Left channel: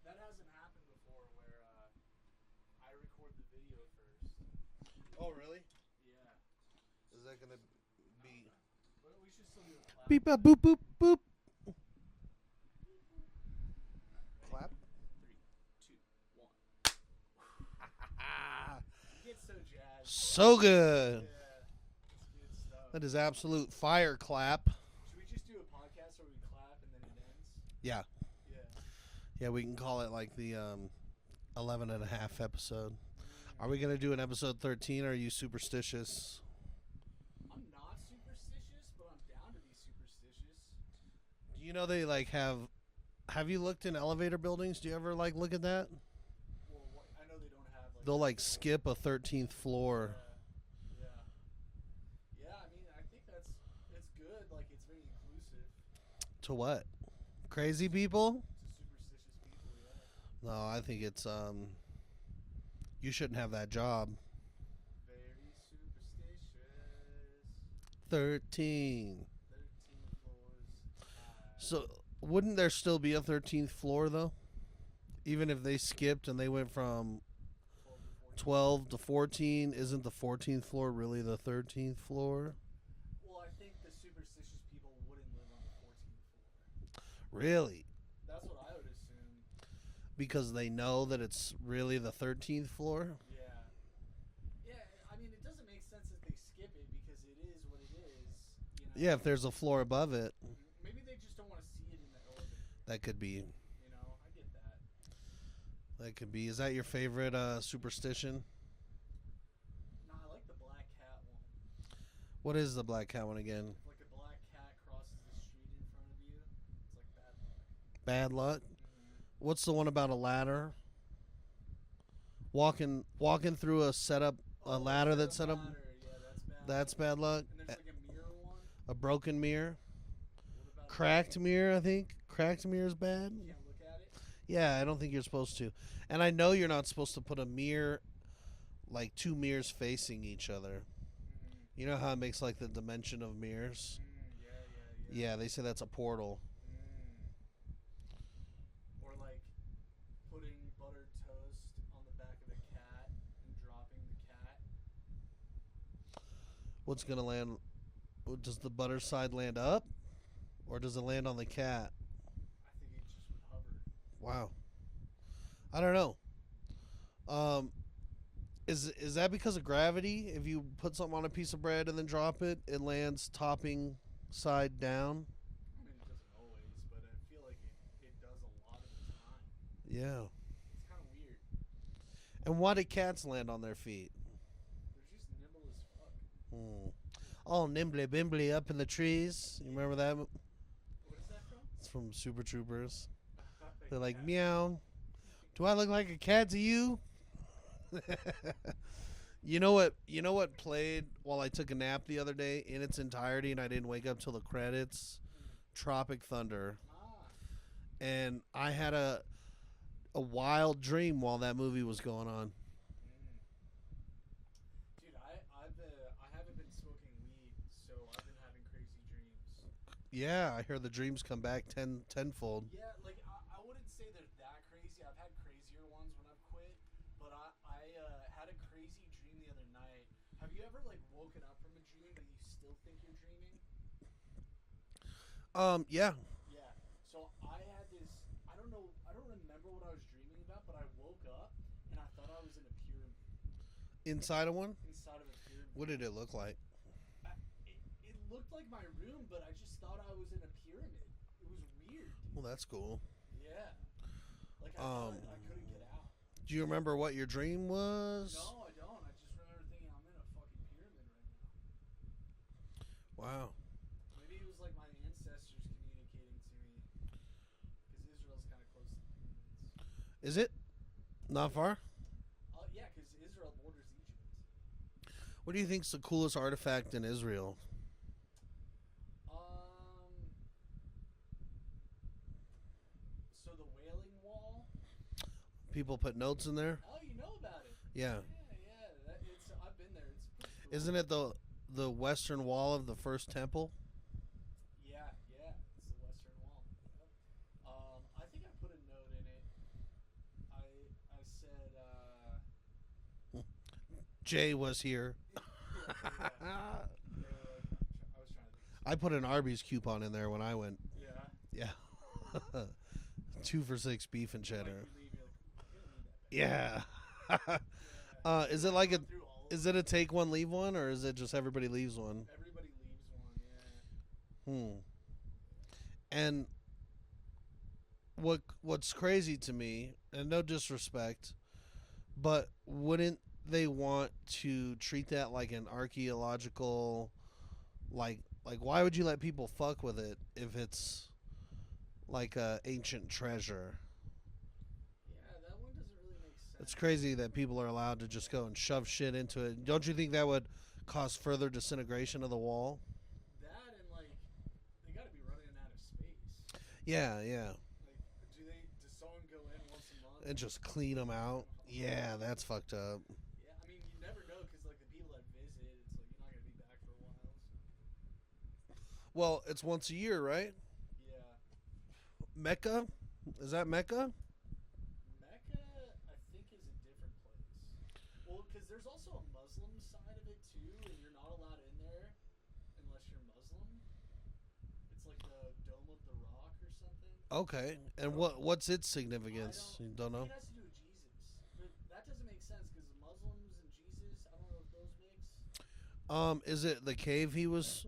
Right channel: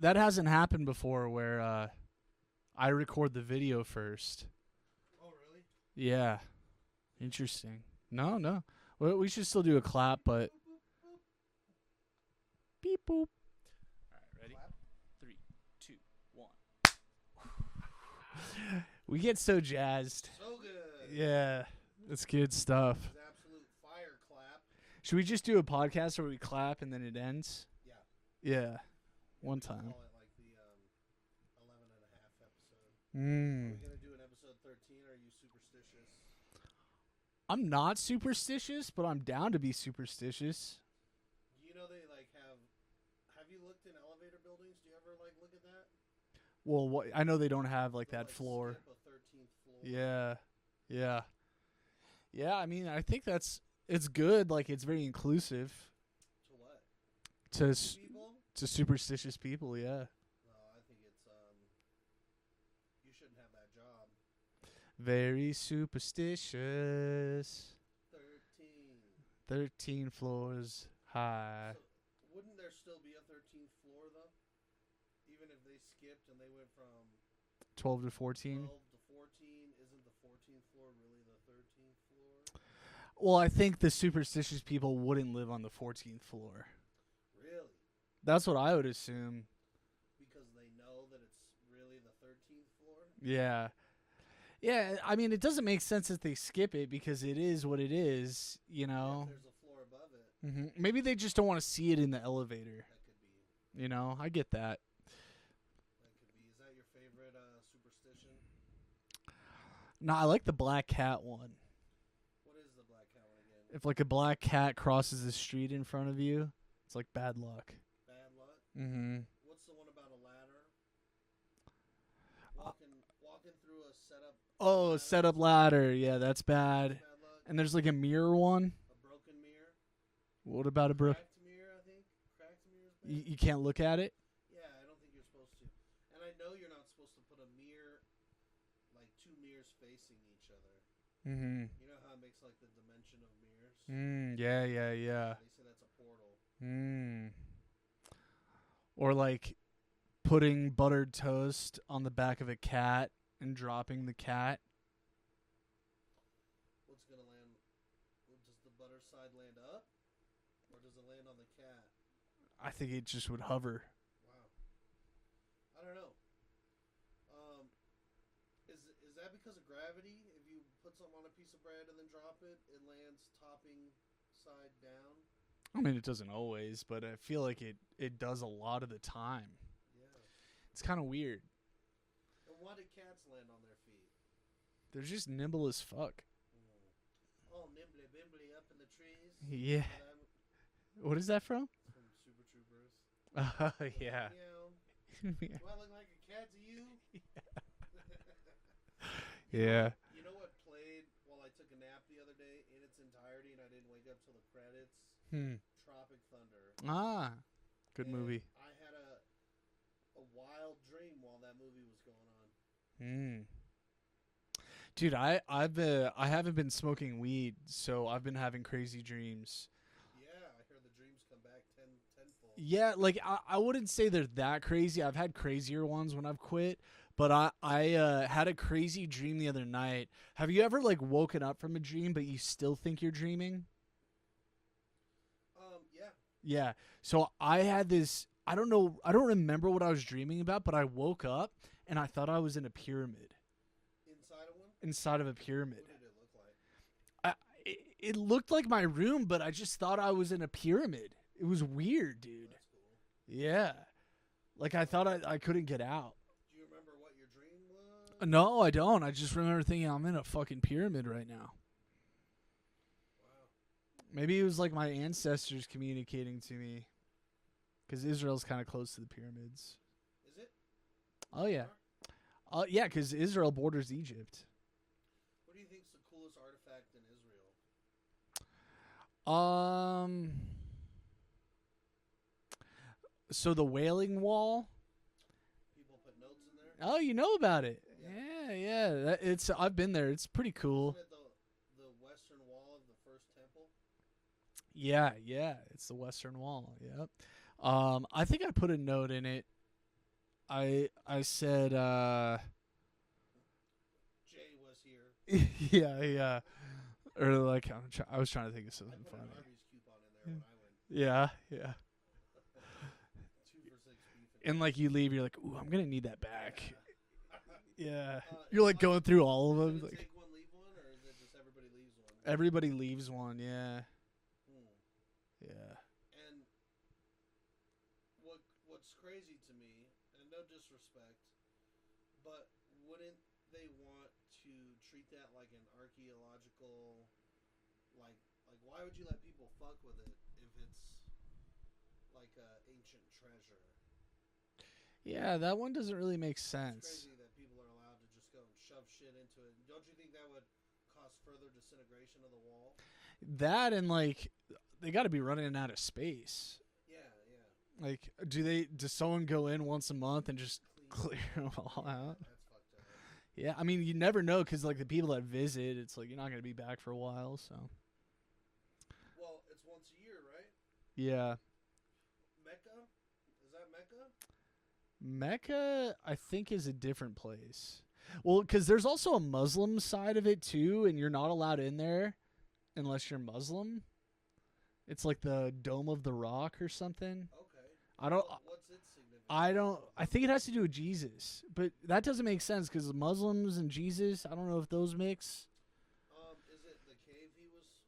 That hasn't happened before where I record the video first. Oh, really? Yeah. Interesting. No, no. Well, we should still do a clap. Beep, but boop, boop, boop. beep boop. Clap. 3, 2, 1. We get so jazzed. So good. Yeah. It's good stuff. That is absolute fire clap. Should we just do a podcast where we clap and then it ends? Yeah. Yeah. Yeah, One we can time. call it like the 11 and a half episode. Mm. Are we going to do an episode 13 or are you superstitious? I'm not superstitious, but I'm down to be superstitious. Do you know they like have you looked in elevator buildings? Do you ever like look at that? Well, I know they don't have like They'll that like floor. skip a 13th floor. Yeah. Yeah. Yeah, I mean, I think it's good. Like, it's very inclusive To what? To Crazy s- people? to superstitious people, yeah. No, I think it's you shouldn't have that job. Very superstitious. 13. 13 floors high. So wouldn't there still be a 13th floor though? Even if they skipped and they went from 12 to 14. 12 to 14, isn't the 14th floor really the 13th floor? Well, I think the superstitious people wouldn't live on the 14th floor. Really? That's what I would assume. Because they know that it's really the 13th floor? Yeah. Yeah, I mean, it doesn't make sense that they skip it because it is what it is, you know? Yeah, if there's a floor above it, Maybe they just don't want to see it in the elevator. that could be. You know, I get that. That could be. Is that your favorite superstition? No, I like the black cat one. What is the black cat one again? If like a black cat crosses the street in front of you, it's like bad luck. Bad luck? Mm-hmm. What's the one about a ladder? Walking through a setup Oh, ladder. set up that's ladder. Yeah, that's bad. That's bad luck. And there's like a mirror one. A broken mirror. What about a Cracked mirror, I think. Cracked mirror is bad. You can't look at it. Yeah, I don't think you're supposed to. And I know you're not supposed to put a mirror, like two mirrors facing each other. Mm-hmm. You know how it makes like the dimension of mirrors? Yeah. Yeah, they say that's a portal. Or like putting buttered toast on the back of a cat and dropping the cat. What's going to land? Does the butter side land up? Or does it land on the cat? I think it just would hover. Wow. I don't know. Is that because of gravity? If you put something on a piece of bread and then drop it, it lands topping side down? I mean, it doesn't always, but I feel like it does a lot of the time. Yeah. It's kind of weird. And why do cats land on their feet? They're just nimble as fuck. All nimbly bimbly up in the trees. Yeah. Remember that? What is that from? It's from Super Troopers. They're They're like, meow. Do I look like a cat to you? You know Yeah. what? You know what played while I took a nap the other day in its entirety, and I didn't wake up till the credits. Tropic Thunder, Good and movie. I had a wild dream while that movie was going on. Dude, I haven't been smoking weed, so I've been having crazy dreams. Yeah, I hear the dreams come back tenfold. Yeah, like I wouldn't say they're that crazy. I've had crazier ones when I've quit, but I had a crazy dream the other night. Have you ever like woken up from a dream but you still think you're dreaming? Yeah. Yeah. So I had this. I don't remember what I was dreaming about, but I woke up and I thought I was in a pyramid. Inside of one? Inside of a pyramid. What did it look like? It looked like my room, but I just thought I was in a pyramid. It was weird, dude. Well, that's cool. Yeah. Like I thought I couldn't get out. Do you remember what your dream was? No, I don't. I just remember thinking I'm in a fucking pyramid right now. Wow. Maybe it was like my ancestors communicating to me. Because Israel's kind of close to the pyramids. Is it? Not yeah. far? Yeah, because Israel borders Egypt. What do you think's the coolest artifact in Israel? So the Wailing Wall. People put notes in there? Oh, you know about it? Yeah. Yeah. I've been there. It's pretty cool. Isn't it the western wall of the first temple? Yeah. It's the Western Wall. Yep. I think I put a note in it I said Jay was here. yeah. Or like I was trying to think of something. I put an Arby's coupon in there when I went. Yeah. 2 for $6 beef and And like cheddar. you leave, you're like, ooh, I'm gonna need that back. Yeah. Yeah. Is You're it like going a, through all of is them. it a take one, leave one, or is it just everybody leaves one? Everybody leaves one. Yeah. Yeah. And what's crazy to me, and no disrespect, but wouldn't they want to treat that like an archaeological, like why would you let people fuck with it if it's like a ancient treasure? Yeah, that one doesn't really make sense. It's crazy that people are allowed to just go and shove shit into it. Don't you think that would cause further disintegration of the wall? That and like they got to be running out of space. Yeah. Like, does someone go in once a month And just clean them clear out. 'em all Yeah, out? that's fucked up. Yeah, I mean, you never know because like the people that visit, it's like you're not gonna be back for a while. So Well, it's once a year, right? yeah, Mecca? Is that Mecca? Mecca I think is a different place. Well, because there's also a Muslim side of it too, and you're not allowed in there unless you're Muslim. It's like the Dome of the Rock or something. Okay. I And don't- what's its significance? I don't. You I think it know? has to do with Jesus, but that doesn't make sense because Muslims and Jesus. I don't know if those mix. Is it the cave he was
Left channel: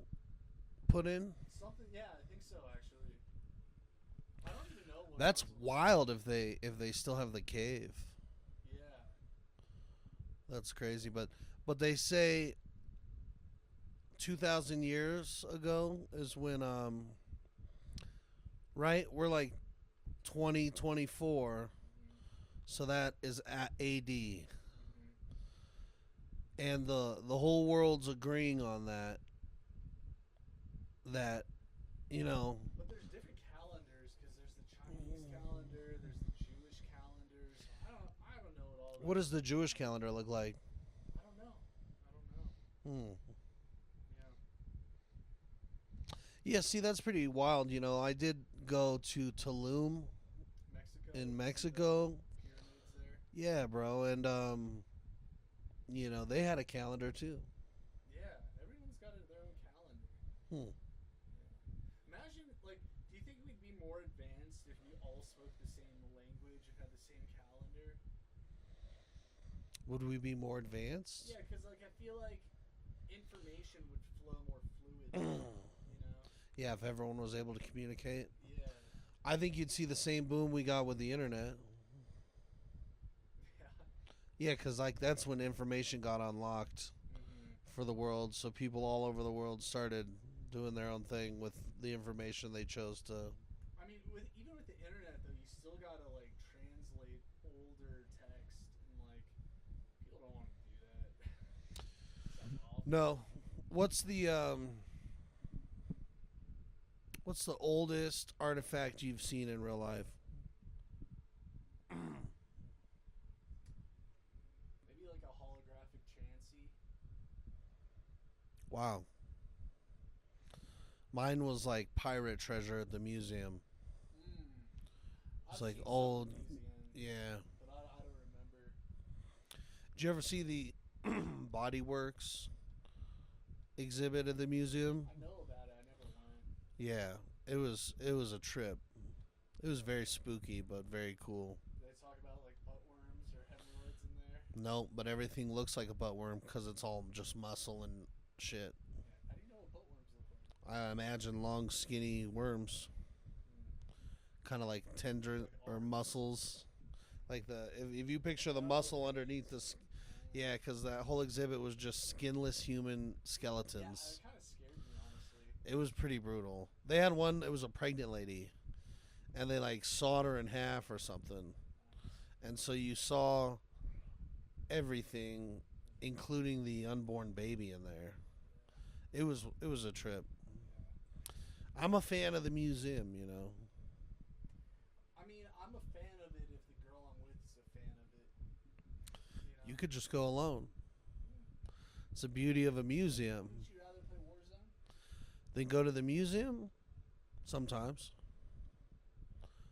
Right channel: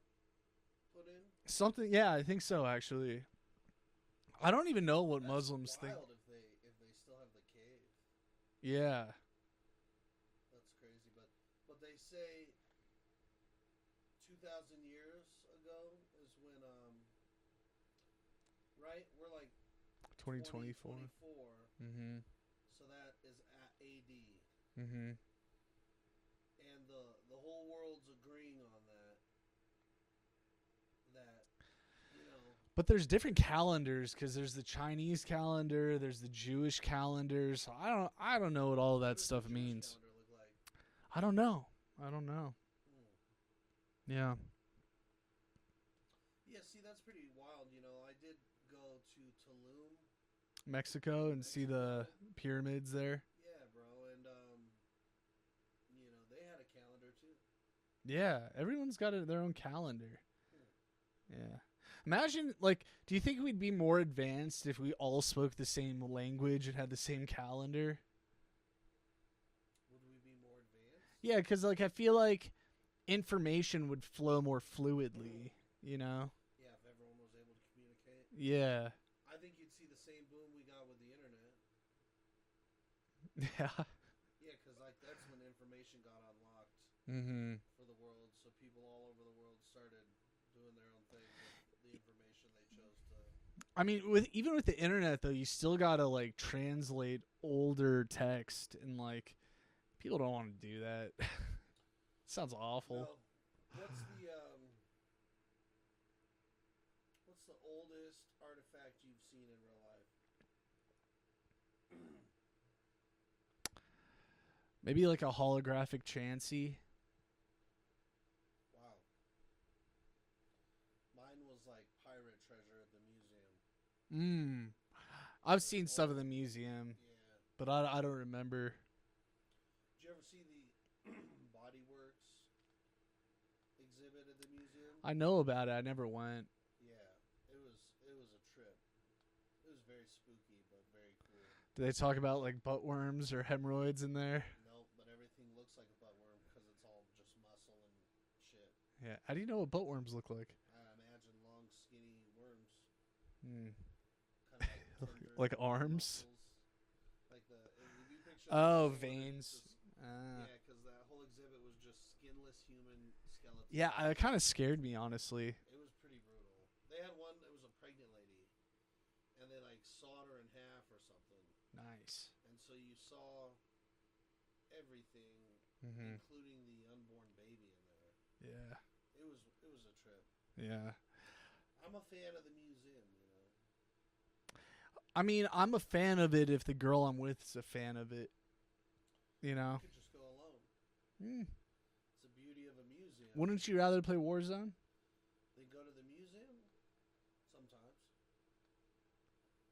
put in? Something. Yeah, I think so. Actually, I don't even know what That's Muslims. wild if they still have the cave. Yeah. That's crazy, but they say 2,000 years ago is when right? We're like 2024, Mm-hmm. so that is at AD. Mm-hmm. And the whole world's agreeing on that you know, But there's different calendars because there's the Chinese calendar, there's the Jewish calendar. So I don't know what all of that. what does the stuff Jewish means. calendar look like? I don't know. Hmm. Yeah. Yeah, see, that's pretty wild. You know, I did go to Tulum. Mexico. In and see Mexico. the pyramids there. Yeah, bro, and you know, they had a calendar too. Yeah, everyone's got their own calendar. Hmm. Yeah. Imagine, like, do you think we'd be more advanced if we all spoke the same language and had the same calendar? Would we be more advanced? Yeah, because, like, I feel like information would flow more fluidly, you know? Yeah, if everyone was able to communicate. Yeah. I think you'd see the same boom we got with the internet. Yeah. Yeah, because, like, that's when information got unlocked Mm-hmm. for the world. So people all over the world started doing their own thing with the information they chose to. I mean, even with the internet, though, you still got to, like, translate older text, and, like, people don't want to do that. It sounds awful. No. What's the oldest artifact you've seen in real life? Maybe, like, a holographic Chansey. Wow. Mine was like pirate treasure at the museum. I've like seen some of the old- museum, Yeah. but I don't remember. Did you ever see the Body Works exhibit at the museum? I know about it. I never went. Yeah. It was a trip. It was very spooky but very cool. Do they talk about, like, butt worms or hemorrhoids in there? No, but everything looks like a butt worm because it's all just muscle and shit. Yeah. How do you know what butt worms look like? I imagine long, skinny worms, Mm. kind of like tender, Like or arms? muscles. Like if you picture the Oh, muscle veins. underneath yeah, because that whole exhibit was just skinless human skeletons. Yeah, it kind of scared me, honestly. It was pretty brutal. They had one. It was a pregnant lady, and they like sawed her in half or something. Nice. And so you saw everything, Mhm. including the unborn baby in there. Yeah. It was a trip. Yeah. I'm a fan of the museum, you know. I mean, I'm a fan of it if the girl I'm with is a fan of it. You know? You could just go alone. Mm. It's the beauty of a museum. Wouldn't you rather play Warzone? Then go to the museum sometimes.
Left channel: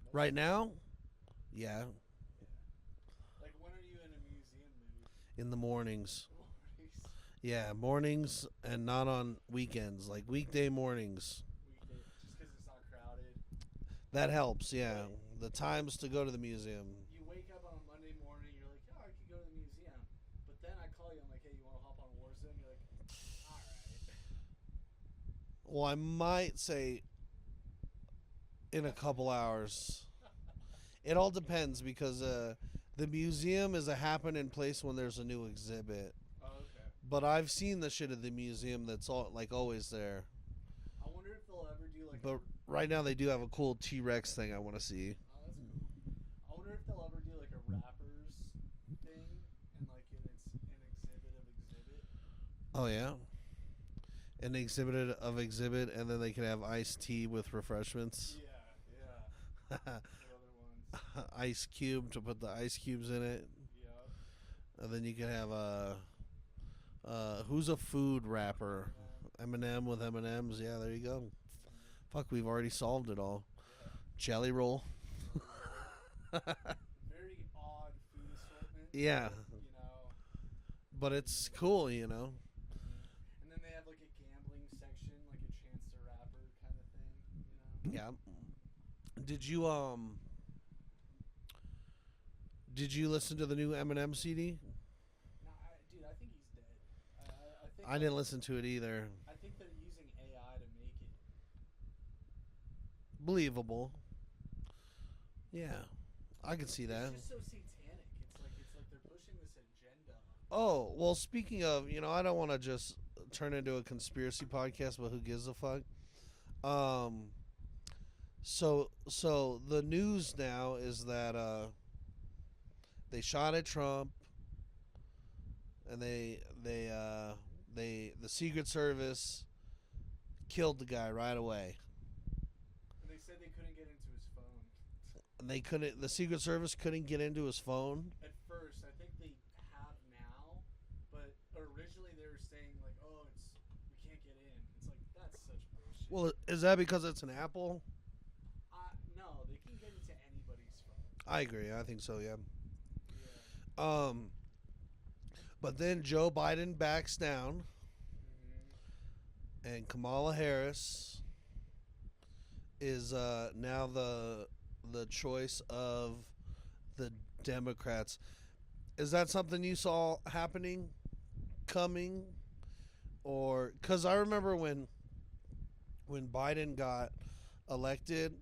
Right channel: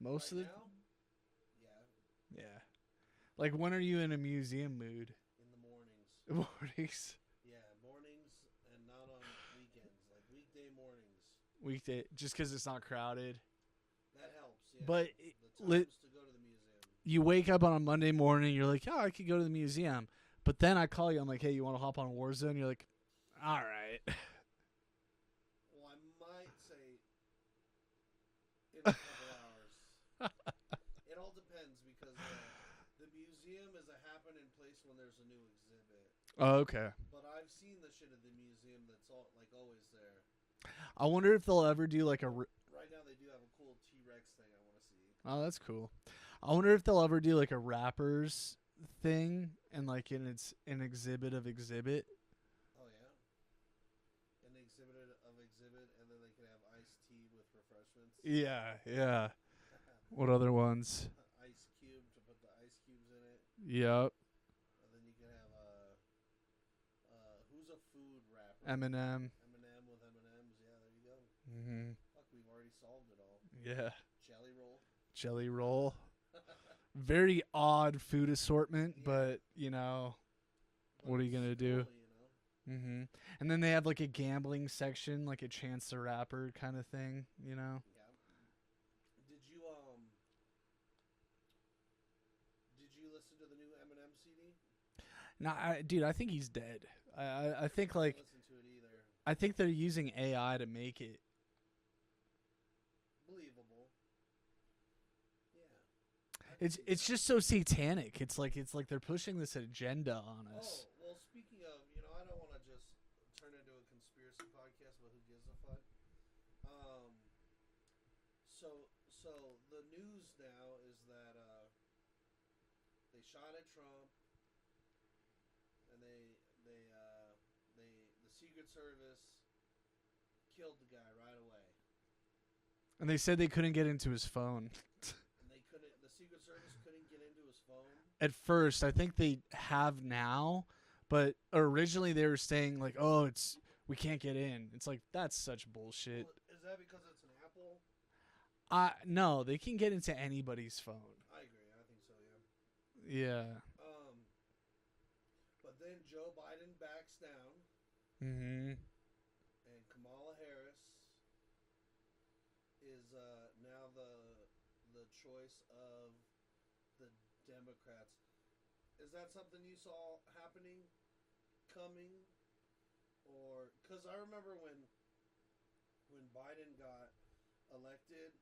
Mostly? Right now? Yeah. Yeah. Like, when are you in a museum mood? In the mornings. Mornings. Yeah, mornings and not on weekends. Like weekday mornings. Weekday, just because it's not crowded. That helps, yeah. But the times to go to the museum. You wake up on a Monday morning, you're like, oh, I could go to the museum. But then I call you, I'm like, hey, you want to hop on Warzone? You're like, all right. Well, I might say in a couple hours. It all depends because the museum is a happening place when there's a new exhibit. Oh, okay. But I've seen the shit at the museum that's all like always there. I wonder if they'll ever do like But right now they do have a cool T-Rex thing I want to see. Oh, that's cool. I wonder if they'll ever do like a rappers thing and like an exhibit of exhibit. Oh yeah. An exhibit of exhibit, and then they can have iced tea with refreshments. Yeah, yeah. What other ones? Ice cube to put the ice cubes in it. Yep. And then you can have who's a food rapper? Eminem. Eminem with M&Ms. Yeah, there you go. Mm-hmm. Fuck, we've already solved it all. Yeah. Jelly roll. Jelly roll. Very odd food assortment. Yeah. But, you know. But what are it's you gonna cool, do? you know. Mm-hmm. And then they have like a gambling section, like a Chance the Rapper kind of thing, you know. Yeah. Did you listen to the new Eminem CD? No, dude, I think he's dead. I think I like didn't listen to it either. I think they're using AI to make it. Believable. Yeah. I can see that. It's just so satanic. It's like they're pushing this agenda on us. Oh, well, speaking of, I don't want to just turn into a conspiracy podcast, but who gives a fuck? So the news now is that they shot at Trump, and the Secret Service killed the guy right away. And they said they couldn't get into his phone. And the Secret Service couldn't get into his phone? At first, I think they have now, but originally they were saying like, "Oh, we can't get in." It's like that's such bullshit. Well, is that because it's an Apple? No, they can get into anybody's phone. I agree. I think so, yeah. Yeah. But then Joe Biden backs down, Mm-hmm. and Kamala Harris is now the choice of the Democrats. Is that something you saw coming, or because I remember when Biden got elected,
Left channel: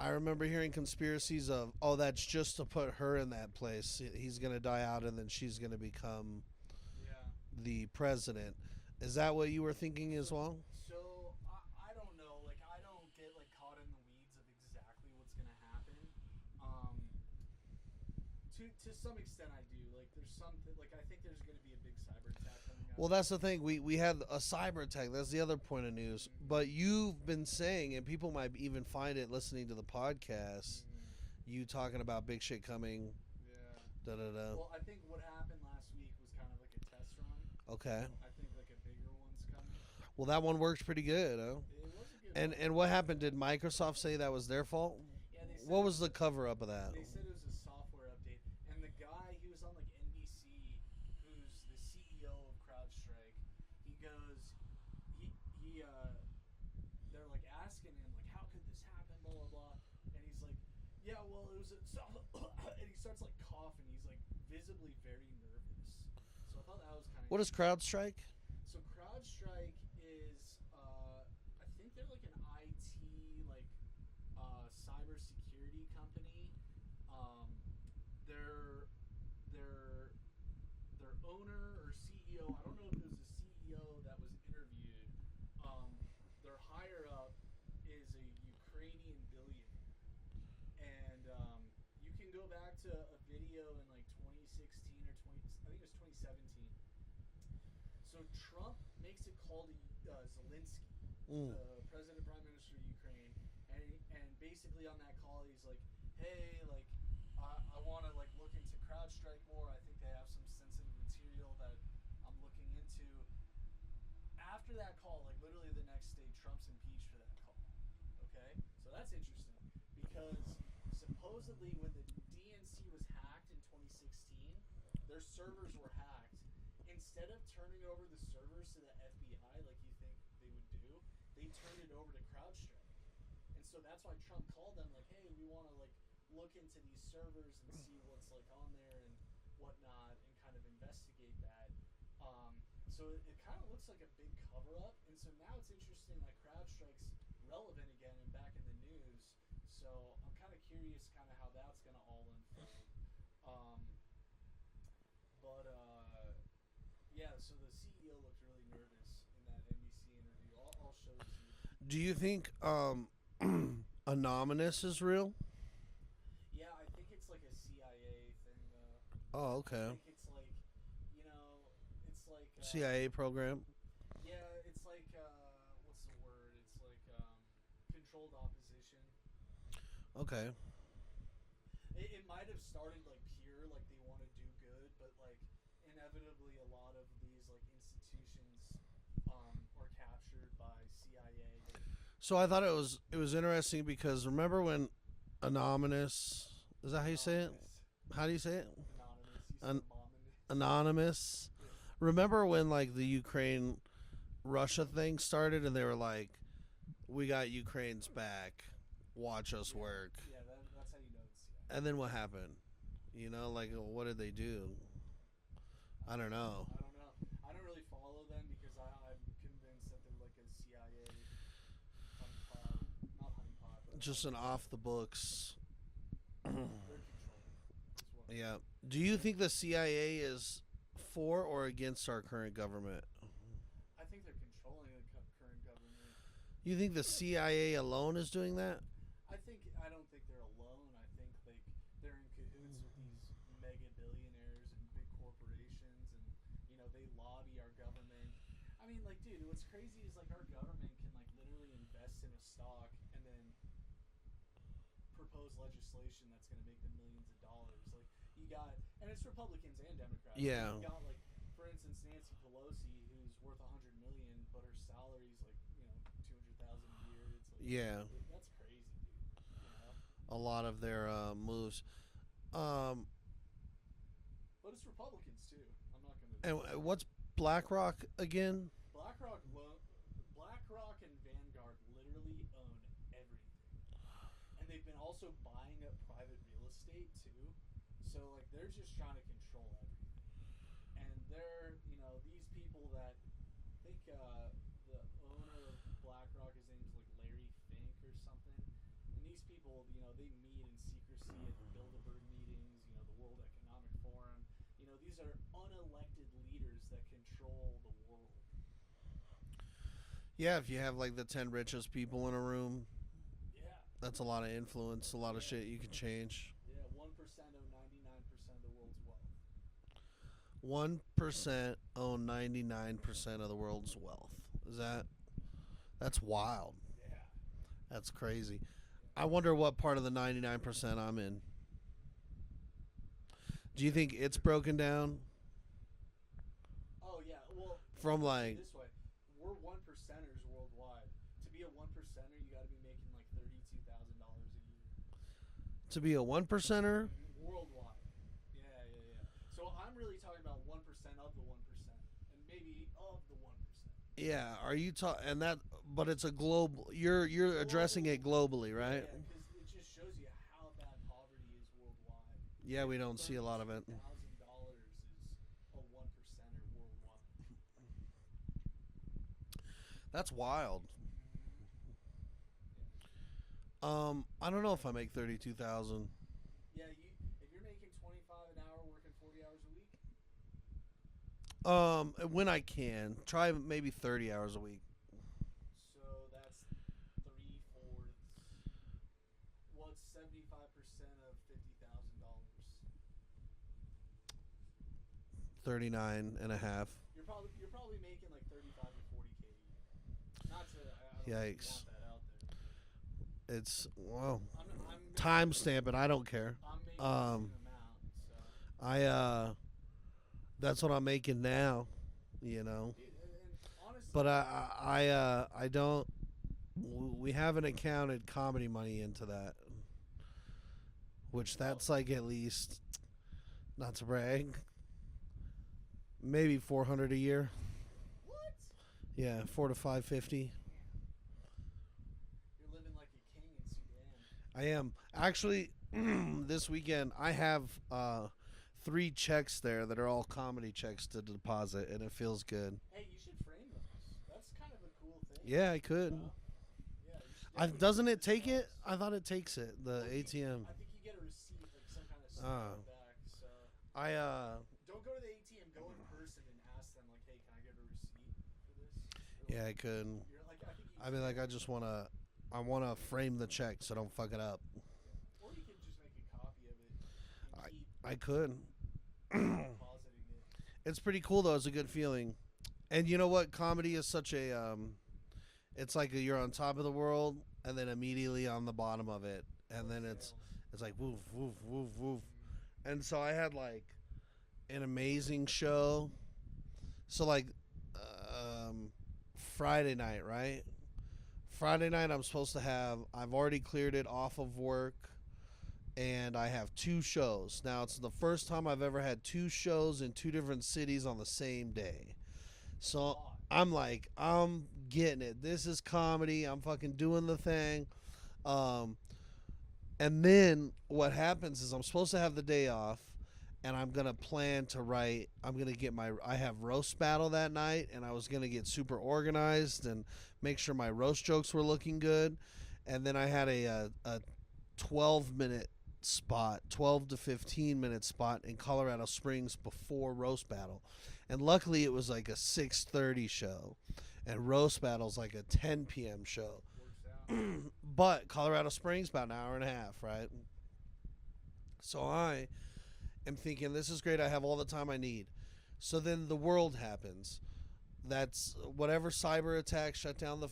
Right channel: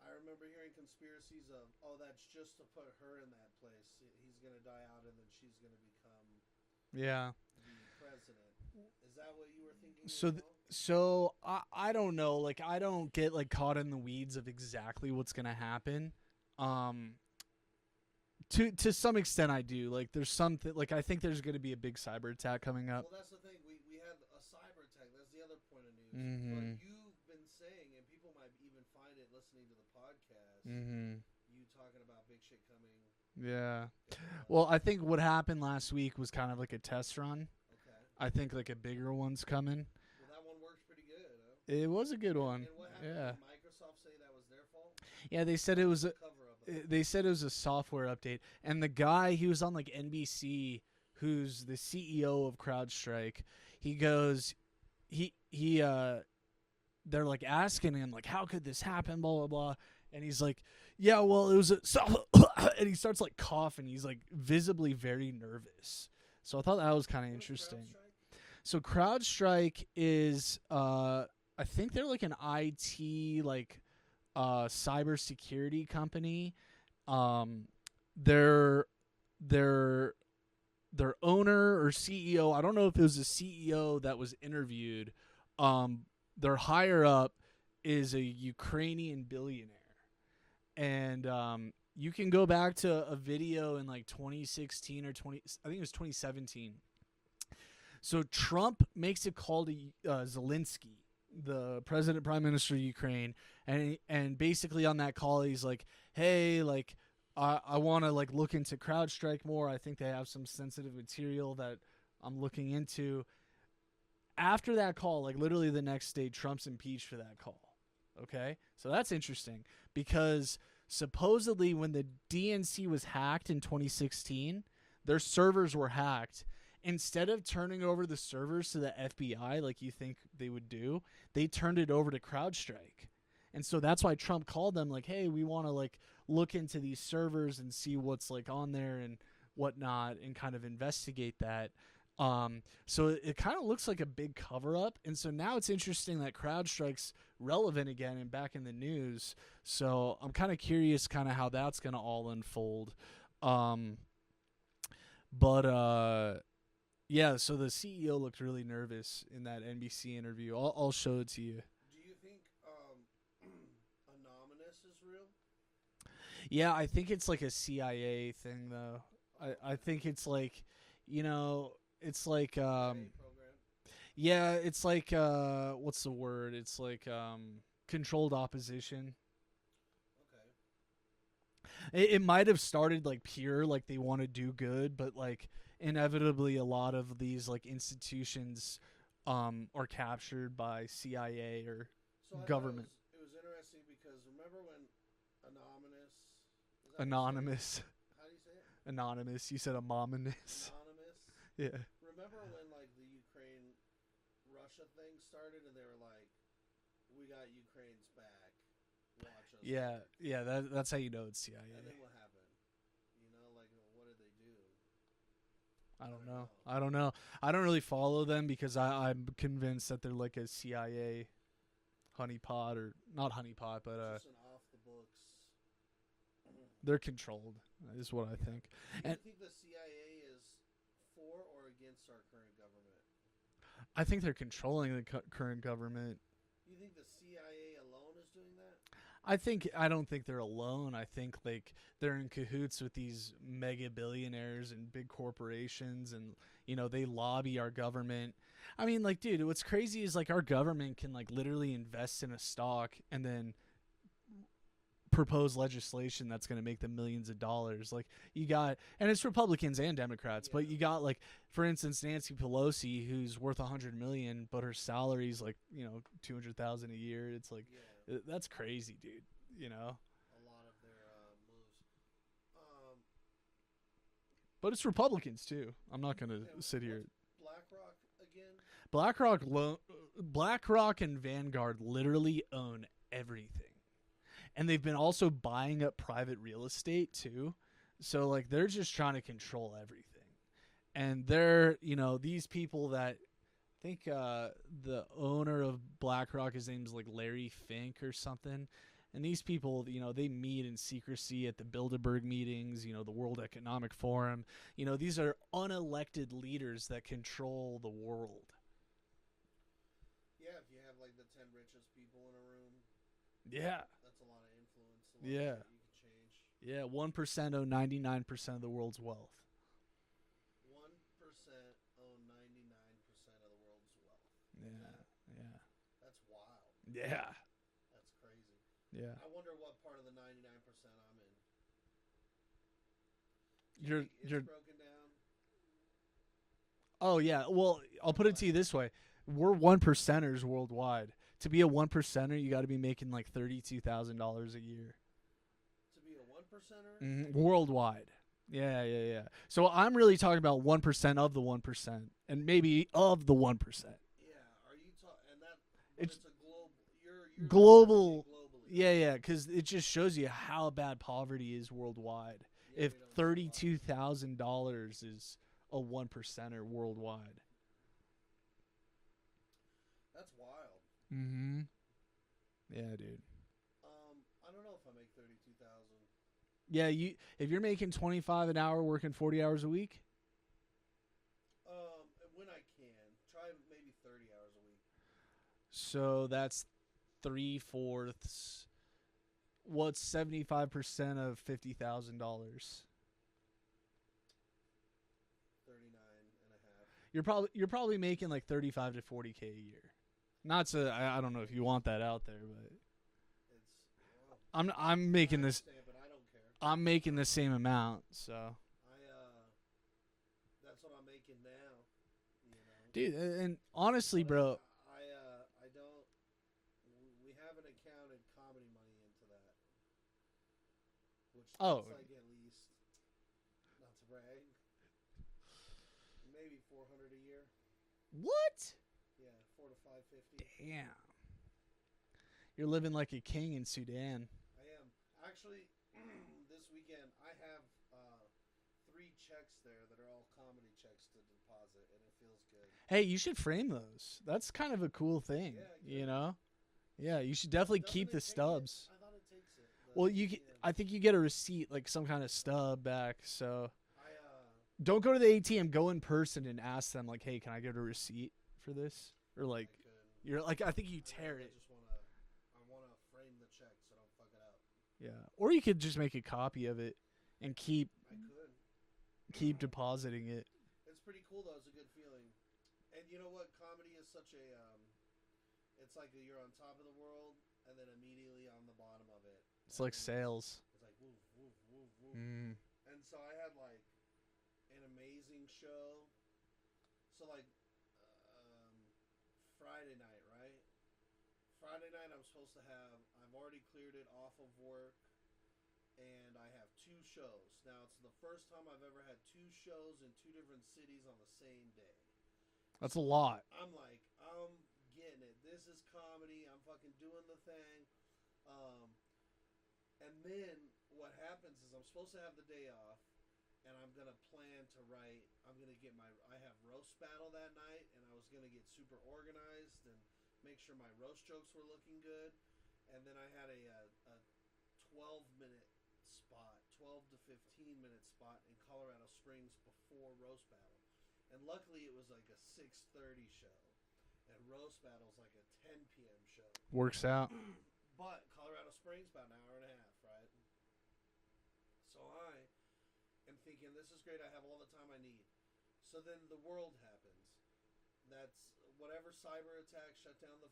I remember hearing conspiracies of, oh, that's just to put her in that place. He's gonna die out, and then she's gonna become the president. Is that what you were thinking as well? So I don't know. Like I don't get like caught in the weeds of exactly what's gonna happen. To some extent I do. Like there's something like I think there's gonna be a big cyber attack coming up. Well, that's the thing. We had a cyber attack. That's the other point of news. Mm-hmm. But you've been saying, and people might even find it listening to the podcast. Mm-hmm. You talking about big shit coming. Yeah. Da-da-da. Well, I think what happened last week was kind of like a test run. Okay. I think like a bigger one's coming. Well, that one worked pretty good, huh? It was a good one. And what happened? Yeah. Did Microsoft say that was their fault? Yeah, they said what it was was the cover up of that. They said it was a software update, and the guy he was on like NBC, who's the CEO of CrowdStrike. He goes, they're like asking him like, how could this happen? Blah blah blah, and he's like, yeah, well, it was a and he starts like coughing. He's like visibly very nervous. So I thought that was kind of interesting. What is CrowdStrike? So CrowdStrike is, I think they're like an IT like cybersecurity company. Their owner or CEO, I don't know if it was a CEO that was interviewed. Their higher up is a Ukrainian billionaire. And you can go back to a video in like 2016 or I think it was 2017. So Trump makes a call to Zelensky, the president, prime minister of Ukraine, and basically on that call he's like, "Hey, like, I want to like look into CrowdStrike more. I think they have some sensitive material that I'm looking into." After that call, like literally the next day, Trump's impeached for that call. Okay, so that's interesting because supposedly when the DNC was hacked in 2016, their servers were hacked. Instead of turning over the servers to the FBI like you think they would do, they turned it over to CrowdStrike. And so that's why Trump called them like, hey, we want to like look into these servers and see what's like on there and whatnot and kind of investigate that. So it kind of looks like a big cover up. And so now it's interesting that CrowdStrike's relevant again and back in the news. So I'm kind of curious kind of how that's going to all unfold. Yeah, so the CEO looked really nervous in that NBC interview. I'll show it to you. Do you think Anonymous is real? Yeah, I think it's like a CIA thing, though. Oh, okay. I think it's like, it's like CIA program. Yeah, it's like what's the word? It's like controlled opposition. Okay. It might have started like pure, like they want to do good, but like inevitably a lot of these like institutions are captured by CIA or. So I government. thought it was interesting because remember when Anonymous, is that how you say it? Anonymous. How do you say it? Anonymous. You said anonymous. Anonymous. Yeah. Remember when like the Ukraine Russia thing started and they were like, we got Ukraine's back. Watch us work. Yeah, that's how you know it's CIA. And then what happened? Like what did they do? I don't know. I don't know. I don't really follow them because I'm convinced that they're like a CIA honeypot, or not honeypot, but just an off the books. They're controlled, is what I think. Do you think the CIA is for or against our current government? I think they're controlling the current government. You think the CIA alone is doing that? I don't think they're alone. I think like they're in cahoots with these mega billionaires and big corporations, and they lobby our government. I mean, like, dude, what's crazy is like our government can like literally invest in a stock and then propose legislation that's going to make them millions of dollars. Like you got, and it's Republicans and Democrats, but you got like, for instance, Nancy Pelosi, who's worth $100 million, but her salary's like $200,000 a year. It's like, that's crazy, dude. A lot of their moves. But it's Republicans too. I'm not going to. And what's BlackRock again? BlackRock and Vanguard literally own everything. And they've been also buying up private real estate too. So like they're just trying to control everything. And they're, these people that I think the owner of BlackRock, his name's like Larry Fink or something. And these people, they meet in secrecy at the Bilderberg meetings, the World Economic Forum. These are unelected leaders that control the world. Yeah, if you have like the 10 richest people in a room. Yeah. That's a lot of influence, a lot of shit you can change. Yeah, 1% own 99% of the world's wealth. 1% own 99% of the world's wealth. Is that? Yeah. That's wild. Yeah. That's crazy. Yeah. I wonder what part of the 99% I'm in. Do you think it's broken down? Oh, yeah. Well, I'll put it to you this way. We're 1%ers worldwide. To be a 1%er, you got to be making like $32,000 a year. To be a 1%er? Worldwide. Yeah. So I'm really talking about 1% of the 1%, and maybe of the 1%. Yeah. Are you talking? And that, but it's a global. You're global, addressing it globally, right? Yeah. Because it just shows you how bad poverty is worldwide. Yeah, we don't see a lot of it. $32,000 is a 1%er worldwide. That's wild. Mm-hmm. Yeah, dude. I don't know if I make 32,000. Yeah, if you're making 25 an hour, working 40 hours a week. When I can, try maybe 30 hours a week. So that's 3/4. What's 75% of $50,000? 39 and a half. You're probably making like 35 to 40K a year. Not to I don't know if you want that out there, but it's I'm making timestamp it. I don't care. I'm making the same amount, so that's what I'm making now, dude. And honestly, but bro, I don't. We haven't accounted comedy money into that. which that's like at least, not to brag, maybe 400 a year. What? Yeah, 4 to 550. Damn. You're living like a king in Sudan. I am actually. This weekend I have 3 checks there that are all comedy checks to deposit, and it feels good. Hey, you should frame those. That's kind of a cool thing. Yeah, I could. You know? Yeah, you should definitely doesn't keep it the take it? stubs. I thought it takes it. The Well, ATM. I think you get a receipt, like some kind of stub back. So I don't go to the ATM. Go in person and ask them, like, "Hey, can I get a receipt for this?" Or like, yeah, I could. you're like, I think you. I mean, like, I just wanna frame the check so I don't fuck it up. Yeah, or you could just make a copy of it and keep I could. depositing it. It's pretty cool though. It's a good feeling, and you know what? Comedy is such a it's like you're on top of the world and then immediately on the bottom of it. It's and like then sales. It's like woof woof woof woof. Mm. And so I had like an amazing show. So like Friday night, right? Friday night I'm supposed to have, I've already cleared it off of work, and I have 2 shows. Now it's the first time I've ever had 2 shows in 2 different cities on the same day. That's So a lot. I'm like, I'm getting it. This is comedy. I'm fucking doing the thing. And then what happens is I'm supposed to have the day off, and I'm going to plan to write. I have roast battle that night, and I was going to get super organized and make sure my roast jokes were looking good. And then I had a 12-minute spot, 12 to 15-minute spot in Colorado Springs before roast battle. And luckily it was like a 6:30 show, and roast battle's like a 10 p.m. show. Works out. But Colorado Springs about an hour and a half, right? So I am thinking, this is great. I have all the time I need. So then the world happens. That's whatever cyber attack shut down the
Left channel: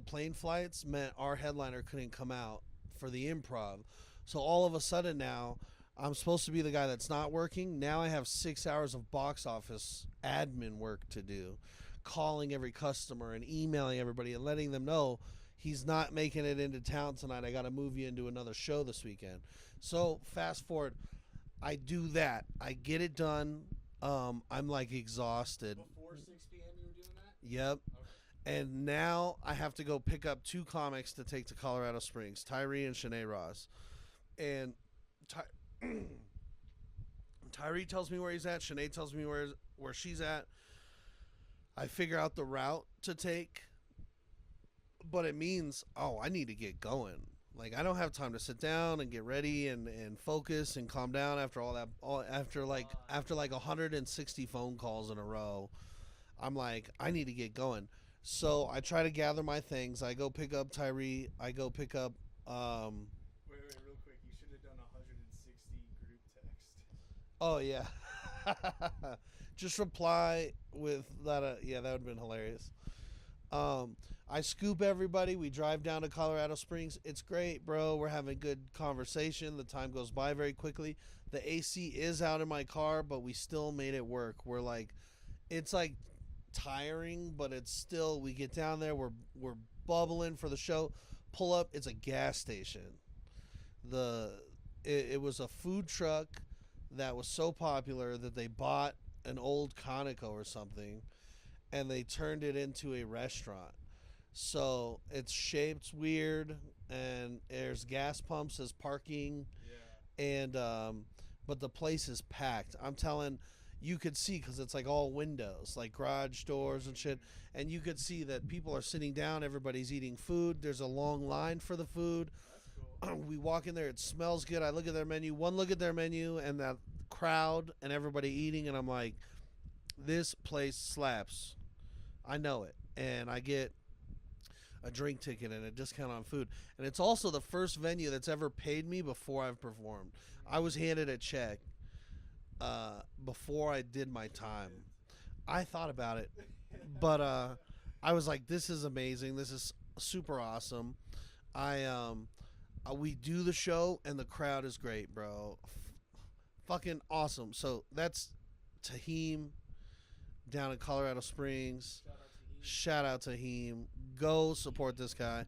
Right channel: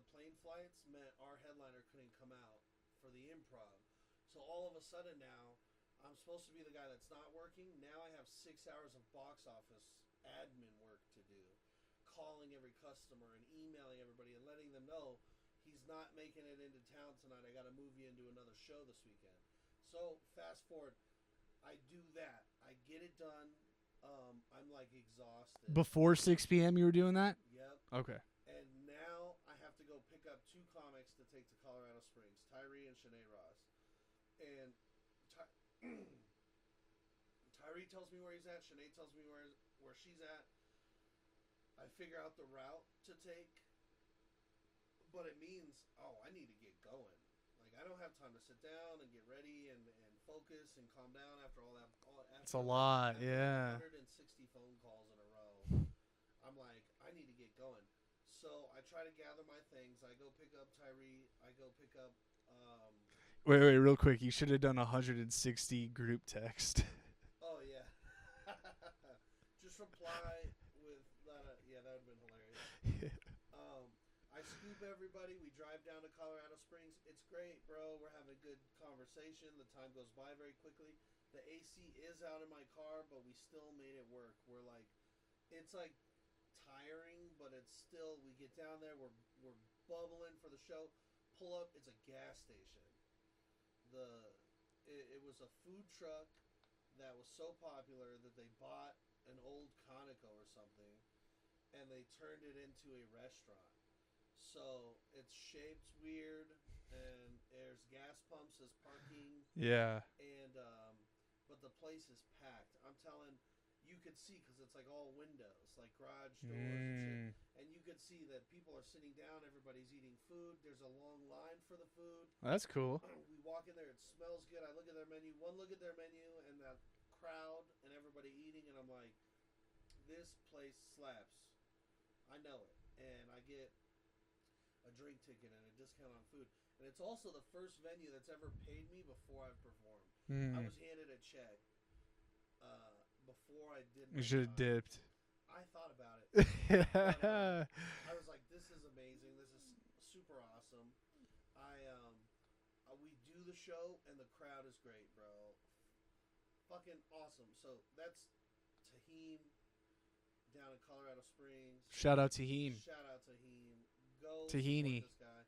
plane flights meant our headliner couldn't come out for the improv. So all of a sudden now I'm supposed to be the guy that's not working. Now I have 6 hours of box office admin work to do, calling every customer and emailing everybody and letting them know he's not making it into town tonight. I got to move you into another show this weekend. So fast forward, I do that. I get it done. I'm like exhausted. Before 6 p.m. you were doing that? Yep. Okay. And now I have to go pick up 2 comics to take to Colorado Springs, Tyree and Shanae Ross. And Tyree tells me where he's at. Shanae tells me where she's at. I figure out the route to take. But it means, I need to get going. Like, I don't have time to sit down and get ready and focus and calm down after all that. After 160 phone calls in a row, I'm like, I need to get going. So I try to gather my things. I go pick up Tyree. I go pick up. Wait, real quick. You should have done 160 group text. Oh yeah. Just reply with that. Yeah, that would have been hilarious. I scoop everybody. We drive down to Colorado Springs. It's great, bro. We're having good conversation. The time goes by very quickly. The AC is out in my car, but we still made it work. We're like, it's like tiring, but it's still, we get down there. We're bubbling for the show. Pull up. It's a gas station. It was a food truck that was so popular that they bought an old Conoco or something, and they turned it into a restaurant. So it's shaped weird, and there's gas pumps as parking. Yeah. And but the place is packed. I'm telling, you could see, because it's like all windows, like garage doors and shit. And you could see that people are sitting down. Everybody's eating food. There's a long line for the food. That's cool. We walk in there. It smells good. I look at their menu. One look at their menu and that crowd and everybody eating, and I'm like, this place slaps. I know it. And I get a drink ticket and a discount on food. And it's also the first venue that's ever paid me before I've performed. I was handed a check before I did my time. Dipped. I thought about it, but I was like, this is amazing. This is super awesome. We do the show and the crowd is great, bro. Fucking awesome. So that's Tahim down in Colorado Springs. Shout out to Heem. Shout out to Heem. Go Tahini. support this guy.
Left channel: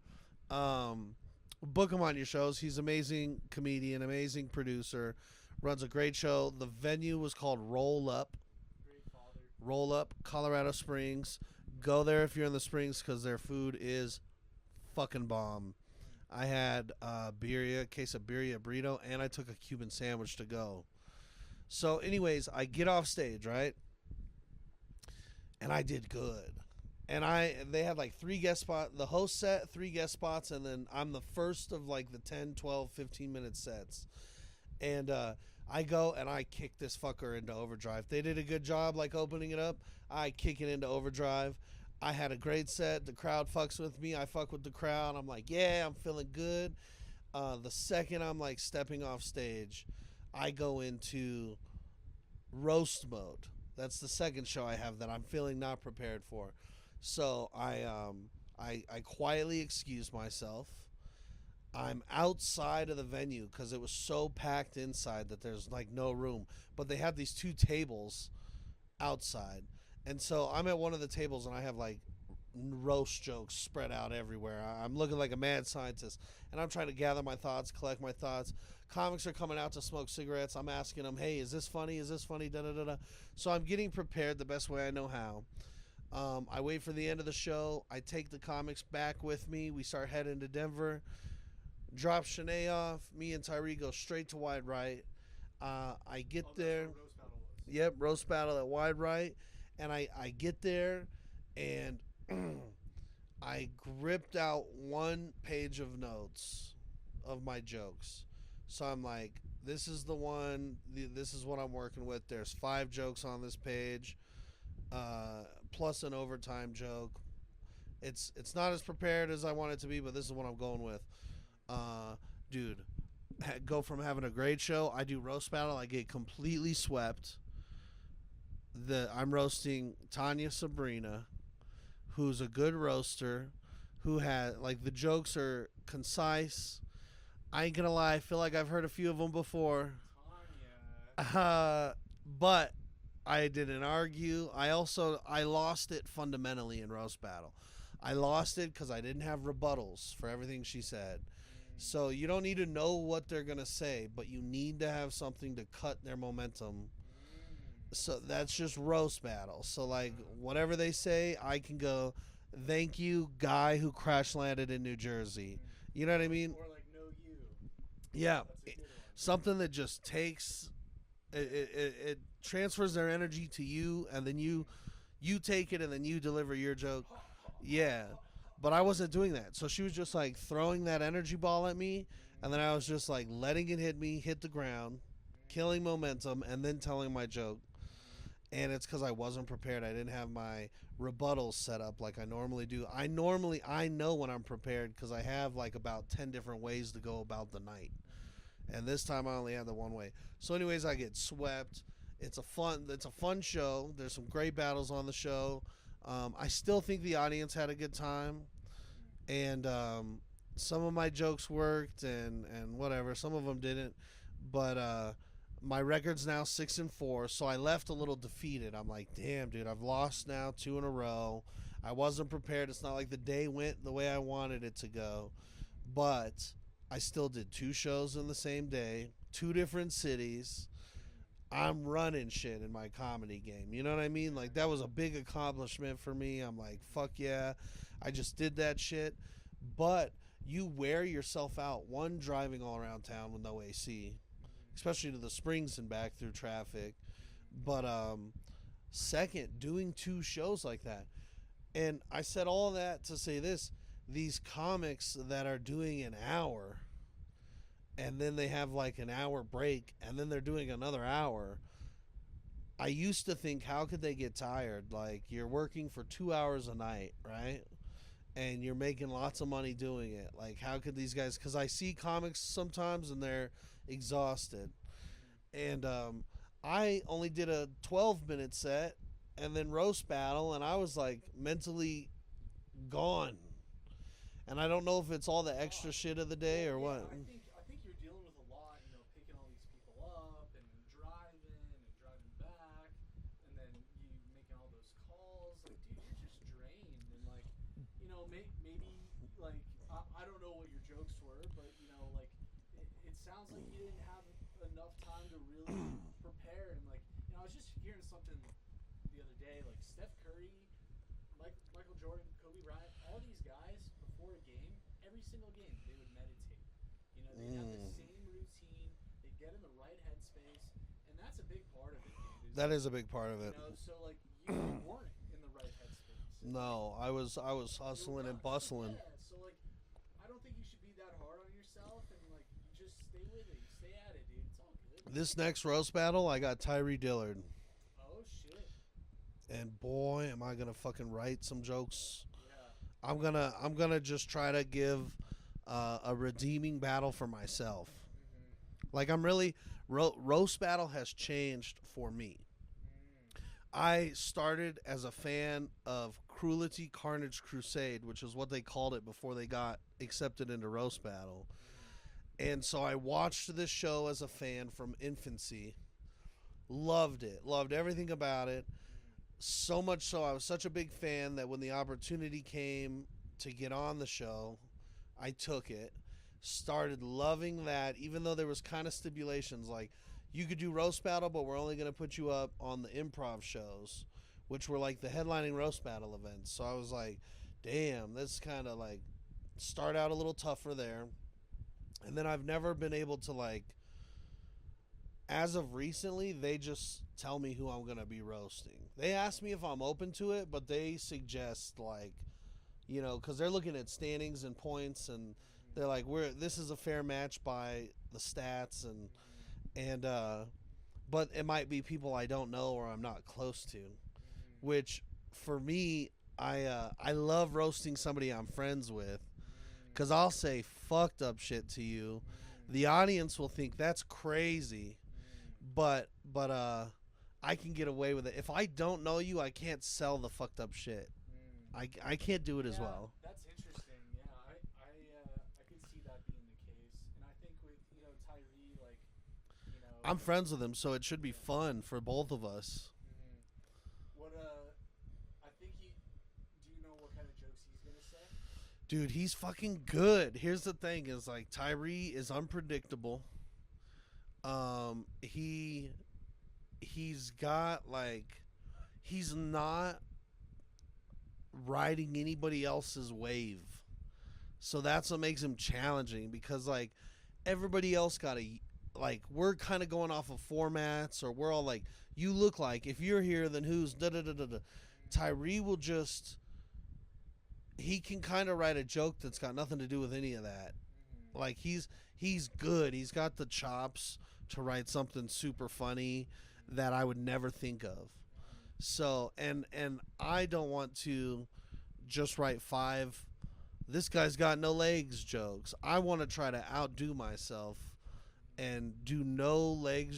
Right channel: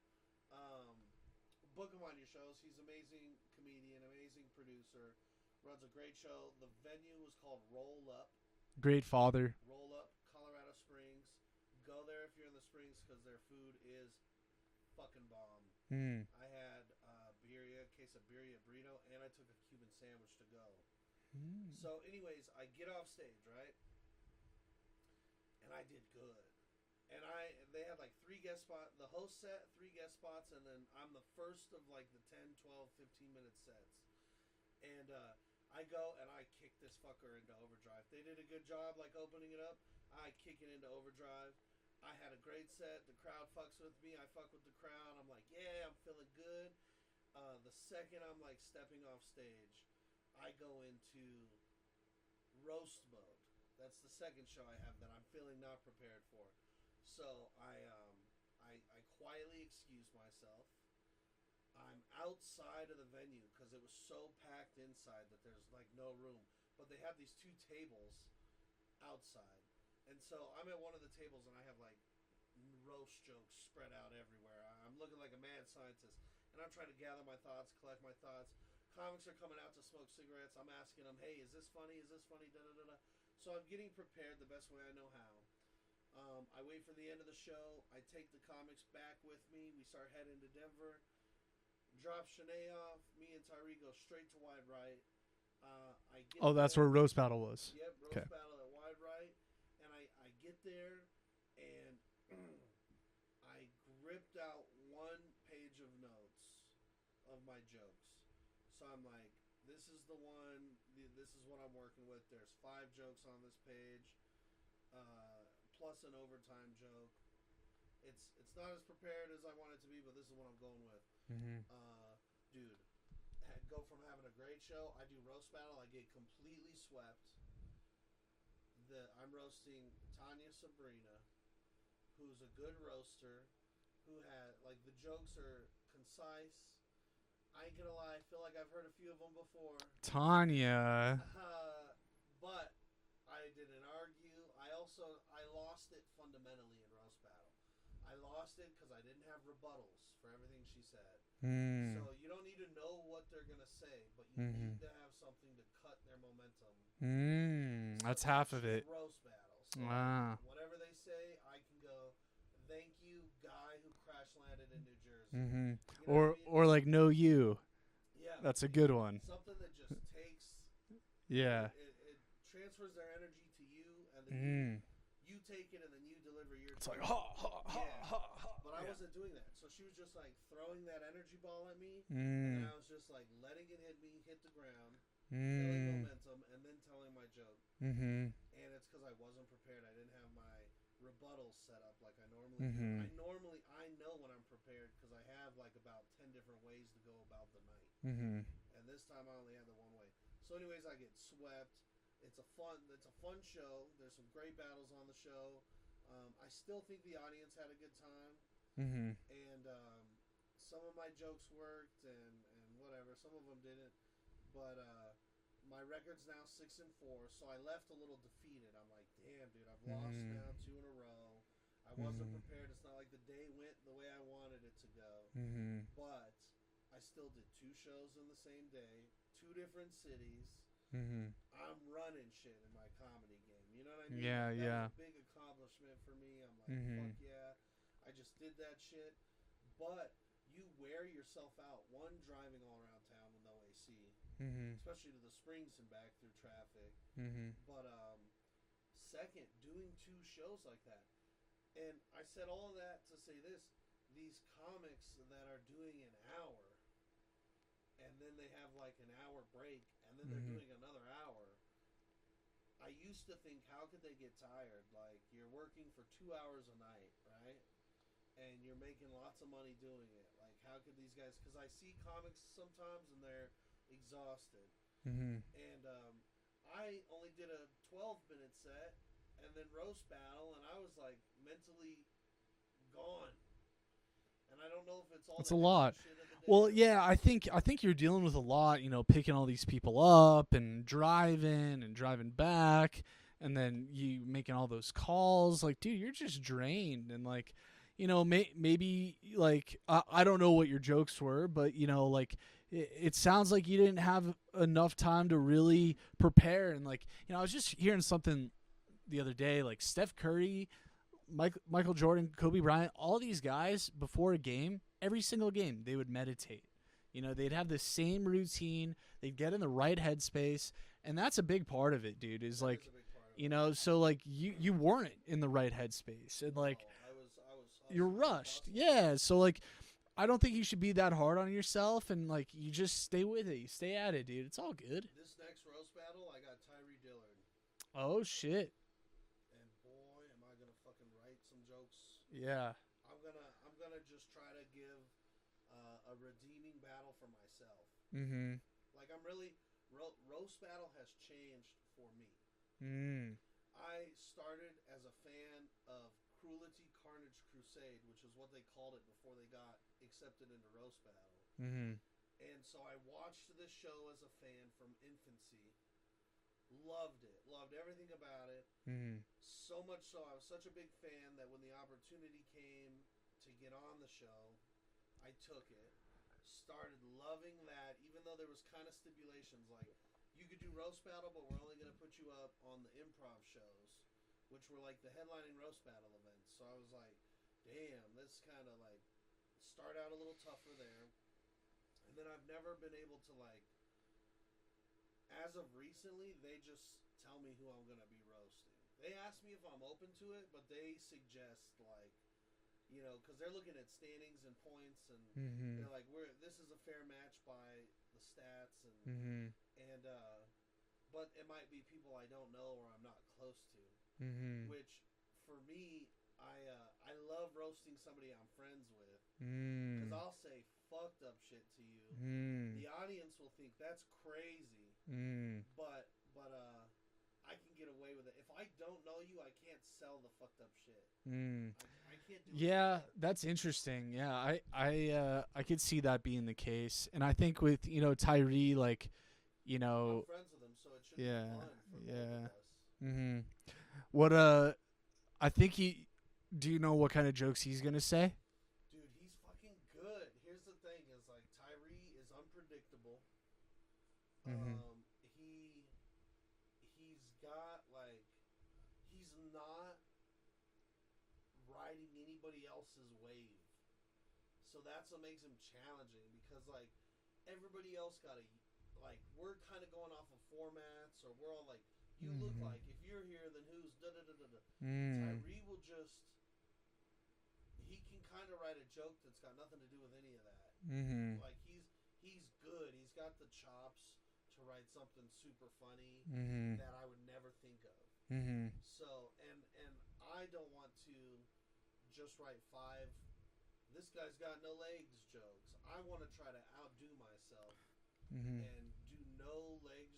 book him on your shows. He's amazing comedian, amazing producer, runs a great show. The venue was called Roll Up. Great father. Roll Up, Colorado Springs. Go there if you're in the Springs because their food is fucking bomb. I had quesadilla burrito, and I took a Cuban sandwich to go. So, anyways, I get off stage, right? And I did good. And they had like 3 guest spots. The host set 3 guest spots, and then I'm the first of like the 10, 12, 15-minute sets. And I go and I kick this fucker into overdrive. They did a good job like opening it up. I kick it into overdrive. I had a great set. The crowd fucks with me. I fuck with the crowd. I'm like, yeah, I'm feeling good. The second I'm like stepping off stage, I go into roast mode. That's the second show I have that I'm feeling not prepared for. So I quietly excuse myself. I'm outside of the venue because it was so packed inside that there's like no room. But they have these 2 tables outside. And so I'm at one of the tables and I have like roast jokes spread out everywhere. I'm looking like a mad scientist. And I'm trying to gather my thoughts, collect my thoughts. Comics are coming out to smoke cigarettes. I'm asking them, hey, is this funny? Is this funny? Da-da-da-da. So I'm getting prepared the best way I know how. I wait for the end of the show. I take the comics back with me. We start heading to Denver. Drop Shanae off. Me and Tyree go straight to Wide Right. I get there. Oh, that's where Roast Battle was. Yep, Roast Battle at Wide Right. And I get there, and I gripped out 1 page of notes of my jokes. So I'm like, this is the one. This is what I'm working with. There's 5 jokes on this page, plus an overtime joke. It's not as prepared as I want it to be, but this is what I'm going with. Dude, go from having a great show. I do Roast Battle. I get completely swept. I'm roasting Tanya Sabrina, who's a good roaster, who had like the jokes are concise. I ain't gonna lie, I feel like I've heard a few of them before. Tanya. But I didn't argue. I lost it fundamentally in Roast Battle. I lost it because I didn't have rebuttals for everything she said. So you don't need to know what they're going to say, but you need to have something to cut their momentum. So that's just Roast Battle. So like whatever they say, I can go, thank you, guy who crash landed in New Jersey. You know what I mean? Or like, no you. Yeah. That's a good one. Something that just takes, it transfers their energy to you, and then you take it, and then you deliver your joke. But I wasn't doing that. So she was just like throwing that energy ball at me, and then I was just like letting it hit me, hit the ground, killing momentum, and then telling my joke. And it's because I wasn't prepared. I didn't have my rebuttals set up like I normally do. I know when I'm prepared because I have like about 10 different ways to go about the night. And this time I only had the one way. So anyways, I get swept. It's a fun show. There's some great battles on the show. I still think the audience had a good time. And some of my jokes worked and whatever. Some of them didn't. But my record's now 6-4, so I left a little defeated. I'm like, damn, dude, I've lost now 2 in a row. I wasn't prepared. It's not like the day went the way I wanted it to go. But I still did 2 shows in the same day, 2 different cities. I'm running shit in my comedy game. You know what I mean? Like that was a big accomplishment for me. I'm like, fuck yeah. I just did that shit. But you wear yourself out. One, driving all around town with no AC, especially to the Springs and back through traffic. But second, doing 2 shows like that. And I said all of that to say this. These comics that are doing an hour, and then they have like an hour break, and then they're doing another hour. I used to think, how could they get tired? Like, you're working for 2 hours a night, right? And you're making lots of money doing it. Like, how could these guys... Because I see comics sometimes, and they're exhausted. And I only did a 12-minute set, and then Roast Battle, and I was, like, mentally gone. And I don't know if it's all the extra shit of the day. Well, or yeah, what. I think you're dealing with a lot, you know, picking all these people up and driving back, and then you making all those calls. Like, dude, you're just drained, and like, maybe like I don't know what your jokes were, but like it sounds like you didn't have enough time to really prepare. And like I was just hearing something the other day, like Steph Curry, Michael Jordan, Kobe Bryant, all these guys before a game, every single game they would meditate. They'd have the same routine. They'd get in the right headspace, and that's a big part of it, dude. That is a big part of it. So like you weren't in the right headspace. And No, like I was hustling you're and rushed. bustling. Yeah, so like I don't think you should be that hard on yourself, and like you just stay with it. You stay at it, dude. It's all good. This next roast battle, I got Tyree Dillard. Oh shit. And boy, am I gonna fucking write some jokes. Yeah. I'm gonna just try to give a redeeming battle for myself. Mm-hmm. Like I'm really roast battle has changed for me. Mm. I started as a fan of Cruelty Carnage Crusade, which is what they called it before they got accepted into roast battle. Mm-hmm. And so I watched this show as a fan from infancy. Loved it. Loved everything about it. Mm-hmm. So much so I was such a big fan that when the opportunity came to get on the show, I took it. Started loving that, even though there was kind of stipulations like you could do roast battle, but we're only going to put you up on the improv shows, which were like the headlining roast battle events. So I was like, damn, this kind of like start out a little tougher there. And then I've never been able to like, as of recently, they just tell me who I'm going to be roasting. They ask me if I'm open to it, but they suggest like, because they're looking at standings and points, and they're like, this is a fair match by the stats, and but it might be people I don't know or I'm not close to, which for me, I love roasting somebody I'm friends with, because I'll say fucked up shit to you. The audience will think that's crazy, but I can get away with it. If I don't know you, I can't sell the fucked up shit. I can't do it as well. Yeah, that's interesting. Yeah, I could see that being the case. And I think with, Tyree, like, I'm friends with him, so it should be fun for both of us. Mm-hmm. What, I think do you know what kind of jokes he's going to say? Dude, he's fucking good. Here's the thing is, like, Tyree is unpredictable. He's got like he's not riding anybody else's wave, so that's what makes him challenging, because like everybody else got we're kind of going off of formats, or we're all like, you look like, if you're here then who's da da da da da. Tyree will just, he can kind of write a joke that's got nothing to do with any of that. Like he's good. He's got the chops to write something super funny that I would never think of. So, and I don't want to just write 5 this guy's got no legs jokes. I want to try to outdo myself and do no leg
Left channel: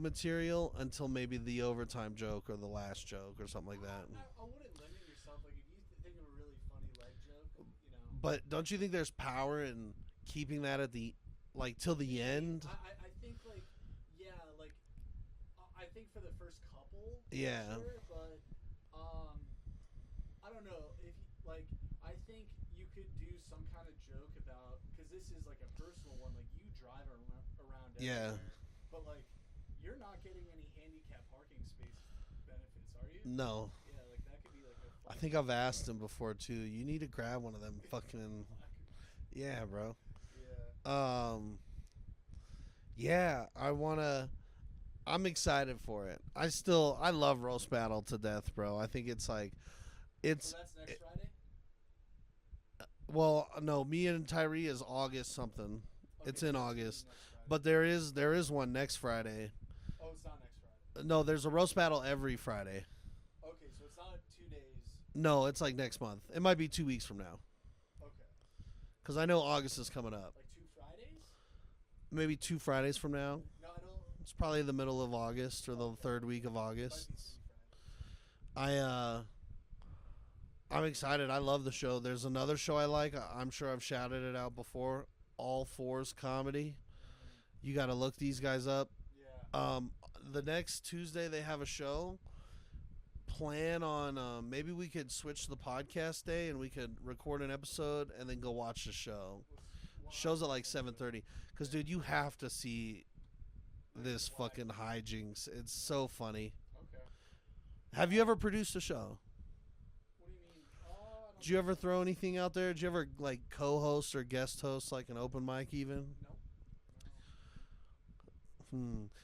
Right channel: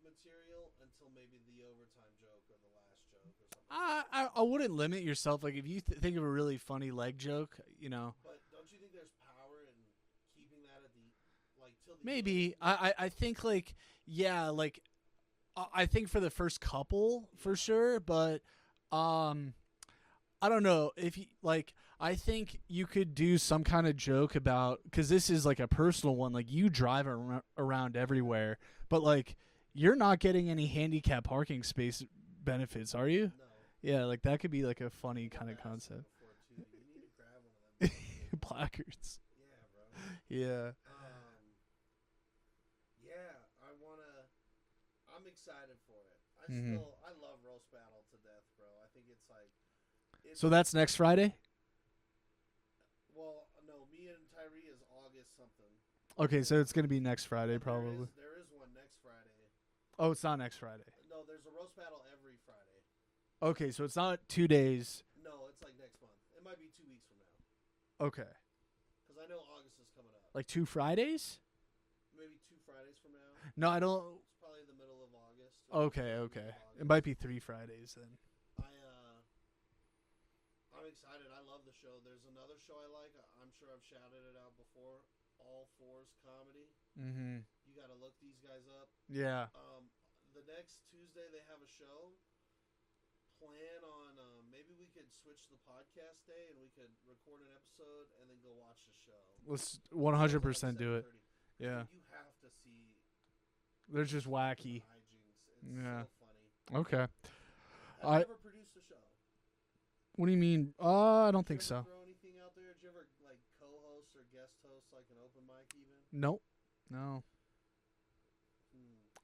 material until maybe the overtime joke or the last joke or something like that. I wouldn't limit yourself. Like if you think of a really funny leg joke, But don't you think there's power in keeping that at the till the maybe end? I think I think for the first couple for sure, but I don't know if you I think you could do some kind of joke about, because this is like a personal one, like you drive around everywhere, but like you're not getting any handicap parking space benefits, are you? No. Yeah, like that could be like a funny. I think I've asked him before too. You need to grab one of them fucking placards. Yeah, bro. Yeah. Yeah, I'm excited for it. I love roast battle to death, bro. I think it's so that's next Friday? Well, no, me and Tyree is August something. Okay, so it's going to be next Friday. But there is one next Friday. Oh, it's not next Friday. No, there's a roast battle every Friday. Okay, so it's not 2 days. No, it's like next month. It might be 2 weeks from now. Okay. Because I know August is coming up. Like 2 Fridays? Maybe 2 Fridays from now. No, I don't. It's probably the middle of August or the third week of August. It might be 3 Fridays then. I'm excited. I love the show. There's another show I like. I'm sure I've shouted it out before. All Fours Comedy. You got to look these guys up. Yeah. The next Tuesday they have a show. plan on maybe we could switch the podcast day and we could record an episode and then go watch the show. Let's Show's 100% at like do it. 7:30. Because Yeah. dude, you have to see They're this just fucking wacky. hijinks. It's Yeah. so funny. Okay. Have you ever produced a show? What do you mean? I don't Did you think ever so. throw anything out there? Did you ever like co-host or guest host like an open mic even? Nope. No.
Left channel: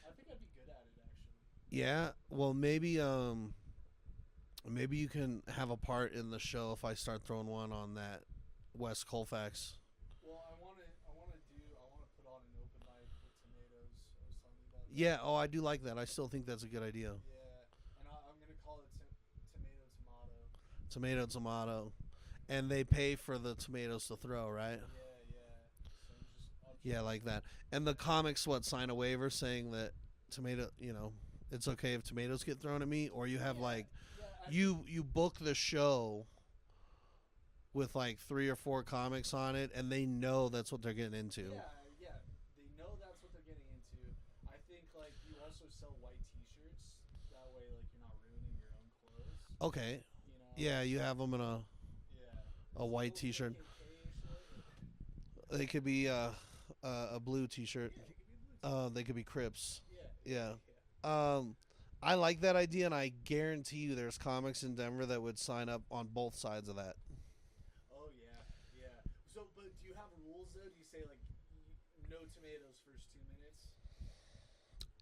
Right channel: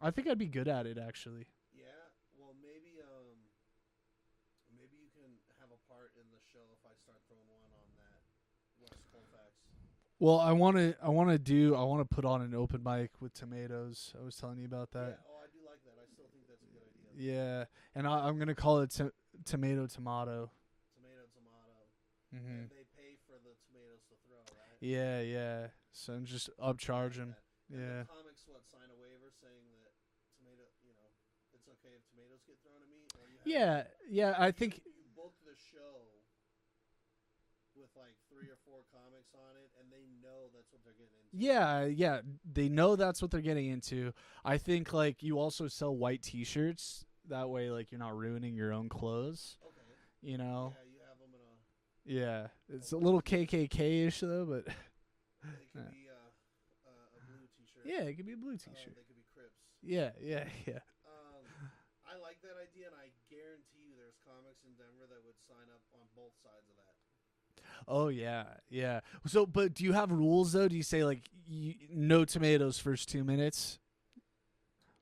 I think I'd be good at it actually. Yeah. Well, maybe maybe you can have a part in the show if I start throwing one on that West Colfax. Well, I want to put on an open mic with tomatoes. I was telling you about that. Yeah. Oh, I do like that. I still think that's a good idea. Yeah. And I'm going to call it tomato. Tomato, tomato. Mhm. And they pay for the tomatoes to throw, right? Yeah. So I'm just Yeah, upcharging. like that. And the Yeah. comics sign a waiver saying that tomato, it's okay if tomatoes get thrown at me, or you have I you think you book the show with like 3 or 4 comics on it, and they know that's what they're getting into. Yeah, they know that's what they're getting into. I think like you also sell white T-shirts. That way, like you're not ruining your own clothes. Okay. You know. Yeah, you have them in a. Yeah. It's a white little T-shirt. KKK-ish though, but They could be a blue T-shirt. yeah, it could be a blue T-shirt. They could be Crips. Yeah. I like that idea, and I guarantee you, there's comics in Denver that would sign up on both sides of that. Oh yeah. So, but do you have rules though? Do you say like no tomatoes first 2 minutes?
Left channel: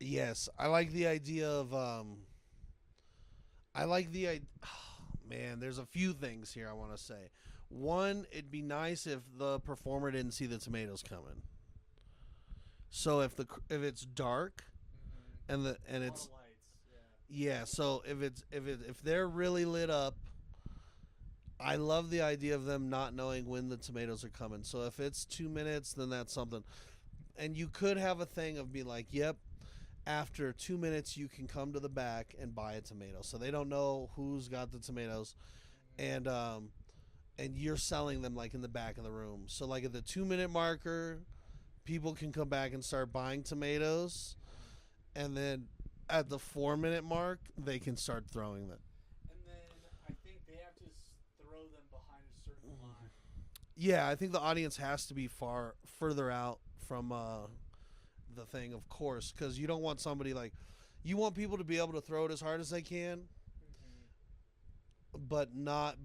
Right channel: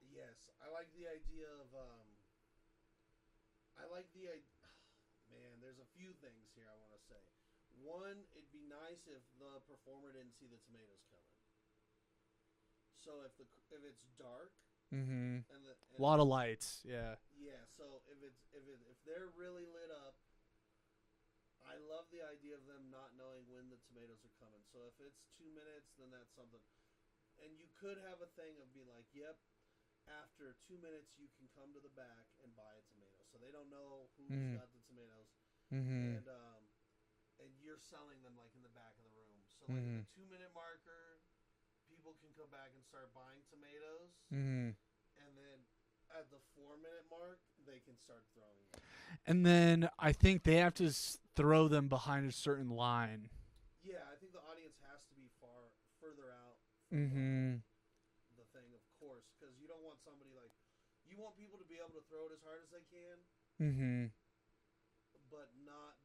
Yes, I like the idea of. I like the idea. Man, there's a few things here I want to say. One, it'd be nice if the performer didn't see the tomatoes coming. So if it's dark Mm-hmm. and A lot of lights. Yeah. yeah, so if they're really lit up, I love the idea of them not knowing when the tomatoes are coming. So if it's 2 minutes, then that's something. And you could have a thing of be like, yep, after 2 minutes you can come to the back and buy a tomato. So they don't know who's Mhm. got the tomatoes, Mm-hmm. and you're selling them like in the back of the room. So like at Mhm. the 2 minute marker, people can come back and start buying tomatoes, Mm-hmm. and then at the 4 minute mark, they can start throwing them. And then I think they have to throw them behind a certain line. Yeah, I think the audience has to be further out from Mhm. the thing, of course, because you don't want somebody you want people to be able to throw it as hard as they can, Mm-hmm. but not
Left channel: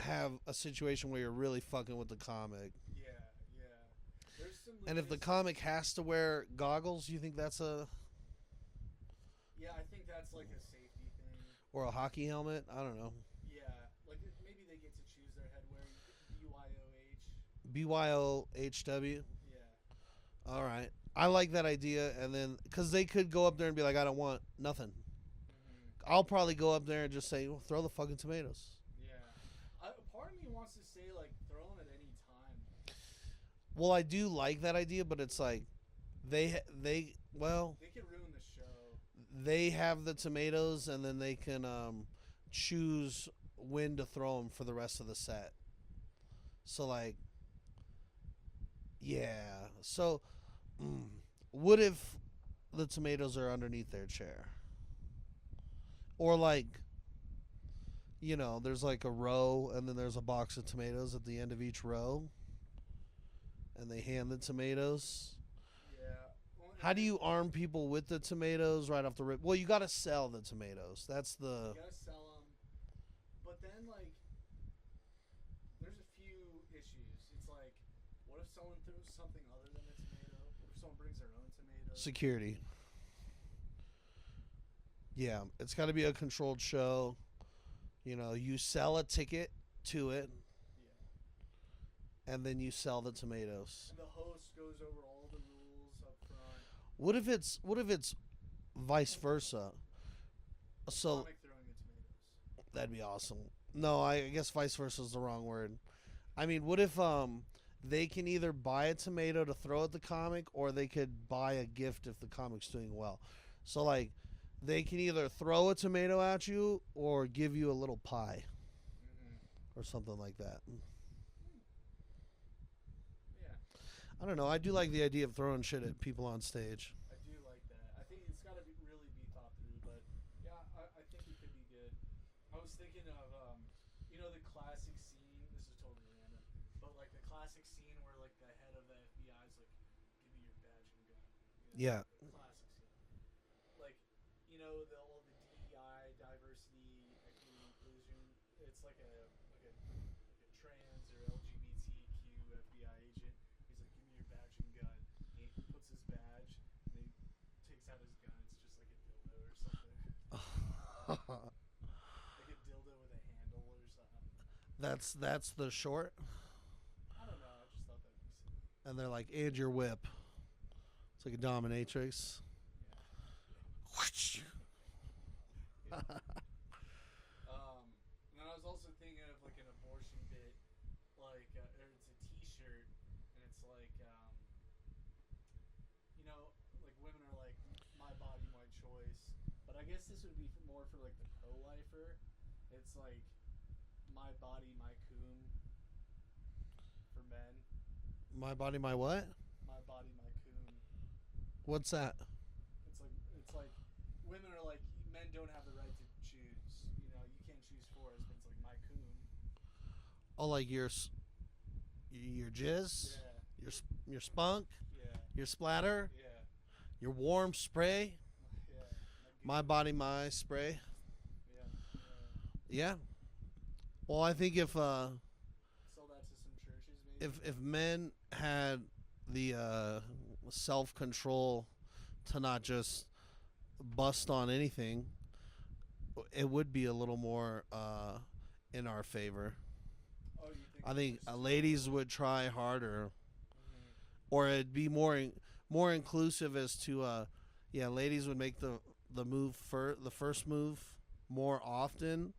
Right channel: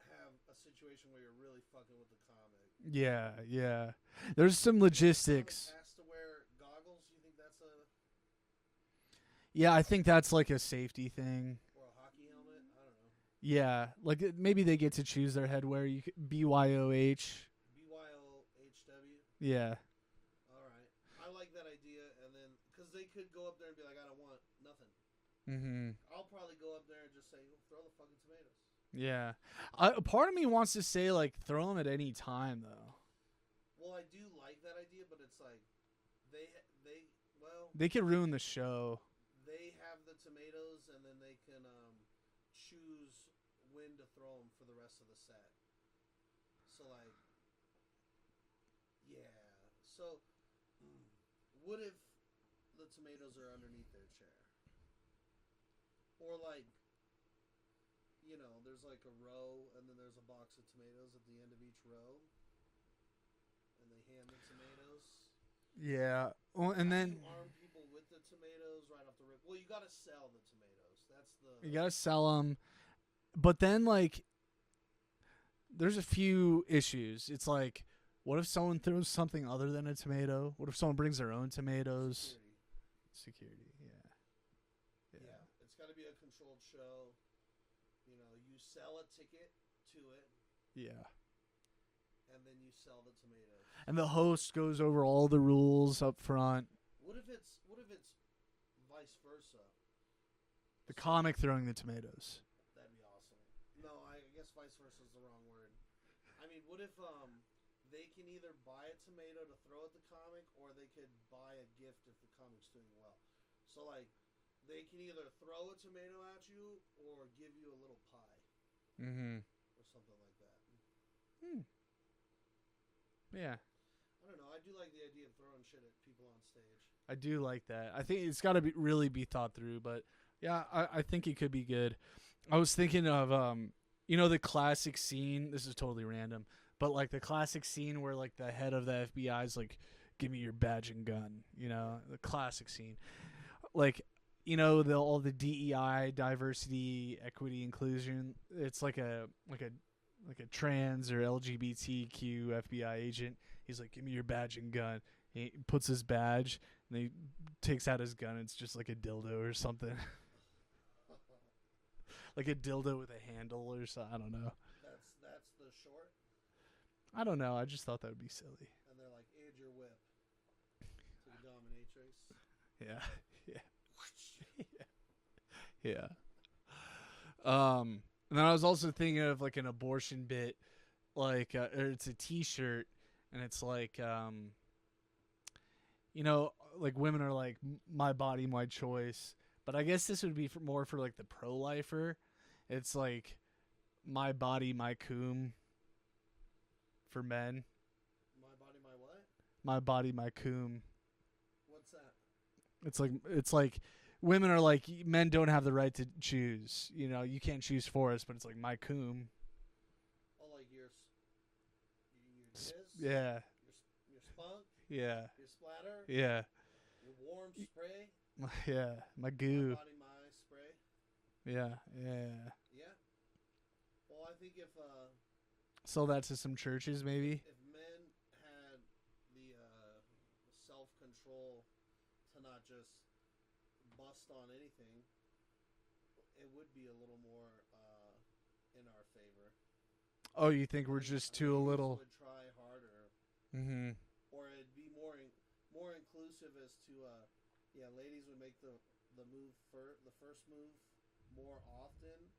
have a situation where you're really fucking with the comic. Yeah. There's some And if logistics. the comic has to wear goggles, you think that's Yeah, I think that's like a safety thing. or a hockey helmet? I don't know. Yeah, like maybe they get to choose their headwear. You could, BYOH. BYOHW. Yeah. All right, I like that idea, and then because they could go up there and be like, I don't want nothing. Mm-hmm. I'll probably go up there and just say, well, throw the fucking tomatoes. Yeah. A part of me wants to say like throw them at any time though. Well, I do like that idea, but it's like they They could ruin the show. they have the tomatoes, and then they can choose when to throw them for the rest of the set. So like, yeah. So, what if the tomatoes are underneath their chair, or like, there's like a row, and then there's a box of tomatoes at the end of each row, and they hand the tomatoes. Yeah. Well, and How then do you arm people with the tomatoes right off the rip? Well, you got to sell the tomatoes. That's the. you gotta sell them, but then like, there's a few issues. It's like, what if someone throws something other than a tomato? What if someone brings their own tomatoes? Security. Yeah, it's got to be a controlled show. You sell a ticket to it, Yeah. and then you sell the tomatoes. And the host goes over all the rules up front. What if it's vice versa? A So- comic throwing the tomatoes. That'd be awesome. No, I guess vice versa is the wrong word. I mean, what if they can either buy a tomato to throw at the comic, or they could buy a gift if the comic's doing well. So like, they can either throw a tomato at you or give you a little pie Mm-hmm. or something like that. Yeah, I don't know. I do like the idea of throwing shit at people on stage. I do like that. I think it's got to really be thought through, but Yeah, I think it could be good. I was thinking of the classic scene. This is totally random, but like the classic scene where like the head of the FBI is like, "Give me your badge and gun." Yeah. The classic scene. Like, all the DEI, diversity, equity, inclusion. It's like a trans or LGBTQ FBI agent. He's like, "Give me your badge and gun." He puts his badge and he takes out his gun. It's just like a dildo or something. Like a dildo with a handle or something. I don't know. That's the short, I don't know. I just thought that would be silly. and they're like, "And your whip." It's like a dominatrix. Yeah. Yeah. And then I was also thinking of like an abortion bit, like or it's a T-shirt, and it's like like women are like, "My body, my choice," but I guess this would be more for like the pro-lifer. It's like, "My body, my coom," for men. My body, my what? My body, my coom. What's that? It's like women are like, men don't have the right to choose. You can't choose for us, but it's like my coom. Oh, like your jizz? Yeah. Your spunk? Yeah. Your splatter? Yeah. Your warm spray? Yeah. My goo. My body, my spray? Yeah. Yeah. Yeah. Well, I think if Sell that to some churches, maybe. if men had the self-control to not just bust on anything, it would be a little more in our favor. Oh, you think I we're think just too ladies little? would try harder, Mm-hmm. or it'd be more inclusive as to ladies would make the move the first move more often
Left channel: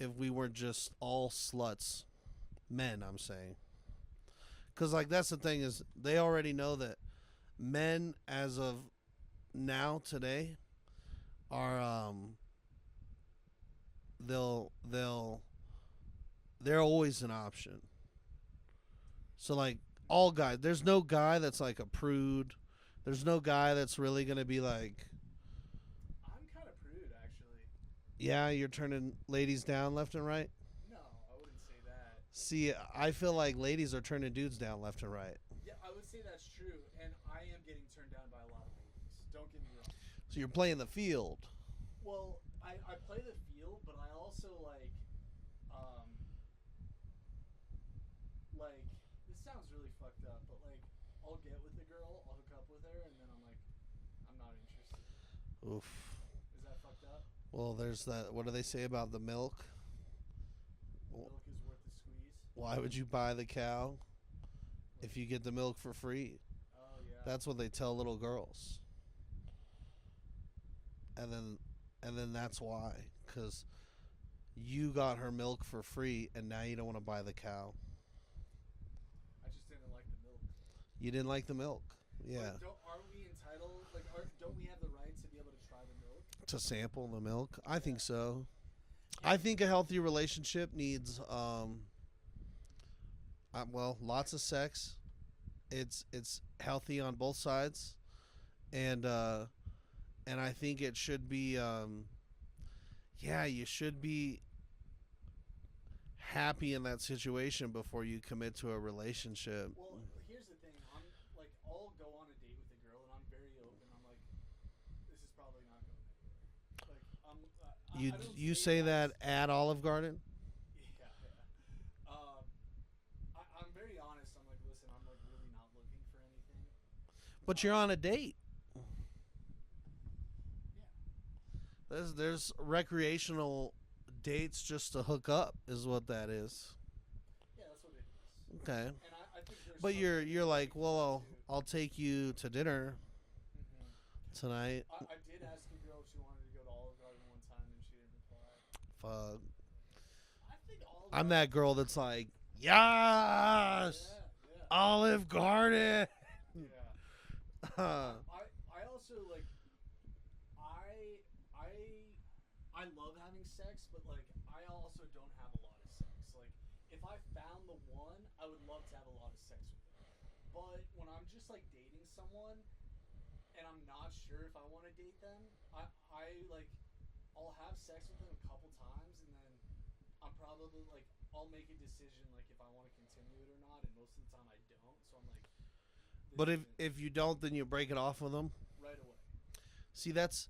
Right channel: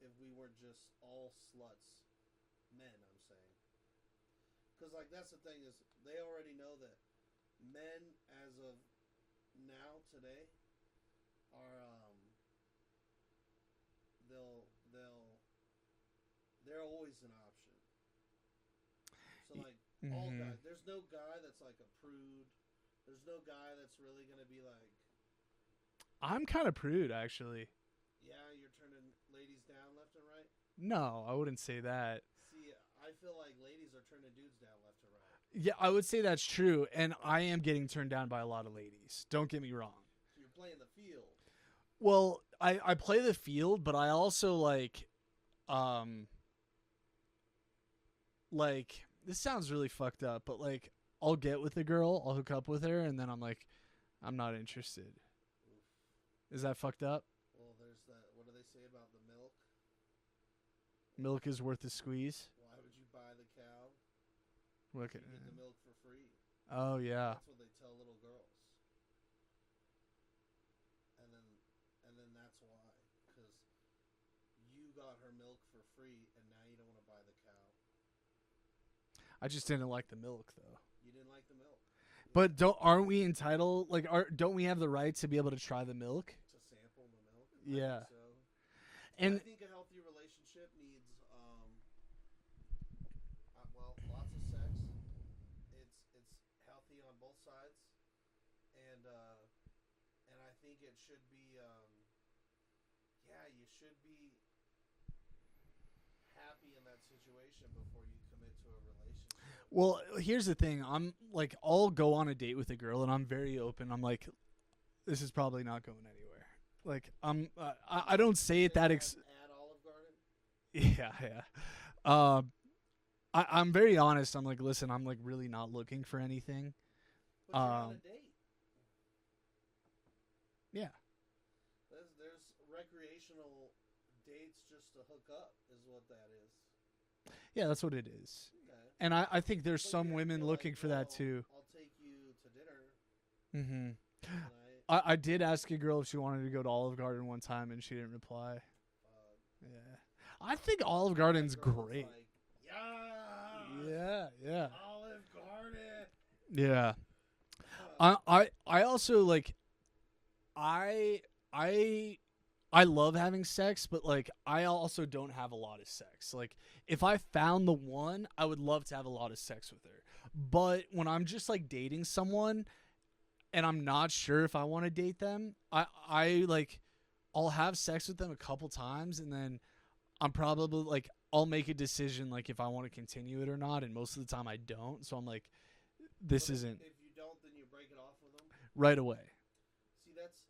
if we were just all sluts, men. I'm saying, because like that's the thing is they already know that men as of now today are they're always an option. So like all Mhm. guys, there's no guy that's like a prude. There's no guy that's really gonna be like, I'm kind of prude, actually. yeah, you're turning ladies down left and right. No, I wouldn't say that. See, I feel like ladies are turning dudes down left and right. Yeah, I would say that's true, and I am getting turned down by a lot of ladies. Don't get me wrong. So you're playing the field. Well, I play the field, but I also like this sounds really fucked up, but like I'll get with a girl, I'll hook up with her, and then I'm like, I'm not interested. Oof. Is that fucked up? Well, there's that. What do they say about the milk? Milk is worth the squeeze. Why would you buy the cow if you get the milk for free? Oh yeah. That's what they tell little girls. And then that's why, because you got her milk for free, and now you don't want to buy the cow. I just didn't like the milk though. You didn't like the milk. Yeah. But aren't we entitled? Like, don't we have the right to be able to try the milk? To sample the milk, I Yeah. think so. And I think a healthy relationship needs, lots of sex. It's healthy on both sides, and I think it should be, you should be happy in that situation before you commit to a relationship. Well, here's the thing. I'm like, I'll go on a date with a girl, and I'm very open. I'm like, this is probably not going anywhere. Like, I don't say that at Olive Garden. Yeah. I'm very honest. I'm like, listen, I'm like really not looking for anything. But you're on a date. Yeah. There's recreational dates just to hook up is what that is. Yeah, that's what it is. Okay. And I think there's But some you're women like, looking for well, that too. I'll take you to dinner Mm-hmm. tonight. I did ask a girl if she wanted to go to Olive Garden one time, and she didn't reply. Fuck. Yeah. I think Olive I'm Garden. that girl that's like, yes, yeah. Olive Garden. Yeah. I also like I love having sex, but like I also don't have a lot of sex. Like if I found the one, I would love to have a lot of sex with her. But when I'm just like dating someone and I'm not sure if I want to date them, I'll have sex with them a couple times, and then I'm probably like I'll make a decision like if I want to continue it or not, and most of the time I don't. So I'm like, this But isn't if you don't, then you break it off with them. right away. See, that's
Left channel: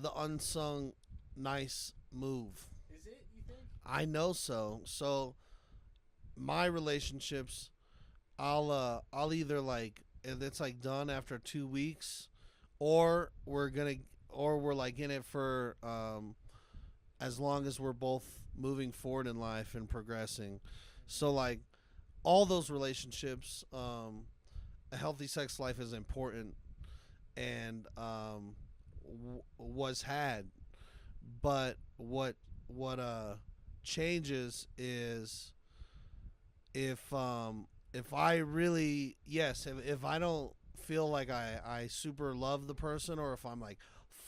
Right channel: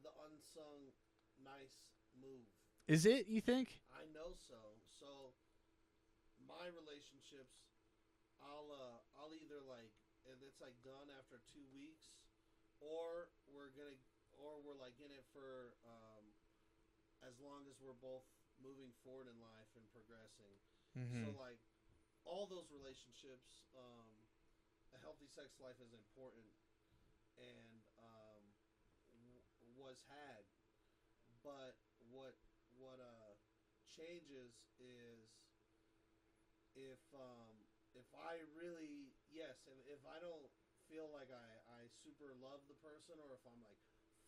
the unsung nice move. Is it? You think? I know so. So my relationships, I'll either like if it's like done after 2 weeks, or we're like in it for as long as we're both moving forward in life and progressing. So like all those relationships, a healthy sex life is important and was had, but what changes is if I really if I don't feel like I super love the person, or if I'm like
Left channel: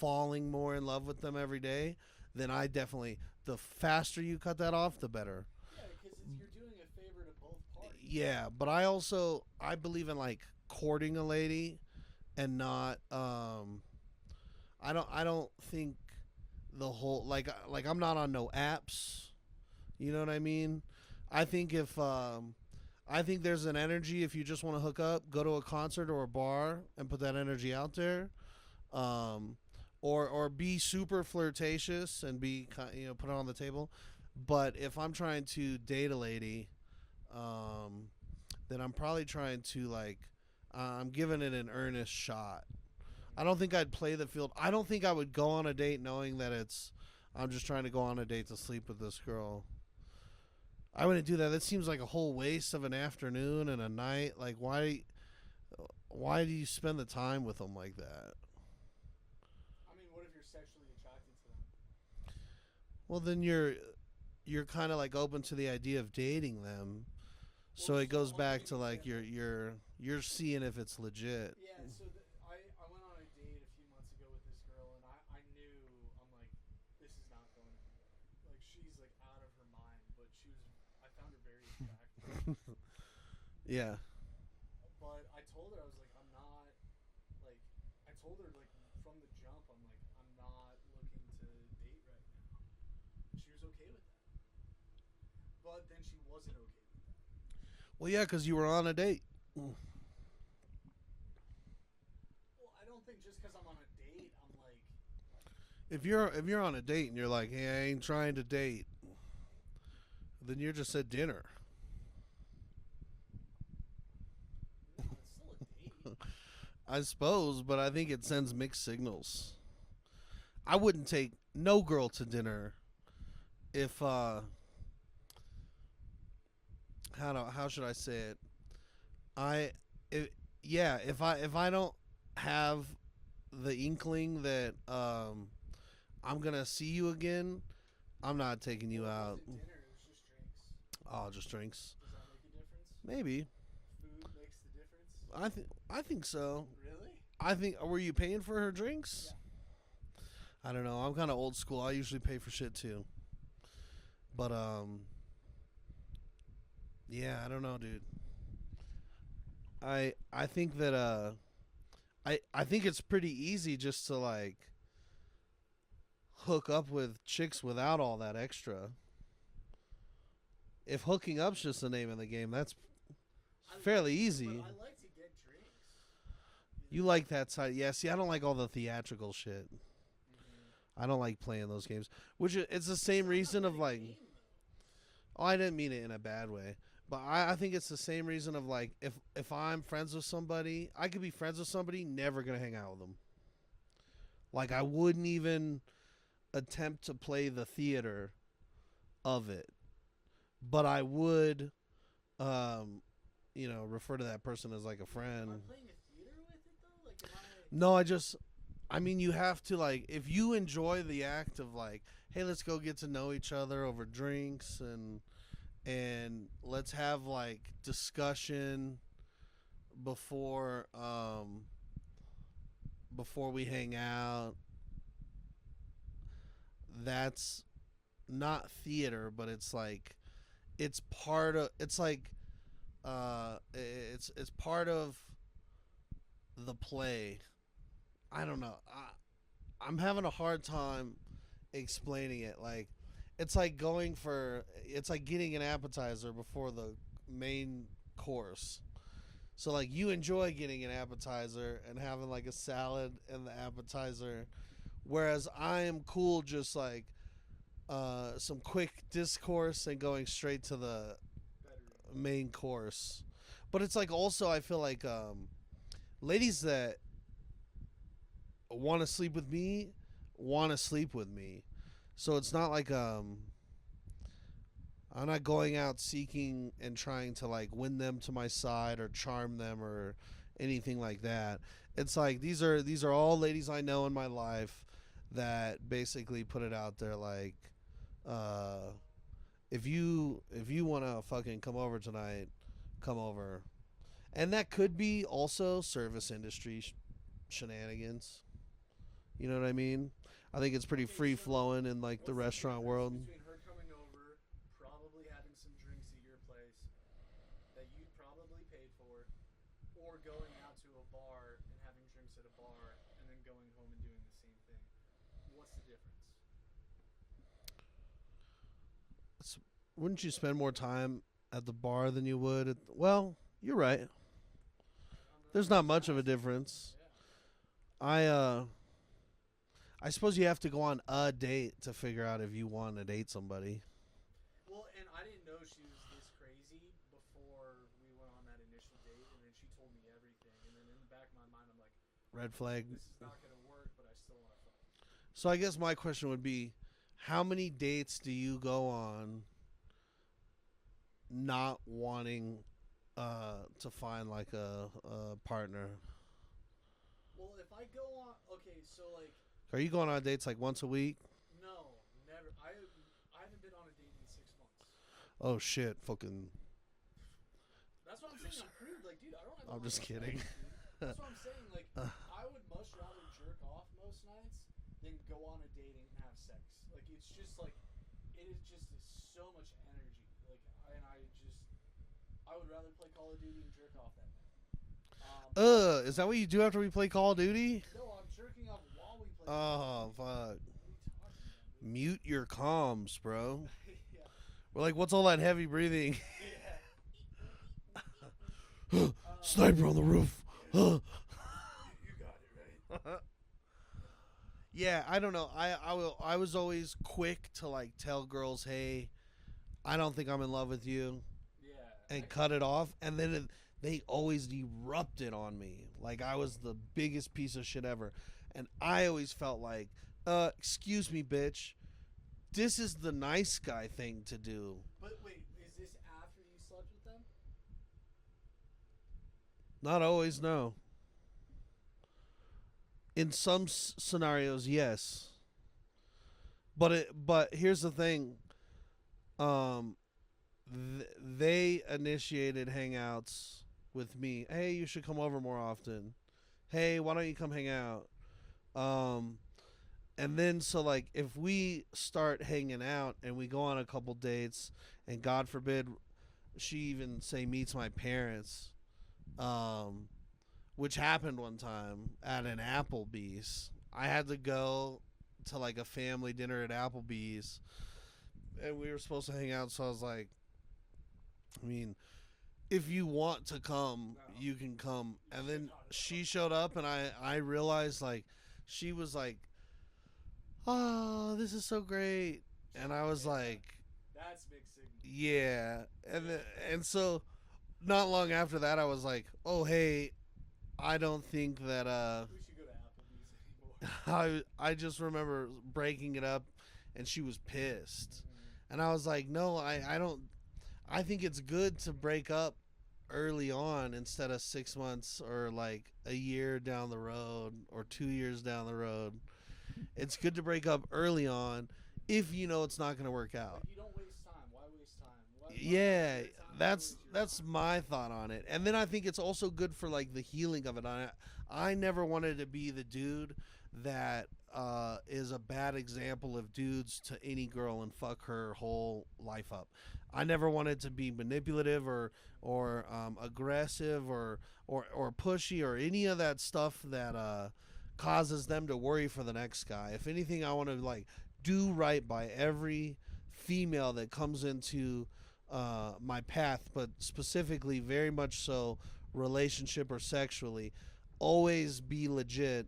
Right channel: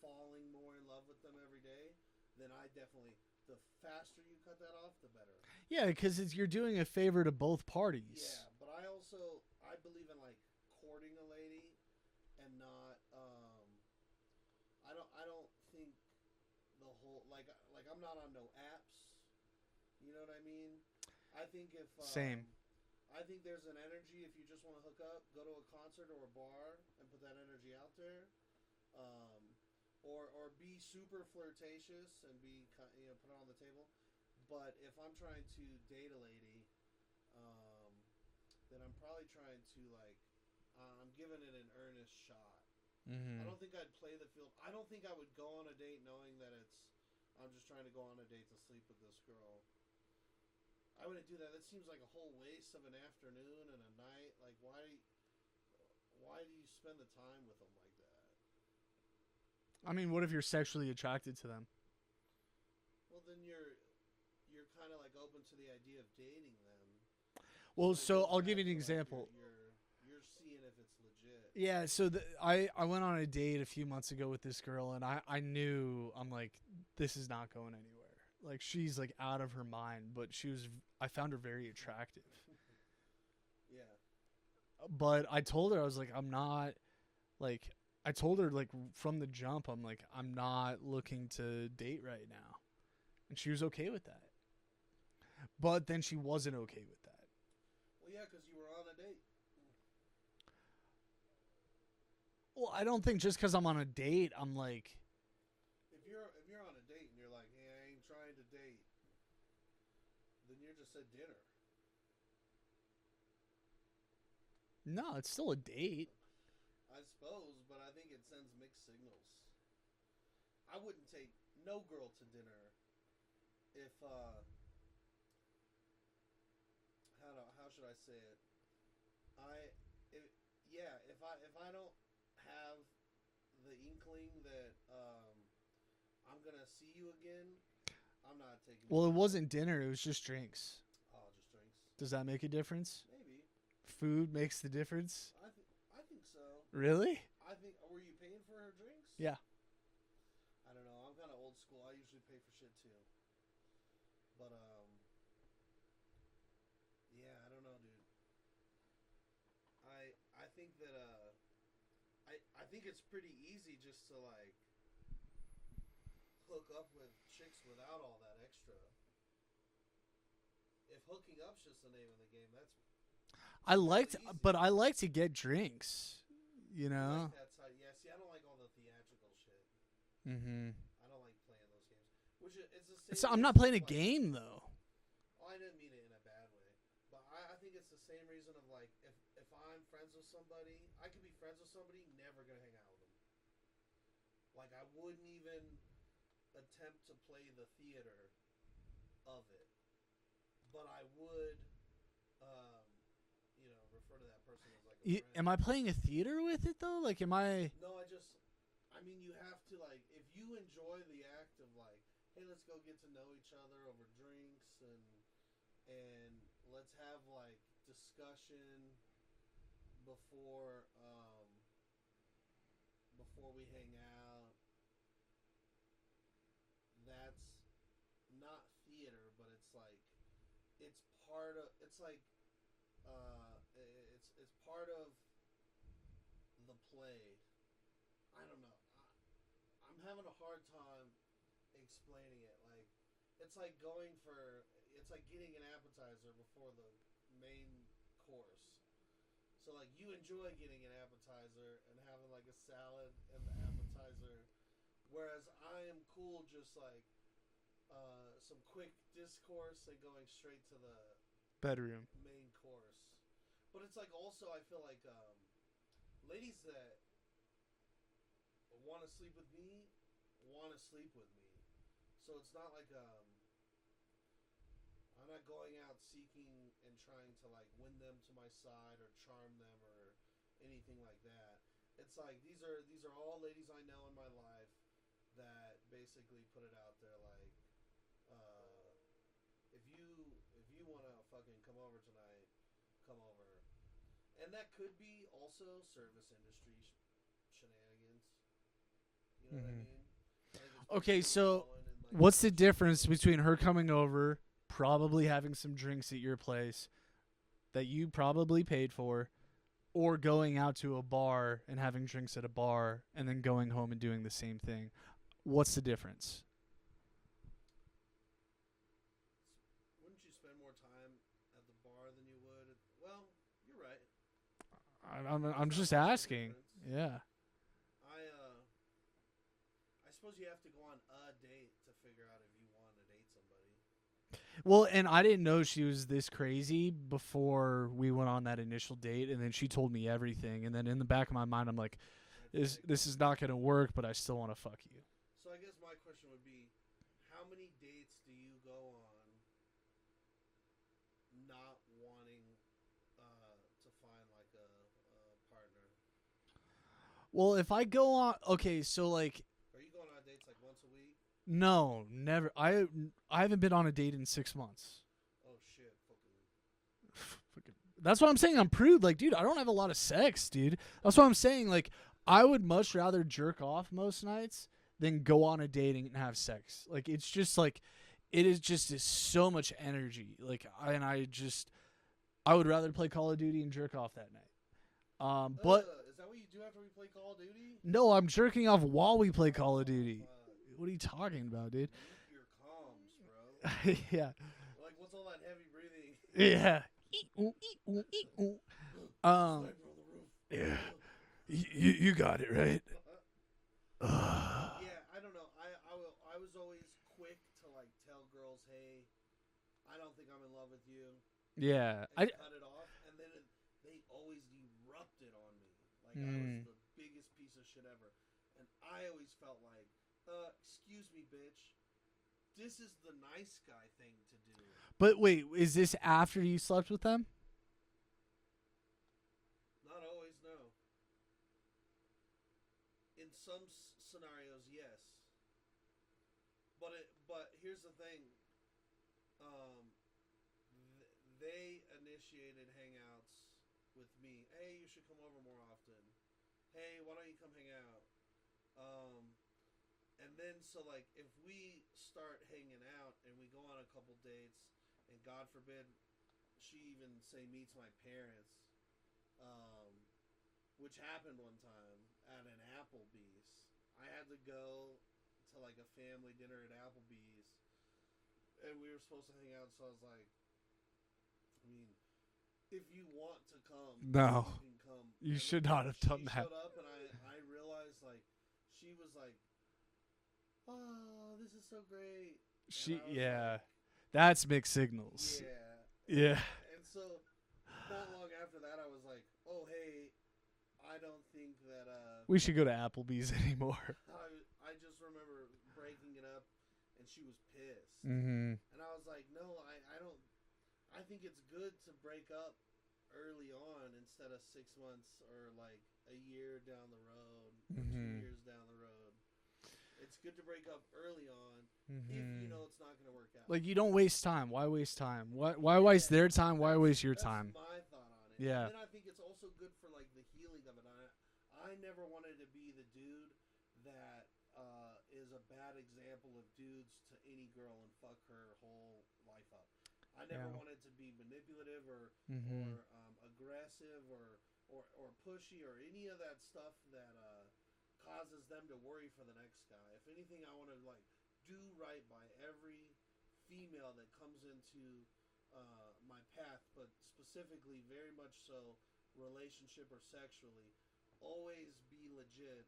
falling more in love with them every day, then I definitely, the faster you cut that off, the better. Yeah, because you're doing a favor to both parties. Yeah, but I believe in like courting a lady and not I don't think the whole like I'm not on no apps. You know what I mean? I think if Same. I think there's an energy if you just want to hook up, go to a concert or a bar and put that energy out there. Or be super flirtatious and be put it on the table. But if I'm trying to date a lady, then I'm probably trying to like I'm giving it an earnest shot. I don't think I'd play the field. I don't think I would go on a date knowing that I'm just trying to go on a date to sleep with this girl. I wouldn't do that. That seems like a whole waste of an afternoon and a night. Like why do you spend the time with them like that? I mean, what if you're sexually attracted to them? Well, then you're kind of like open to the idea of dating them. Well, so it so goes I'll give back you to an like example. you're seeing if it's legit. Yeah, so I went on a date a few months ago with this girl, and I knew, I'm like, this is not going anywhere. Like, she's like out of her mind, but I found her very attractive. Yeah. But I told her, I was like, I told her like from the jump, I'm like, I'm not looking to date right now. And she was okay with that. But then she wasn't okay with that. Well, yeah, because you were on a date. Well, I don't think just because I'm on a date, I'm like, If you're on a date and you're like, hey, I ain't trying to date, then you're just at dinner. no, it's still a date. I suppose, but I think it sends mixed signals. I wouldn't take no girl to dinner if how should I say it? If I don't have the inkling that I'm gonna see you again, I'm not taking you Well, out. it wasn't dinner, it was just drinks. Oh, just drinks. Does that make a difference? Maybe. Food makes the difference? I think so. Really? I think, were you paying for her drinks? Yeah. I don't know. I'm kind of old school. I usually pay for shit too. But yeah, I don't know, dude. I think that I think it's pretty easy just to like hook up with chicks without all that extra. If hooking up's just the name of the game, that's fairly easy. But I like to get drinks. You know? you like that side. Yeah, see, I don't like all the theatrical shit. Mm-hmm. I don't like playing those games. Which it's the same reason. I'm not playing of a like, game, though. Oh, I didn't mean it in a bad way. But I think it's the same reason of like if I'm friends with somebody, I could be friends with somebody, never gonna hang out with them. Like I wouldn't even attempt to play the theater of it. But I would refer to that person as like a friend. Am I playing a theater with it, though? Like, am I... No, I mean, you have to, like, if you enjoy the act of, like, hey, let's go get to know each other over drinks and let's have, like, discussion before we hang out. That's not theater, but it's like, it's part of, it's like, it's part of the play. I don't know. I'm having a hard time explaining it. Like, it's like it's like getting an appetizer before the main course. So like you enjoy getting an appetizer and having like a salad and the appetizer, whereas I am cool just like some quick discourse and going straight to the Bedroom. main course. But it's like also I feel like ladies that want to sleep with me want to sleep with me. So it's not like I'm not going out seeking and trying to like win them to my side or charm them or anything like that. It's like these are all ladies I know in my life that basically put it out there like if you want to fucking come over tonight, come over. And that could be also service industry shenanigans. You know what I mean? I think it's pretty Okay, free so flowing in like What's the the restaurant difference world. between her coming over, probably having some drinks at your place that you probably paid for, or going out to a bar and having drinks at a bar and then going home and doing the same thing? What's the difference? Wouldn't you spend more time at the bar than you would at well, you're right. There's I'm not just much of a asking. difference. Yeah. I suppose you have to go on a date to figure out if you want to date somebody. Well, and I didn't know she was this crazy before we went on that initial date, and then she told me everything, and then in the back of my mind, I'm like, Red this, flag. this is not going to work, but I still want to fuck you. So I guess my question would be, how many dates do you go on not wanting to find like a partner? Well, if I go on, okay, so like, Are you going on dates like once a week? no, never. I haven't been on a date in 6 months. Oh shit, fucking. That's what I'm saying. I'm prude. Like, dude, I don't have a I'm lot of just sex, dude. That's what I'm saying. Like, I would much rather jerk off most nights than go on a date and have sex. Like, it's just like, it is just so much energy. Like, I would rather play Call of Duty and jerk off that night. But Is that what you do after we play Call of Duty? no, I'm jerking off while we play Call of Oh, Duty. fuck. What are you talking about, dude? Mute your comms, bro. Yeah. We're like, what's all that heavy breathing? Yeah. Sniper on the roof. You got it right. Yeah, I don't know. I was always quick to like tell girls, hey, I don't think I'm in love with you, Yeah. and cut it off. And then they always erupted on me like I was the biggest piece of shit ever. And I always felt like, excuse me, bitch. This is the nice guy thing to do. But wait, is this after you slept with them? Not always, no. In some scenarios, yes. But here's the thing. They initiated hangouts with me. Hey, you should come over more often. Hey, why don't you come hang out? And then so like if we start hanging out and we go on a couple dates, and God forbid she even say meets my parents, which happened one time at an Applebee's. I had to go to like a family dinner at Applebee's, and we were supposed to hang out. So I was like, I mean, if you want to come, No. you can come. You And should then not have done She that. showed up, and I realized like she was like, oh, this is so great, and I was like, that's mixed signals. yeah, and Yeah. and so not long after that, I was like, oh hey, I don't think that We should go to Applebee's anymore. I just remember breaking it up, and she was pissed, Mm-hmm. and I was like, no, I don't. I think it's good to break up early on instead of 6 months or like a year down the road or 2 Mhm. years down the road. It's good to break up early on if you know it's not going to work out. Like, you don't waste time. Why waste time? Why waste their time? Why waste your That's time? my thought on it. Yeah. And then I think it's also good for like the healing of it. I never wanted to be the dude that is a bad example of dudes to any girl and fuck her whole life up. I never wanted to be manipulative or aggressive or pushy or any of that stuff that causes them to worry for the next guy. If anything, I want to like do right by every female that comes into my path, but specifically, very much so, relationship or sexually, always be legit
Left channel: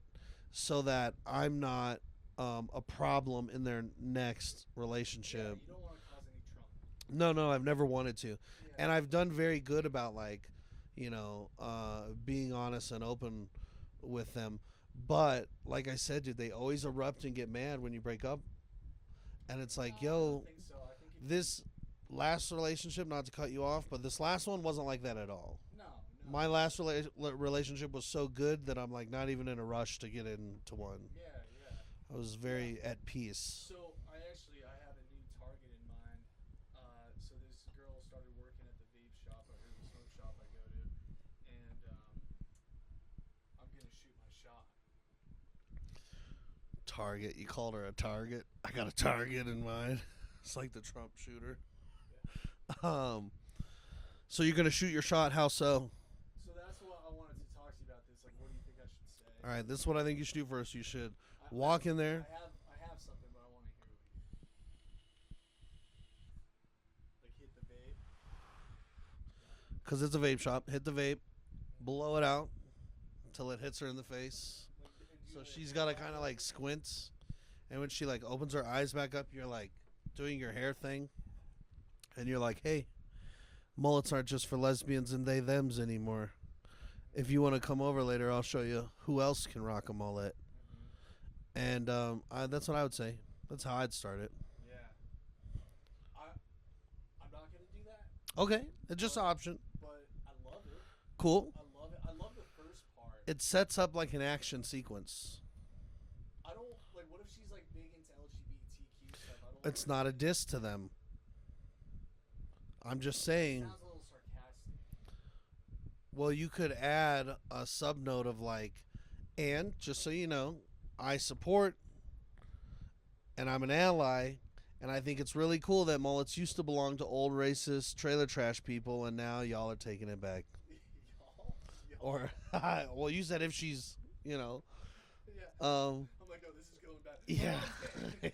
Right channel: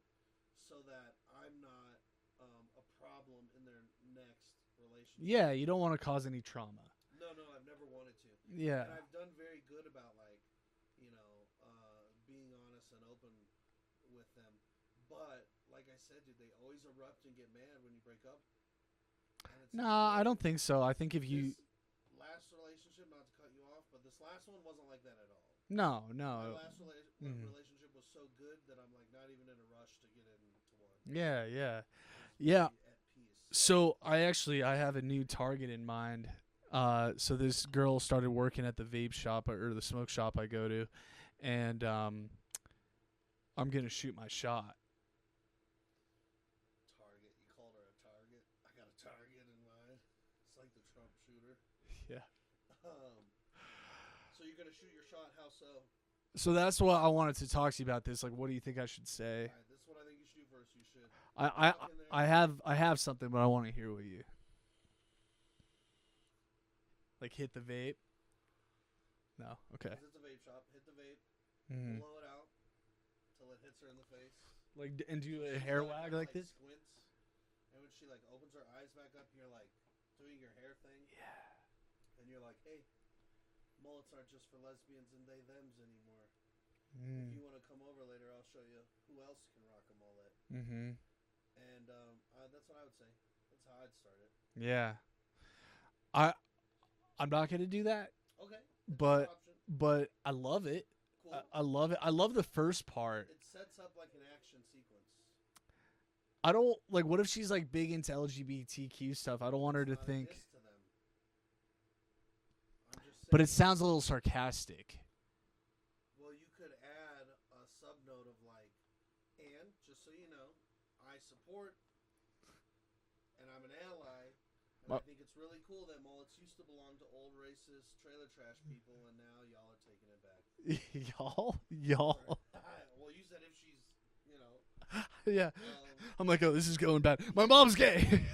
so that I'm not a problem in their next relationship. Yeah, you don't want to cause any trauma. No, I've never wanted to. Yeah. And I've done very good about, like, being honest and open with them. But like I said, dude, they always erupt and get mad when you break up. And it's like, yo, I don't think so. I think if this last relationship, not to cut you off, but this last one wasn't like that at all. no. My last relationship was so good that I'm like not even in a rush to get into one. Yeah. I was very at peace. So I have a new target in mind. So this girl started working at the vape shop or the smoke shop I go to, and I'm gonna shoot my shot. Target. You called her a target? I got a target in mind. It's like the Trump shooter. Yeah. So you're gonna shoot your shot? How so? So that's what I wanted to talk to you about. This, like, what do you think I should say? All right. This is what I think you should do first. You should I walk in there. I have something, but I want to hear what you. Like, hit the vape. No. Okay. Because it's a vape shop. Hit the vape. Mhm. Blow it out until it hits her in the face. Like, and do So a she's hair gotta line kind of like this? squints, and when she like opens her eyes back up, you're like doing your hair thing, and you're like, "Hey, mullets aren't just for lesbians and they thems anymore. If you want to come over later, I'll show you who else can rock a mullet." Mm-hmm. And that's what I would say. That's how I'd start it. Yeah. I'm not gonna do that, Okay, it's just an But- option. but I love it. Cool. I love it. I love the first part. It sets up like an action sequence. I don't like. What if she's like big into LGBTQ stuff? I don't want her It's to not think, a diss to them. I'm just saying. But it sounds a little sarcastic. Well, you could add a sub note of like, and just so you know, I support and I'm an ally, and I think it's really cool that mullets used to belong to old racist trailer trash people, and now y'all are taking it back. y'all. Or, well, you said if she's, Yeah. um, I'm like, oh, this is going bad. My Yeah. mom's gay.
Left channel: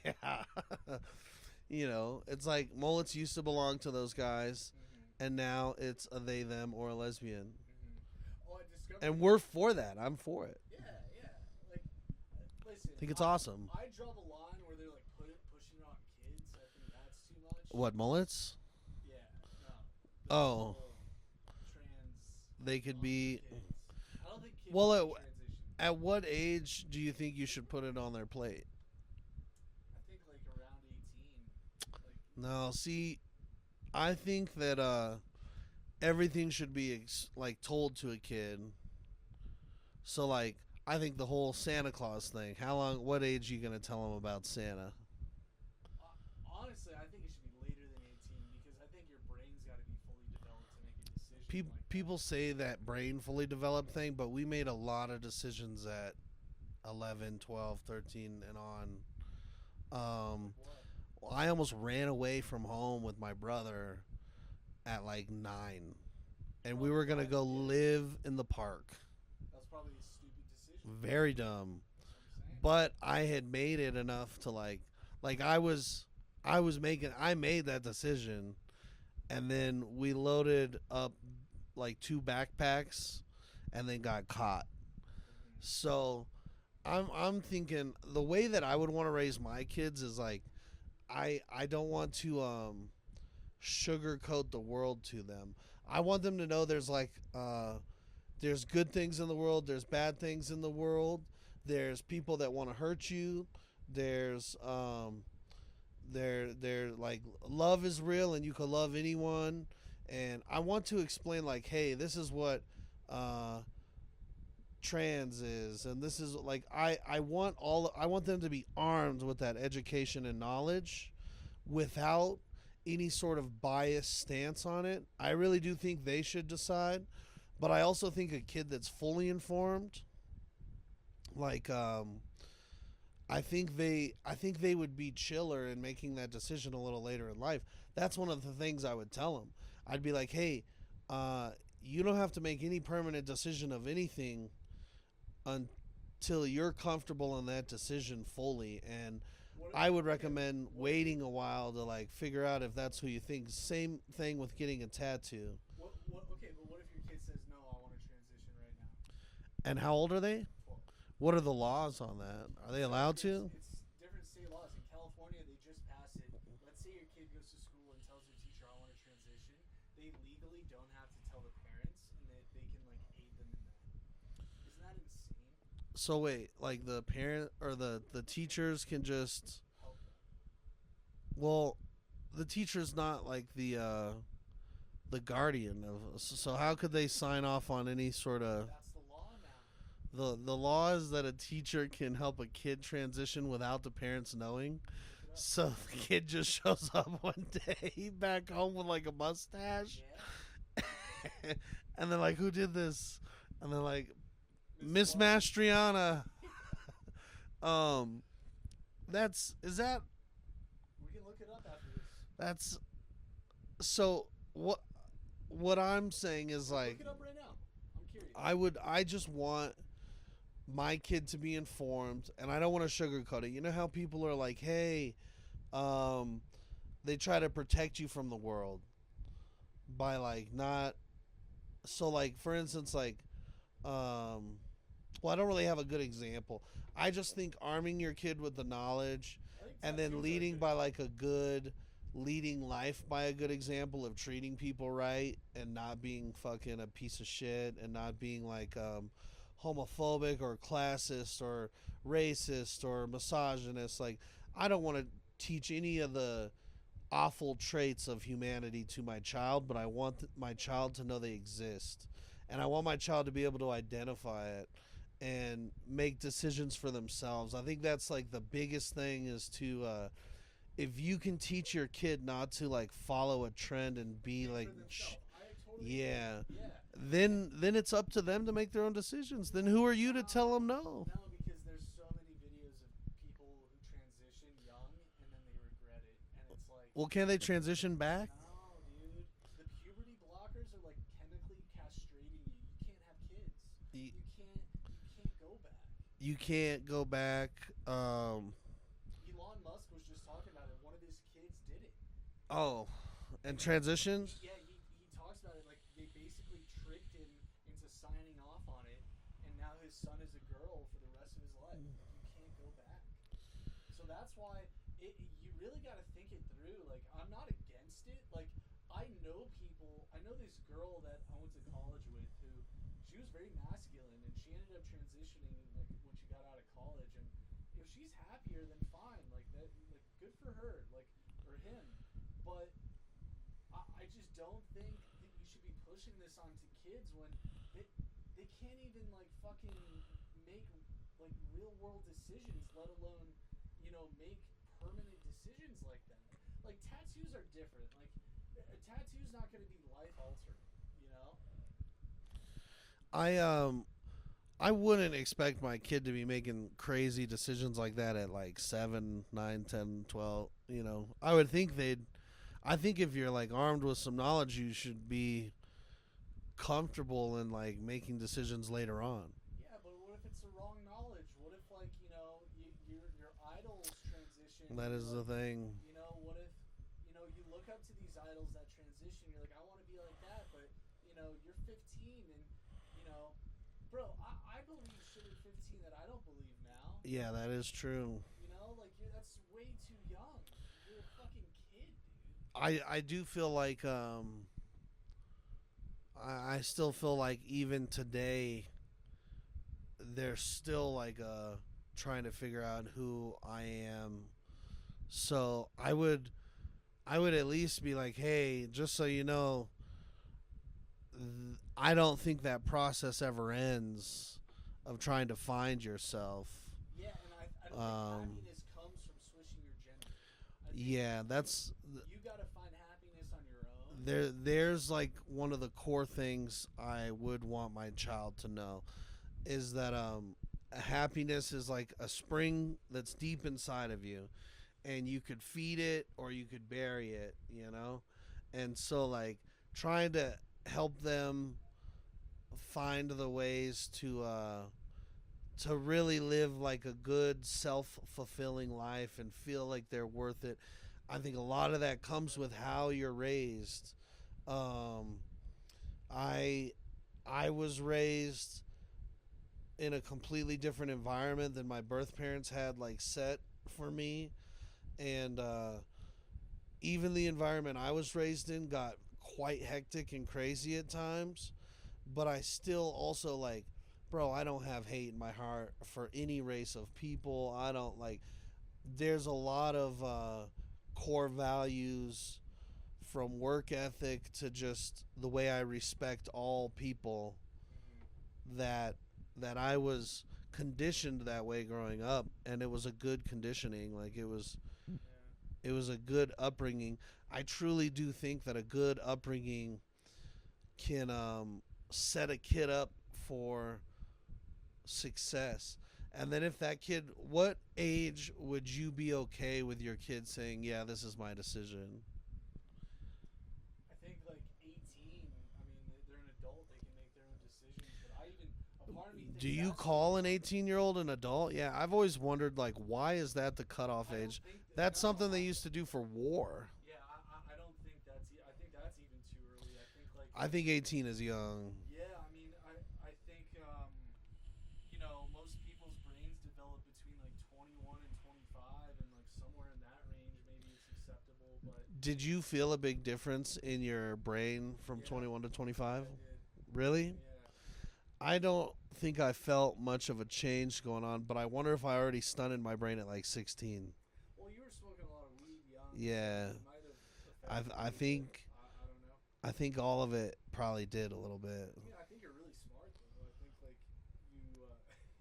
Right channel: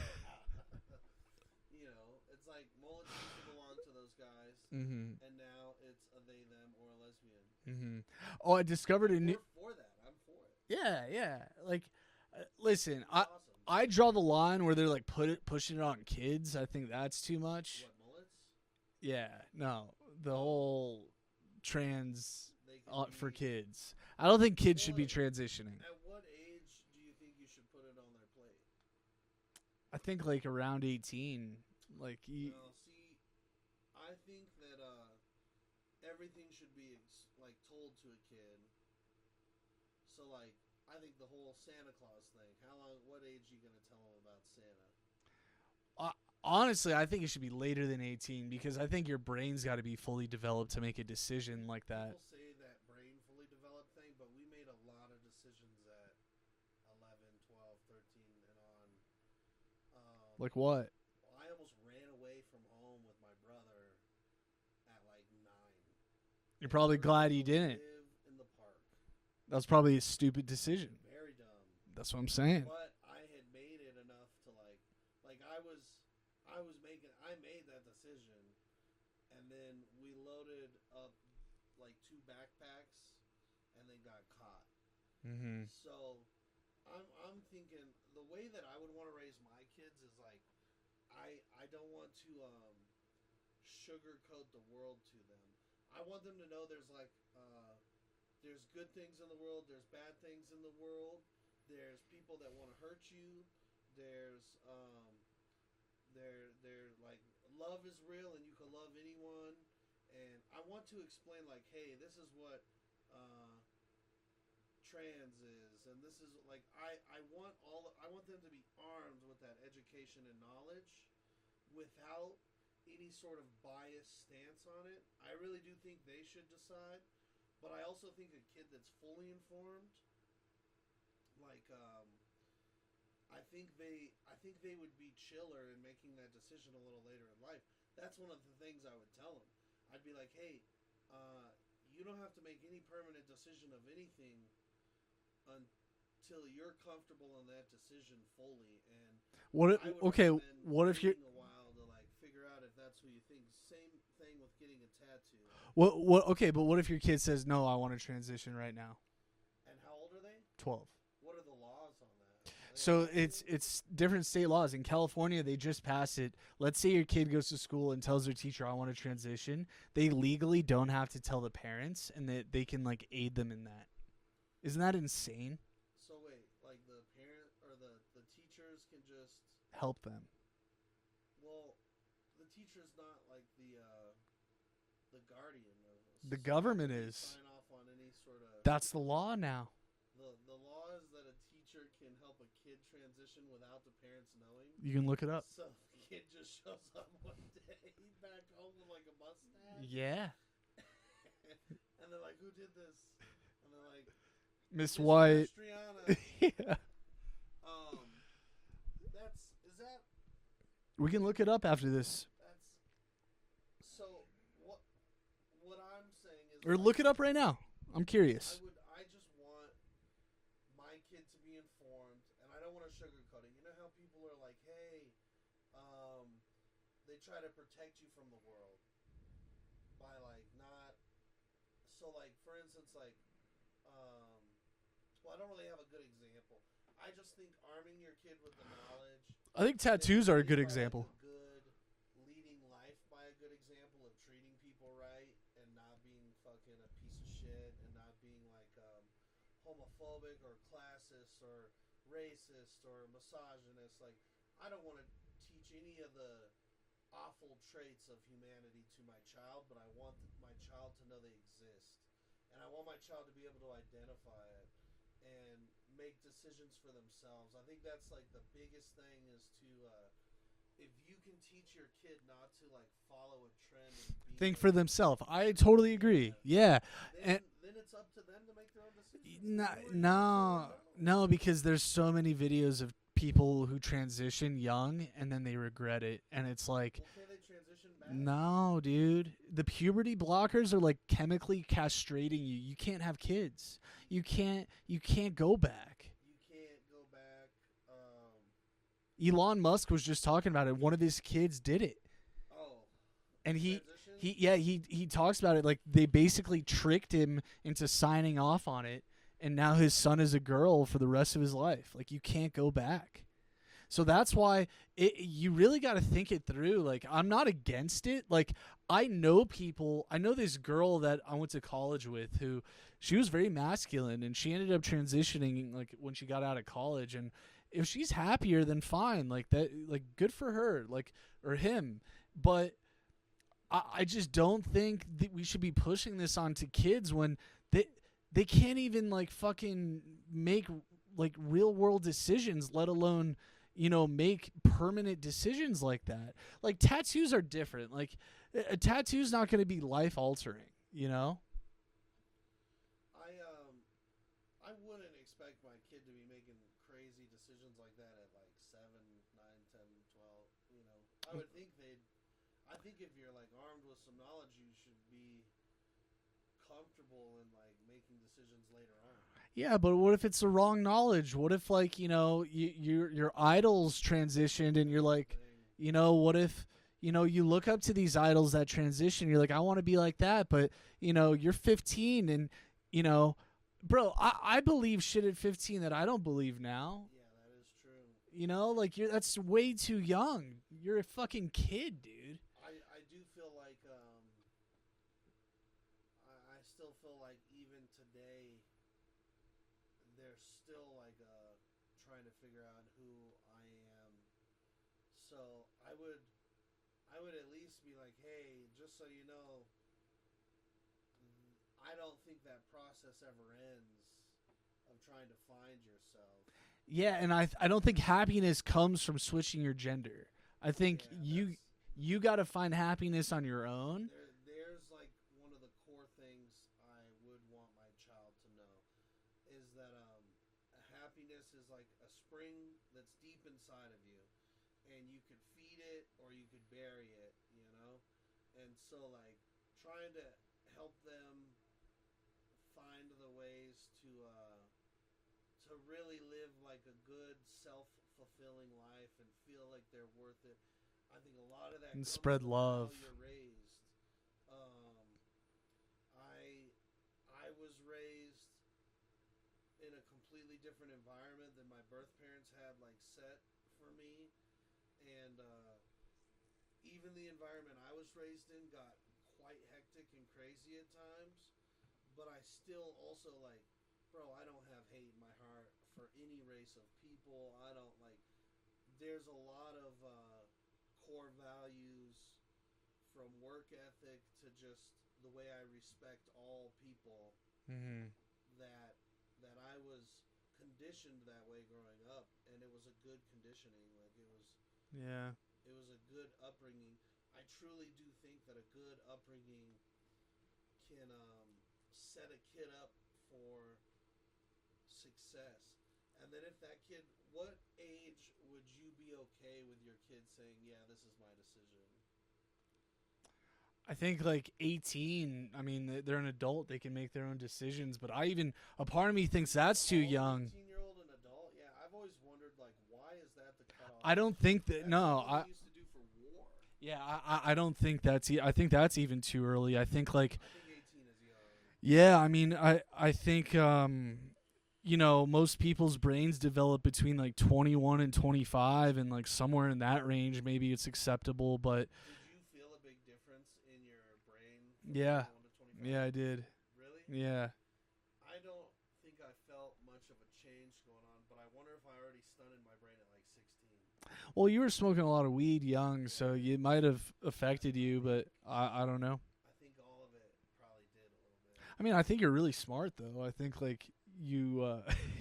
it's like mullets used to belong to those guys, Mm-hmm. and now it's a they, them, or a lesbian. Mm-hmm. Oh, I discovered. And a we're new- for that. I'm for it. yeah. Like, listen, I think it's awesome. I draw the line where they're like pushing it on kids. I think that's too much. What, mullets? Yeah. No. The Oh. whole trans They could for be. kids. I don't think kids Well, should be transitioning. At what age do you think you should put it on their plate? I think like around 18. Like No, see, I think that everything should be like told to a kid. So like, I think the whole Santa Claus thing. What age are you gonna tell them about Santa? honestly, I think it should be later than 18 because I think your brain's got to be fully developed to make a decision like that. People say that brain fully developed thing, but we made a lot of decisions at 11, 12, 13, and on. Like what? I almost ran away from home with my brother at like 9. You're And probably we were gonna glad you go didn't. live in the park. That was probably a stupid decision. Very dumb. That's what I'm saying. But I had made it enough to like I made that decision, and then we loaded up like 2 backpacks and then got caught. Mm-hmm. So I'm thinking the way that I would want to raise my kids is like I don't want to sugarcoat the world to them. I want them to know there's like there's good things in the world, there's bad things in the world, there's people that want to hurt you, there's they're like love is real and you can love anyone, and I want to explain like, hey, this is what trans is, and this is like I want them to be armed with that education and knowledge without any sort of biased stance on it. I really do think they should decide, but I also think a kid that's fully informed, like I think they would be chiller in making that decision a little later in life. That's one of the things I would tell them. I'd be like, hey, you don't have to make any permanent decision of anything until you're comfortable in that decision fully. And I would okay, recommend what if waiting a while to like figure out if that's who you think. Same thing with getting a tattoo. what okay, but what if your kid says no, I want to transition right now? And how old are they? 12. What are the laws on that? Are they So allowed it's different state laws. In California, they just passed it. Let's say your kid goes to school and tells their teacher, "I want to transition." They legally don't have to tell the parents, and that they can like aid them in that. Isn't that insane? So wait, like the parent or the teachers can just Help them. well, the teacher's not like the guardian of. The So how government could they is. sign off on any sort of That's the law now. the law is that a teacher can help a kid transition without the parents knowing. You can look it up. So the kid just shows up one day back home with like a mustache. Yeah. And they're like, "Who did this?" And they're like, Miss "Miss White. Mastriana." Yeah. Is that We can look it up after this. that's so what I'm saying is Or like look it up right now. I'm curious. I just want my kid to be informed, and I don't want to sugarcoat it. You know how people are like, "Hey, they try to protect you from the world by like not." So like for instance, like, well, I don't really have a good example. I just think arming your kid with the knowledge. I think and then tattoos are a leading good by example. Like a good leading life by a good example of treating people right and not being fucking a piece of shit and not being like homophobic or classist or racist or misogynist. Like I don't want to teach any of the awful traits of humanity to my child, but I want my child to know they exist, and I want my child to be able to identify it and make decisions for themselves. I think that's like the biggest thing is to if you can teach your kid not to like follow a trend and be Think like, for themselves. I totally agree. Yeah. then it's up to them to make their own decisions. Then No- who are you to tell them no? No, because there's so many videos of people who transition young and then they regret it, and it's like, Well, can they transition back? no, dude. The puberty blockers are like chemically castrating you. You can't have kids. You can't go back. You can't go back. Elon Musk was just talking about it. One of his kids did it. Oh, And and he- transition. He talks about it like they basically tricked him into signing off on it, and now his son is a girl for the rest of his life. Like you can't go back. So that's why you really got to think it through. Like I'm not against it. Like I know people. I know this girl that I went to college with who she was very masculine, and she ended up transitioning like when she got out of college. And if she's happier, then fine. Like that. Like good for her. Like or him. But I just don't think that we should be pushing this onto kids when they can't even like fucking make like real world decisions, let alone make permanent decisions like that. Like tattoos are different. Like a tattoo's not going to be life altering. I wouldn't expect my kid to be making crazy decisions like that at like 7, 9, 10, 12. I think if you're like armed with some knowledge, you should be comfortable in like making decisions later on. Yeah, but what if it's the wrong knowledge? What if like your idols transitioned That and you're is the like, thing. what if you look up to these idols that transition, you're like, I want to be like that, but you're 15 and bro, I believe shit at 15 that I don't believe now. Yeah, that is true. Like that's way too young. You're a fucking kid, dude. I do feel like I still feel like even today they're still like trying to figure out who I am. So I would at least be like, hey, just so you know, I don't think that process ever ends of trying to find yourself. Yeah, and I don't think Um, happiness comes from switching your gender. I think yeah, that's you got to find happiness on your own. there's like one of the core things I would want my child to know is that happiness is like a spring that's deep inside of you, and you could feed it or you could bury it, and so like trying to help them find the ways to really live like a good self-fulfilling life and feel like they're worth it. I think a lot of that And comes spread with love. how you're raised. I I was raised in a completely different environment than my birth parents had like set for me, and even the environment I was raised in got quite hectic and crazy at times. But I still also like, bro, I don't have hate in my heart for any race of people. I don't like. There's a lot of core values, from work ethic to just the way I respect all people, that I was conditioned that way growing up, and it was a good conditioning. Like Yeah. it was a good upbringing. I truly do think that a good upbringing can set a kid up for success. And then if that kid, what age would you be okay with your kid saying, "Yeah, this is my decision"? I think like 18. I mean, they're an adult; they can make their own decisions. But a part of me thinks Do that's you call too young. an 18-year-old an adult? Yeah, I've always wondered, like, why is that the cutoff I don't age? think that. That's no, something I, they used to do for war. Yeah, I don't think that's. I think that's even too early. I think like. I think 18 is young. Yeah, I mean, I think most people's brains develop between like 21 and 25, and like somewhere in that range, maybe it's acceptable. But Did you feel a big difference in your brain from Yeah. 21 to 25? yeah, I did. Really? Yeah. I don't think I felt much of a change going on, but I wonder if I already stunted my brain at like 16. Well, you were smoking a lot of weed young, so Yeah. it might have affected I you, think- but I don't know. I think all of it probably did a little bit. I mean, I think you're really smart though. I think like you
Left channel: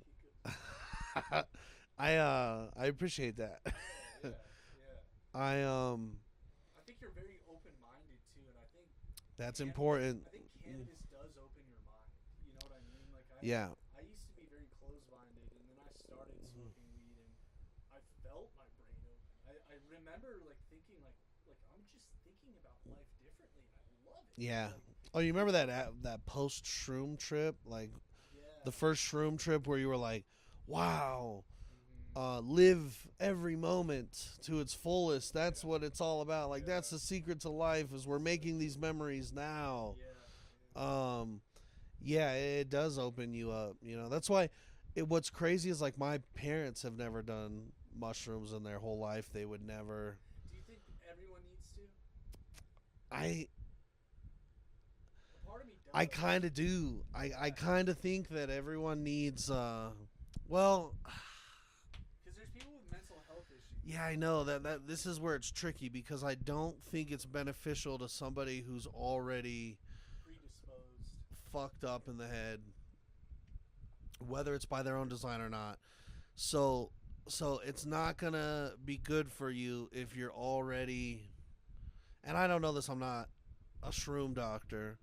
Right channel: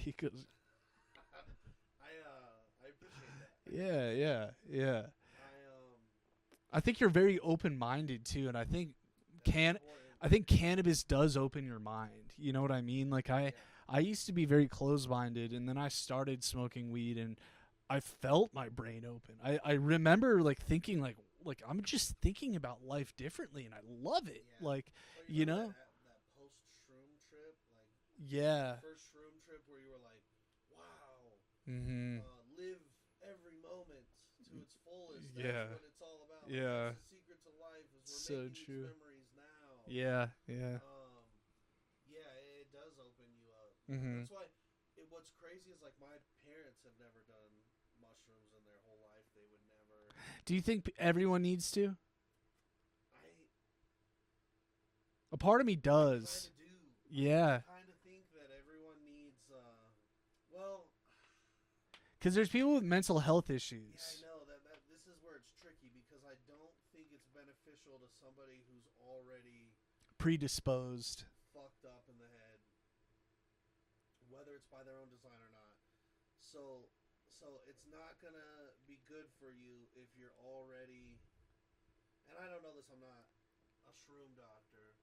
he goes, I appreciate that. yeah. I I think you're very open-minded too, and I think that's Can- important. I think cannabis does open your mind. You know what I mean? Like Yeah. I used to be very closed-minded, and then I started smoking weed, and I felt my brain open. I remember like thinking like I'm just thinking about life differently, and I love it. Yeah. Like Oh, you remember know? that post shroom trip, like yeah. the first shroom trip where you were like, "Wow, Mm-hmm. live every moment to its fullest." That's Yeah. what it's all about. Like that's Yeah. the secret to life, is we're So making these true. memories now. Yeah. Yeah, it does open you up. You know, Mhm. that's why. What's crazy is like my parents have never done mushrooms in their whole life. They would never. Do you think everyone needs to? I A part of me does. I kind of do. I Yeah. kind of think that everyone needs. Well, Because there's people with mental health issues. yeah, I know that this is where it's tricky, because I don't think it's beneficial to somebody who's already Predisposed. fucked up in the head, whether it's by their own design or not. So it's not gonna be good for you if you're already. And I don't know this. I'm not a shroom doctor,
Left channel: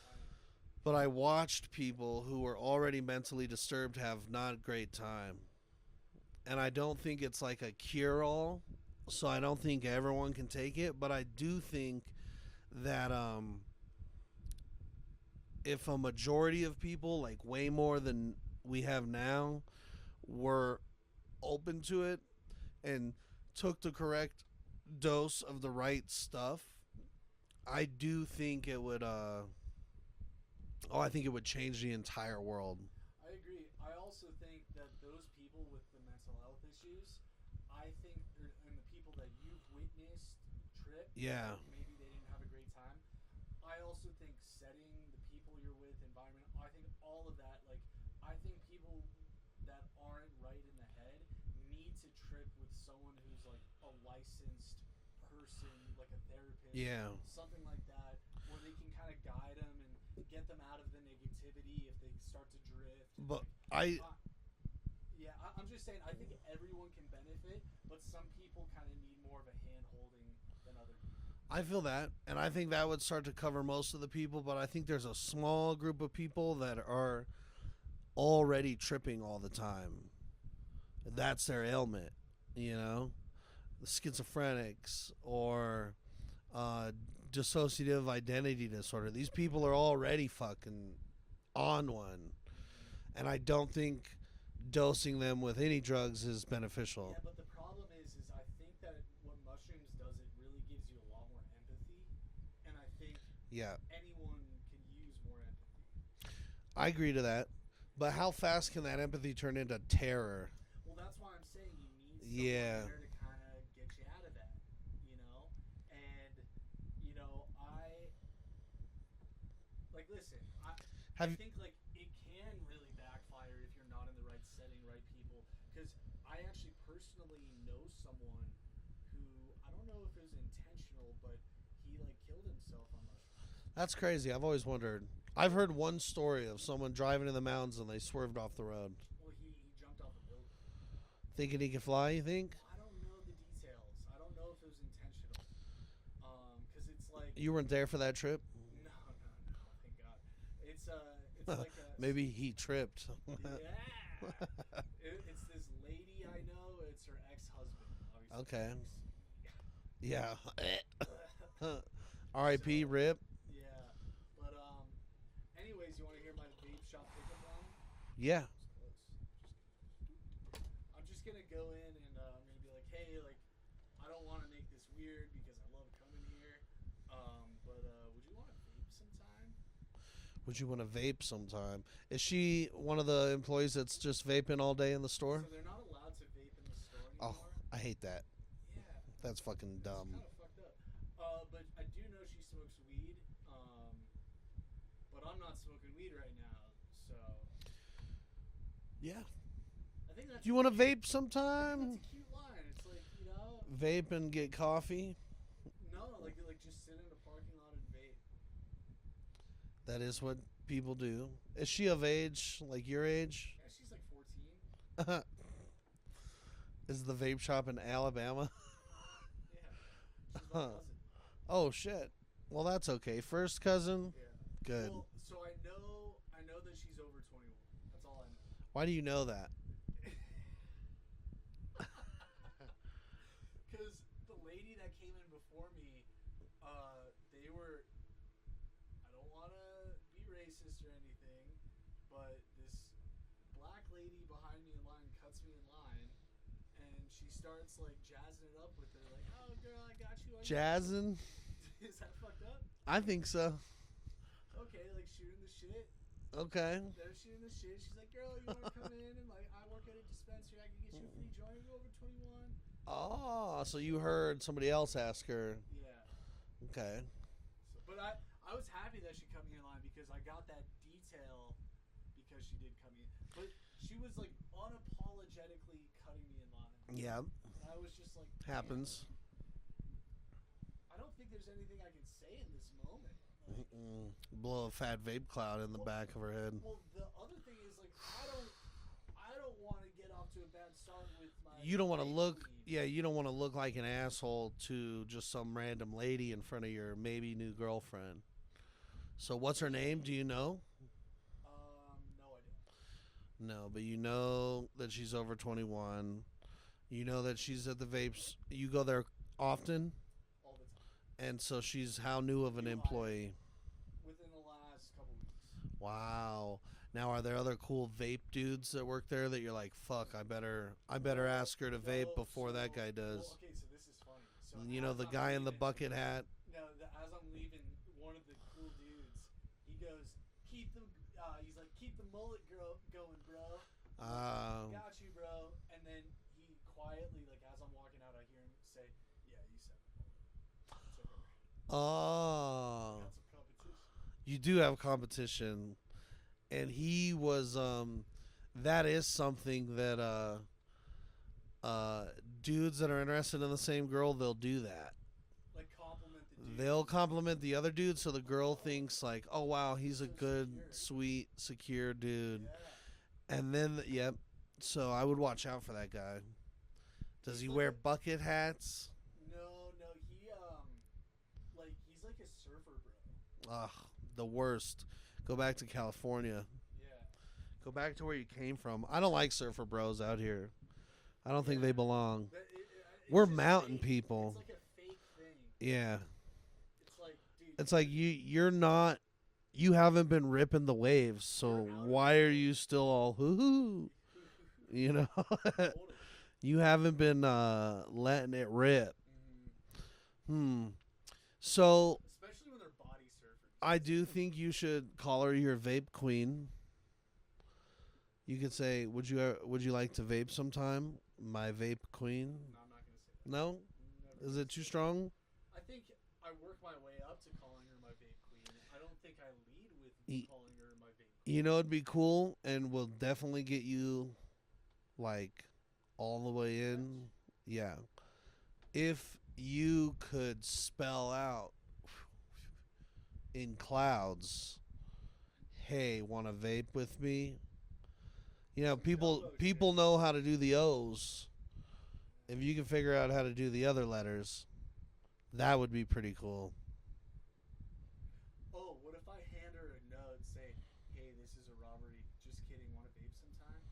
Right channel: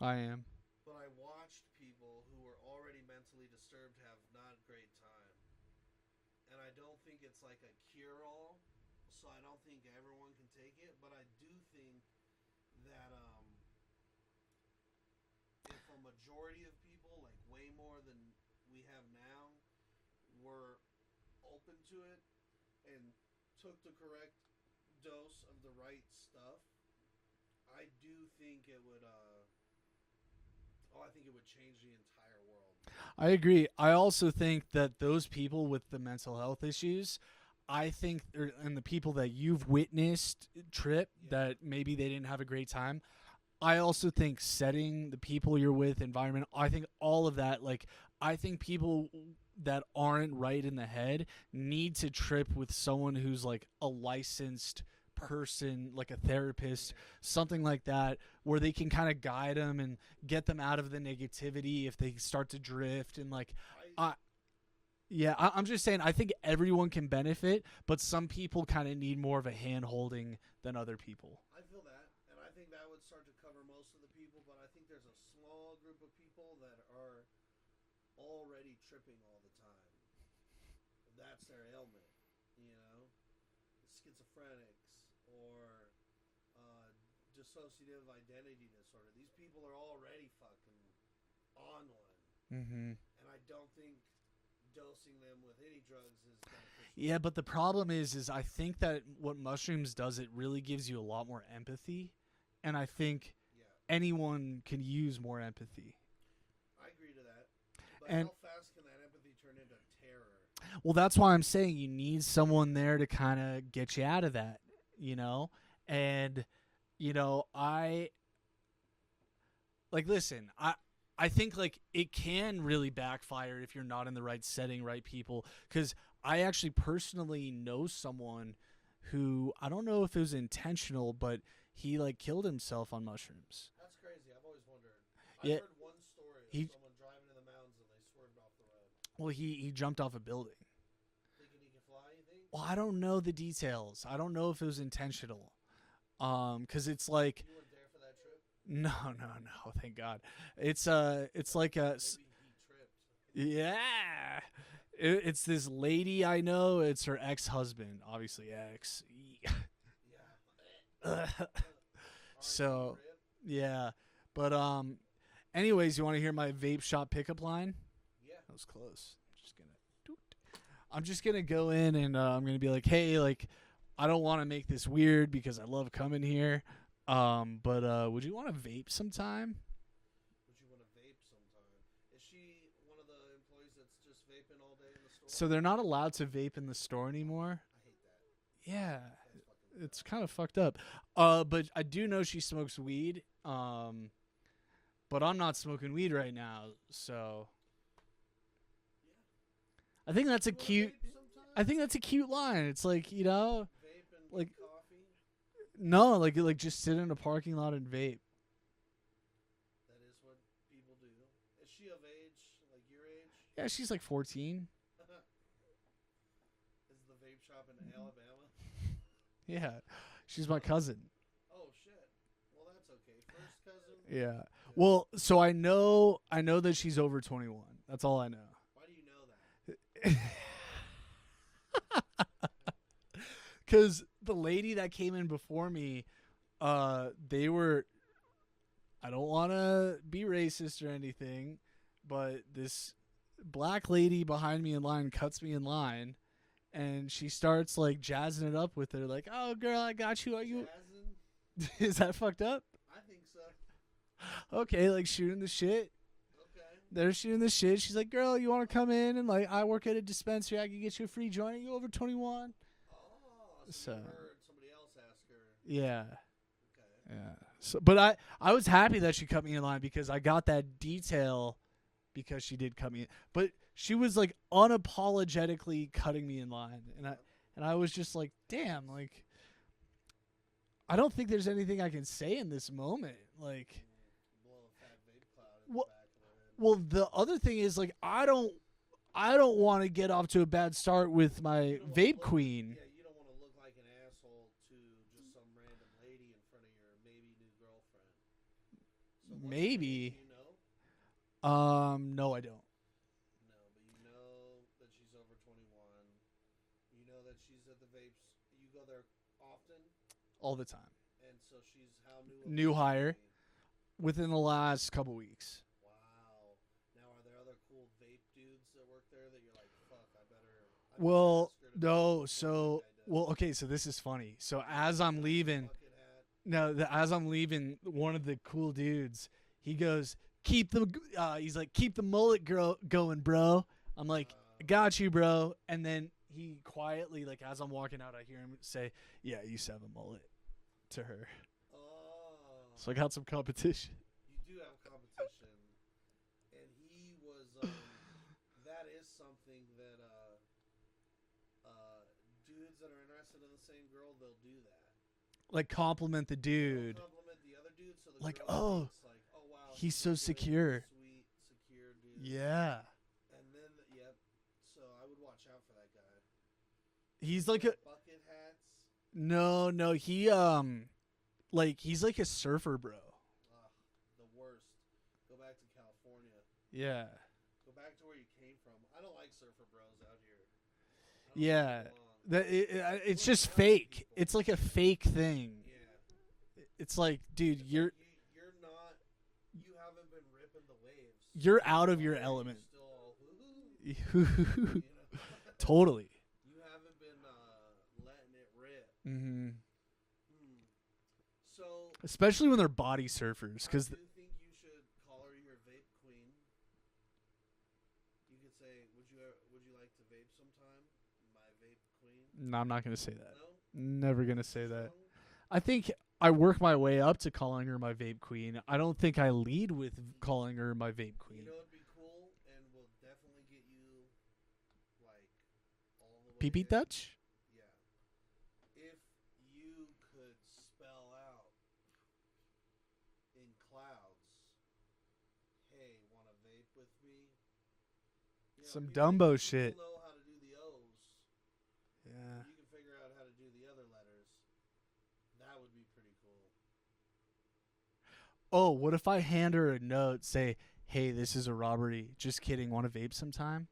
I am. but I watched people who were already mentally disturbed have not a great time. And I don't think it's like a cure-all, so I don't think everyone can take it, but I do think that if a majority of people, like way more than we have now, were open to it and took the correct dose of the right stuff, I do think it would I think it would change the entire world. I agree. I also think that those people with the mental health issues, and the people that you've witnessed trip, Yeah. that maybe they didn't have a great time. I also think setting, the people you're with, environment, I think all of that, like, I think people that aren't right in the head need to trip with someone who's like a licensed person, like a therapist, something like that, where they can kind of guide them and get them out of the negativity if they start to drift. And like, I'm just saying, I think everyone can benefit, but some people kind of need more of a hand holding than other people. I feel that, and I think that would start to cover most of the people, but I think there's a small group of people that are already tripping all the time. That's their ailment, you know? The schizophrenics or dissociative identity disorder. These people are already fucking on one. Mm-hmm. And I don't think dosing them with any drugs is beneficial. Yeah, but the problem is I think that what mushrooms does, it really gives you a lot more empathy, and I think Yeah, anyone can use more empathy. I agree to that. But And- how fast can that empathy turn into terror? Well, that's why I'm saying you need someone Yeah. there to kind of get you out of that, you know? And I like listen, I think like it can really backfire if you're not in the right setting, right people, cuz I actually personally know someone who, I don't know if it was intentional, but he like killed himself on mushrooms. That's crazy. I've always wondered. I've Yeah. heard one story of He- someone driving in the mountains and they swerved off the road. Well, he jumped off a building. Thinking he can fly, you think? Well, I don't know the details. I don't know if it was intentional. Cuz it's like You weren't there for that trip? no, thank God. It's like a Maybe he tripped. yeah. It's this lady I know. It's her ex-husband, obviously Okay. ex. Yeah. R.I.P. So- Rip. Yeah, but anyways, you want to hear my vape shop pickup line? Yeah. That was close. I'm just gonna go in and I'm gonna be like, hey, like, I don't want to make this weird because I love coming here. But would you want to vape sometime? Would you want to vape sometime? Is she one of the employees that's just vaping all day in the store? So they're not allowed to vape in the store anymore. I hate that. Yeah. That's fucking dumb. It's kind of fucked up. But I do know she smokes weed. But I'm not smoking weed right now, so yeah. I think that's You a want to cute. vape sometime? I think that's a cute line. It's like, vape and get like- coffee. no, like just sit in a parking lot and vape. That is what people do. Is she of age, like your age? Yeah, she's like 14. Is the vape shop in Alabama? Yeah, she's my Huh. cousin. Oh shit. Well, that's okay. First cousin. Yeah. Good. Well, so I know that she's over 21. That's all I know. Why do you know that? Because the lady that came in before me, they were. I don't want to be racist or anything, but this black lady behind me in line cuts me in line, and she starts like jazzing it up with her, like, "Oh, girl, I got you." Jazzin? Is that fucked up? I think so. Okay, like shooting the shit. Okay. They're shooting the shit. She's like, "Girl, you want to come in and like I work at a dispensary. I can get you a free joint. Are you over 21?" Oh, so you So- heard somebody else ask her. Yeah. Okay. Yeah. So, but I was happy that she cut me in line because I got that detail because she did cut me in. But she was like unapologetically cutting me in line. Yeah. And I was just like, damn, Happens. like I don't think there's anything I can say in this moment. Like, Blow a fat vape cloud in the Well- back of her head. well, the other thing is like I don't want to get off to a bad start with my You don't wanna vape look, queen. Yeah, you don't want to look like an asshole to just some random lady in front of your maybe new girlfriend. So what's her name? Maybe. Do you know? No, I don't. No, but you know that she's over 21. You know that she's at the vapes. You go there often, All the time. and so she's how new of New an hire. employee? Within the last couple weeks. Wow. Now, are there other cool vape dudes that work there that you're like, fuck, I better Well, ask her to vape before that guy does? Well, okay, so this is funny. So You know, as the I'm guy in the leaving, bucket hat. as I'm leaving, one of the cool dudes, he goes, keep the mullet going, bro. I'm like, Um, got you, bro. And then he quietly, like as I'm walking out, I hear him say, yeah, you used to have a mullet, to her. Oh, So I got some competition. you do have competition, and he was. That is something that dudes that are interested in the same girl, they'll do that. Like compliment the dude. They'll compliment the other dude, so the Like, girl oh, thinks like, "Oh wow, he's he's a so good, secure." sweet, secure dude." Yeah. And then, yep. So I would watch out for that guy. Does He's he like wear a, bucket hats. no, he like he's like a surfer bro. Ugh, the worst. Go back to California. Yeah. Go back to where you came from. I don't like surfer bros out here. I don't think Yeah. they belong. It's We're just mountain fake. people. It's like a fake thing. Yeah, It's like, dude, it's like you're not you haven't been ripping the waves. So You're out of why your are you element. still all hoo hoo? You know, Totally. you haven't been letting it rip. Mm-hmm. So Especially when they're body surfers. I 'cause do think you should call her your vape queen. You could say, would you like to vape sometime, my vape queen? No, I'm not gonna say that. No, Never is gonna it say too that. strong? I think I work my way up to calling her my vape queen. I don't think I lead with Y- calling her my vape queen. You know, it'd be cool, and will definitely get you, like, all the way Pee-pee in. touch? Yeah, if you could spell out in clouds, "Hey, want to vape with me?" You know, Some people Dumbo people shit. know how to do the O's. Yeah. If you can figure out how to do the other letters, that would be pretty cool. Oh, what if I hand her a note, say, "Hey, this is a robbery. Just kidding. Want to vape sometime?"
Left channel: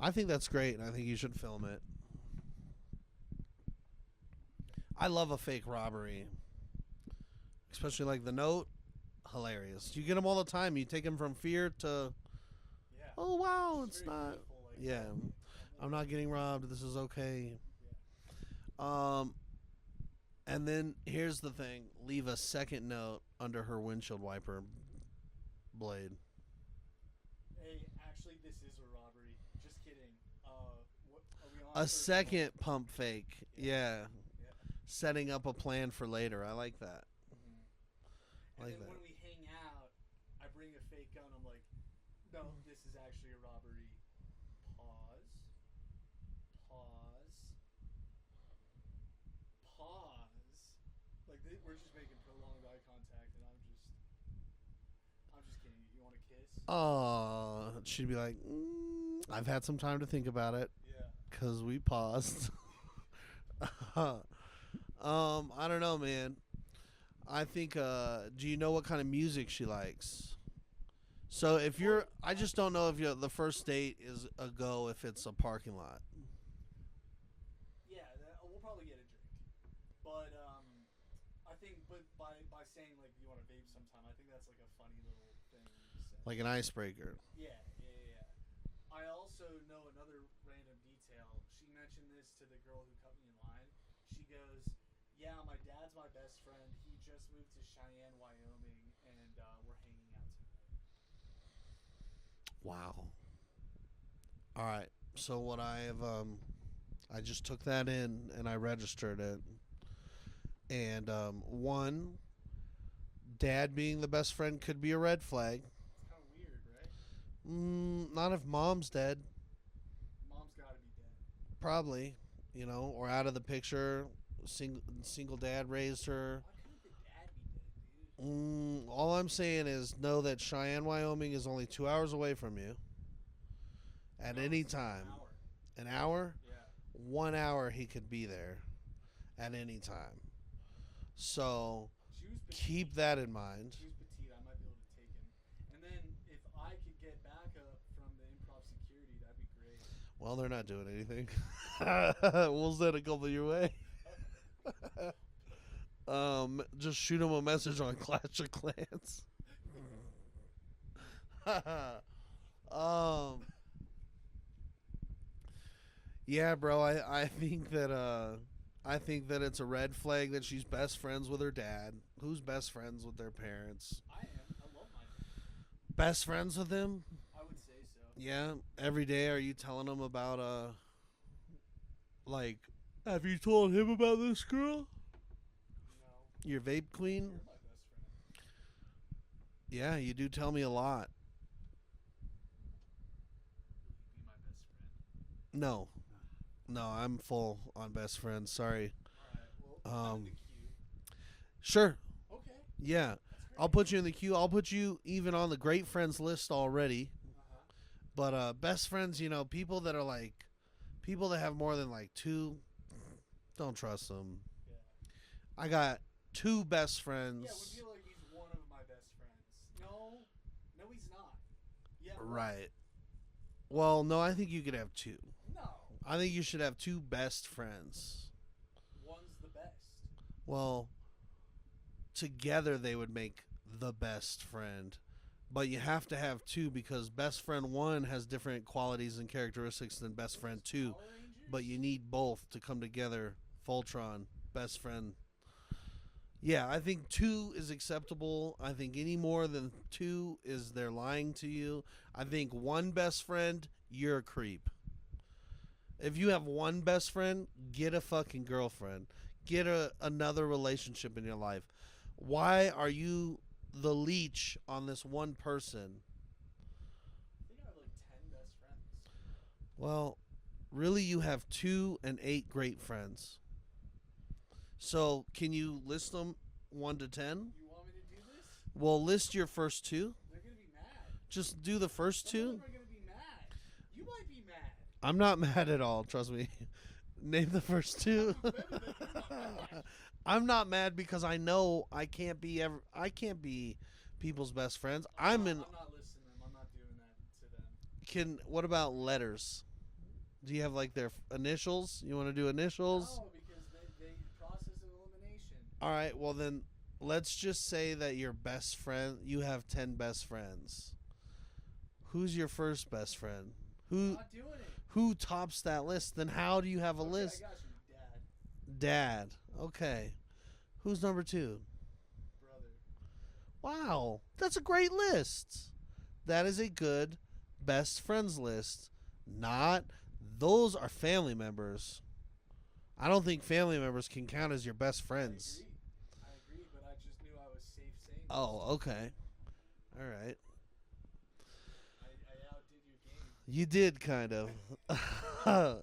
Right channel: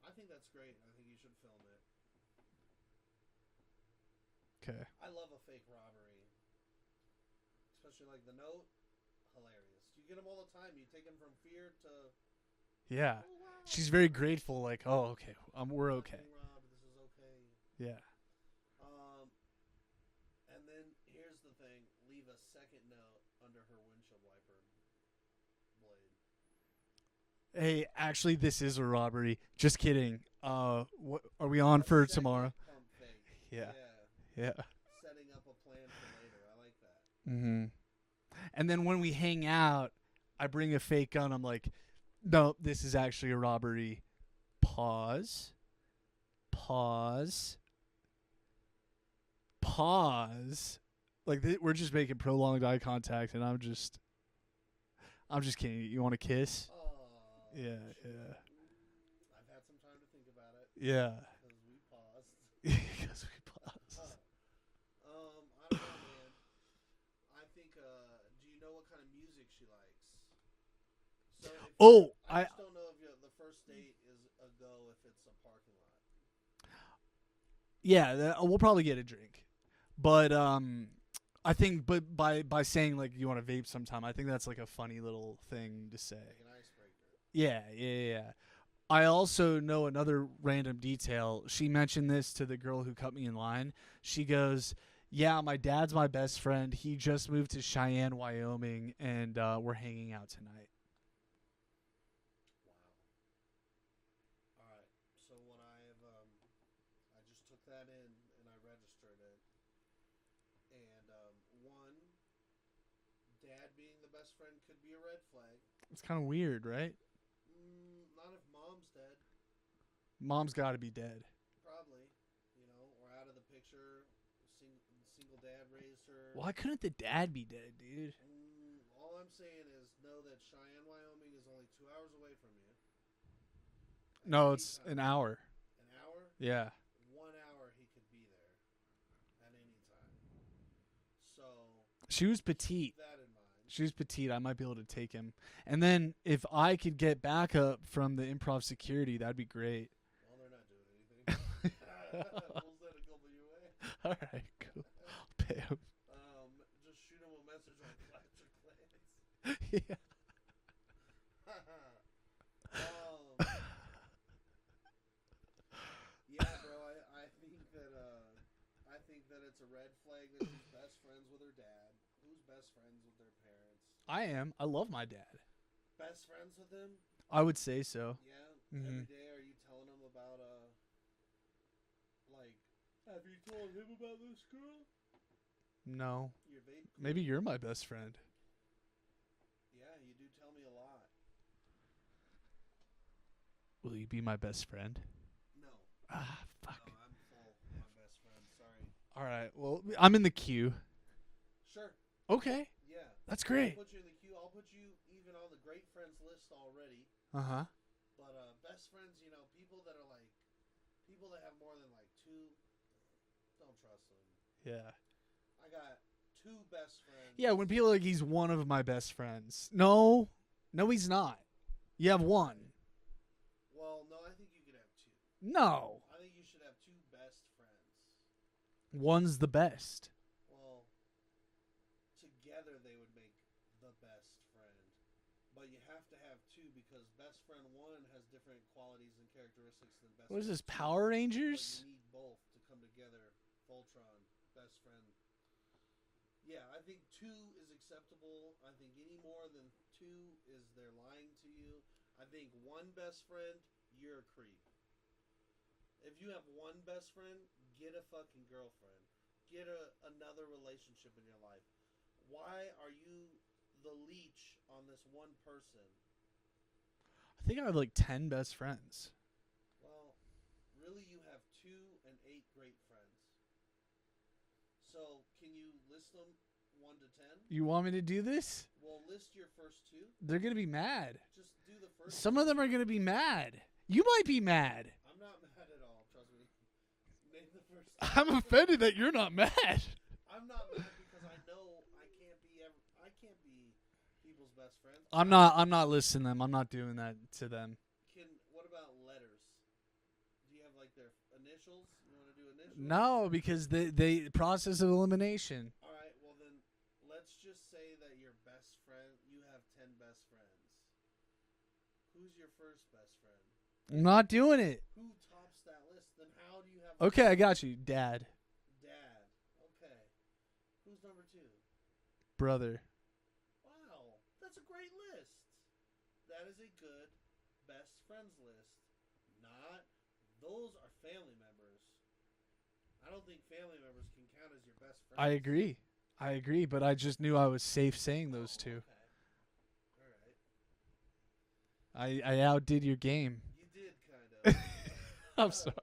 I think that's great, and I think you should film it. Okay. I love a fake robbery, especially like the note. Hilarious. You get them all the time. You take them from fear to, Yeah. oh wow. She's it's very not- grateful. Like, yeah. oh, okay, we're I'm not okay. getting robbed. This is okay. Yeah. And then here's the thing: leave a second note under her windshield wiper blade. Hey, actually, this is a robbery. Just kidding. What are we on A for second tomorrow? pump fake. Yeah. Yeah. Setting up a plan for later. I like that. Mm-hmm. And then when we hang out, I bring a fake gun. I'm like, no, this is actually a robbery. Pause. Pause. Pause. Like we're just making prolonged eye contact, and I'm just kidding. You want to kiss? Oh, Yeah, she'd be yeah. like, I've had some time to think about it Yeah. because we paused. 'Cause I don't know, man. I think. Do you know what kind of music she likes? So if you're, Oh, I just don't know if the first date is a go if it's a parking lot. yeah, we'll probably get a drink, but I think, but by saying like you want to vape sometime, I think that's like a funny little thing to say. Like an icebreaker. Yeah. I also know another random detail. She mentioned this to the girl who cut me in line. She goes, "Yeah, my dad's my best friend. He just moved to Cheyenne, Wyoming, and we're hanging out tonight." Wow. All right. So what I have, I just took that in and I registered it. And one, dad being the best friend could be a red flag. It's kind of weird, right? Not if mom's dead. Mom's got to be dead. Probably, or out of the picture. Single dad raised her. Why couldn't the dad be dead, dude? All I'm saying is know that Cheyenne, Wyoming is only 2 hours away from you. At No, any it's time. an hour. An hour? Yeah. 1 hour he could be there at any time. So She was petite. keep that in mind. She was petite. I might be able to take him. And then if I could get backup from the improv security, that'd be great. Well, they're not doing anything. We'll send a couple your way. All right, cool. Pay him. Just shoot him a message on Clash of Clans. Yeah. Yeah, bro. I think that it's a red flag that she's best friends with her dad. Who's best friends with their parents? I am. I love my dad. Best friends with him? I would say so. Yeah. Mhm. Every day, are you telling him about like, have you told him about this girl? No. Your vape queen? Maybe you're my best friend. Yeah, you do tell me a lot. Will you be my best friend? No, Ah, fuck. no, I'm full on best friends. Sorry. All right. Well, I'm in the queue. Sure. Okay. Yeah. That's great. I'll put you in the queue. I'll put you even on the great friends list already. Uh-huh. But best friends, people that are like, people that have more than like two, don't trust them. Yeah. I got two best friends. Yeah, when people are like he's one of my best friends. No. No, he's not. You have one. Right. Well, no, I think you could have two. No. I think you should have two best friends. One's the best. Well, together they would make the best friend. But you have to have two because best friend one has different qualities and characteristics than best What is friend this, two. Power Rangers? But you need both to come together. Voltron, best friend. Yeah, I think two is acceptable. I think any more than two is they're lying to you. I think one best friend, you're a creep. If you have one best friend, get a fucking girlfriend. Get another relationship in your life. Why are you the leech on this one person? I think I have like 10 best friends. Well, really, you have 2 and 8 great friends. So, can you list them 1 to 10? You want me to do this? Well, list your first 2. They're going to be mad. Just do the first Some 2. of them are going to be mad. You might be mad. I'm not mad at all, trust me. Name the first 2. I'm offended that you're not mad. I'm not mad because I know I can't be people's best friends. I'm not listing them. I'm not doing that to them. What about letters? Do you have like their initials? You want to do initials? No, because they process of elimination. All right, well then let's just say that your best friend, you have 10 best friends. Who's your first best friend? I'm not doing it. Who tops that list? Then how do you have a Okay, list? I got you. Dad. Dad. Okay. Who's number 2? Brother. Wow, that's a great list. That is a good best friends list. Those are family members. I don't think family members can count as your best friends. I agree, but I just knew I was safe saying those two. Okay. All right. I outdid your game. You did kind of. I'm sorry.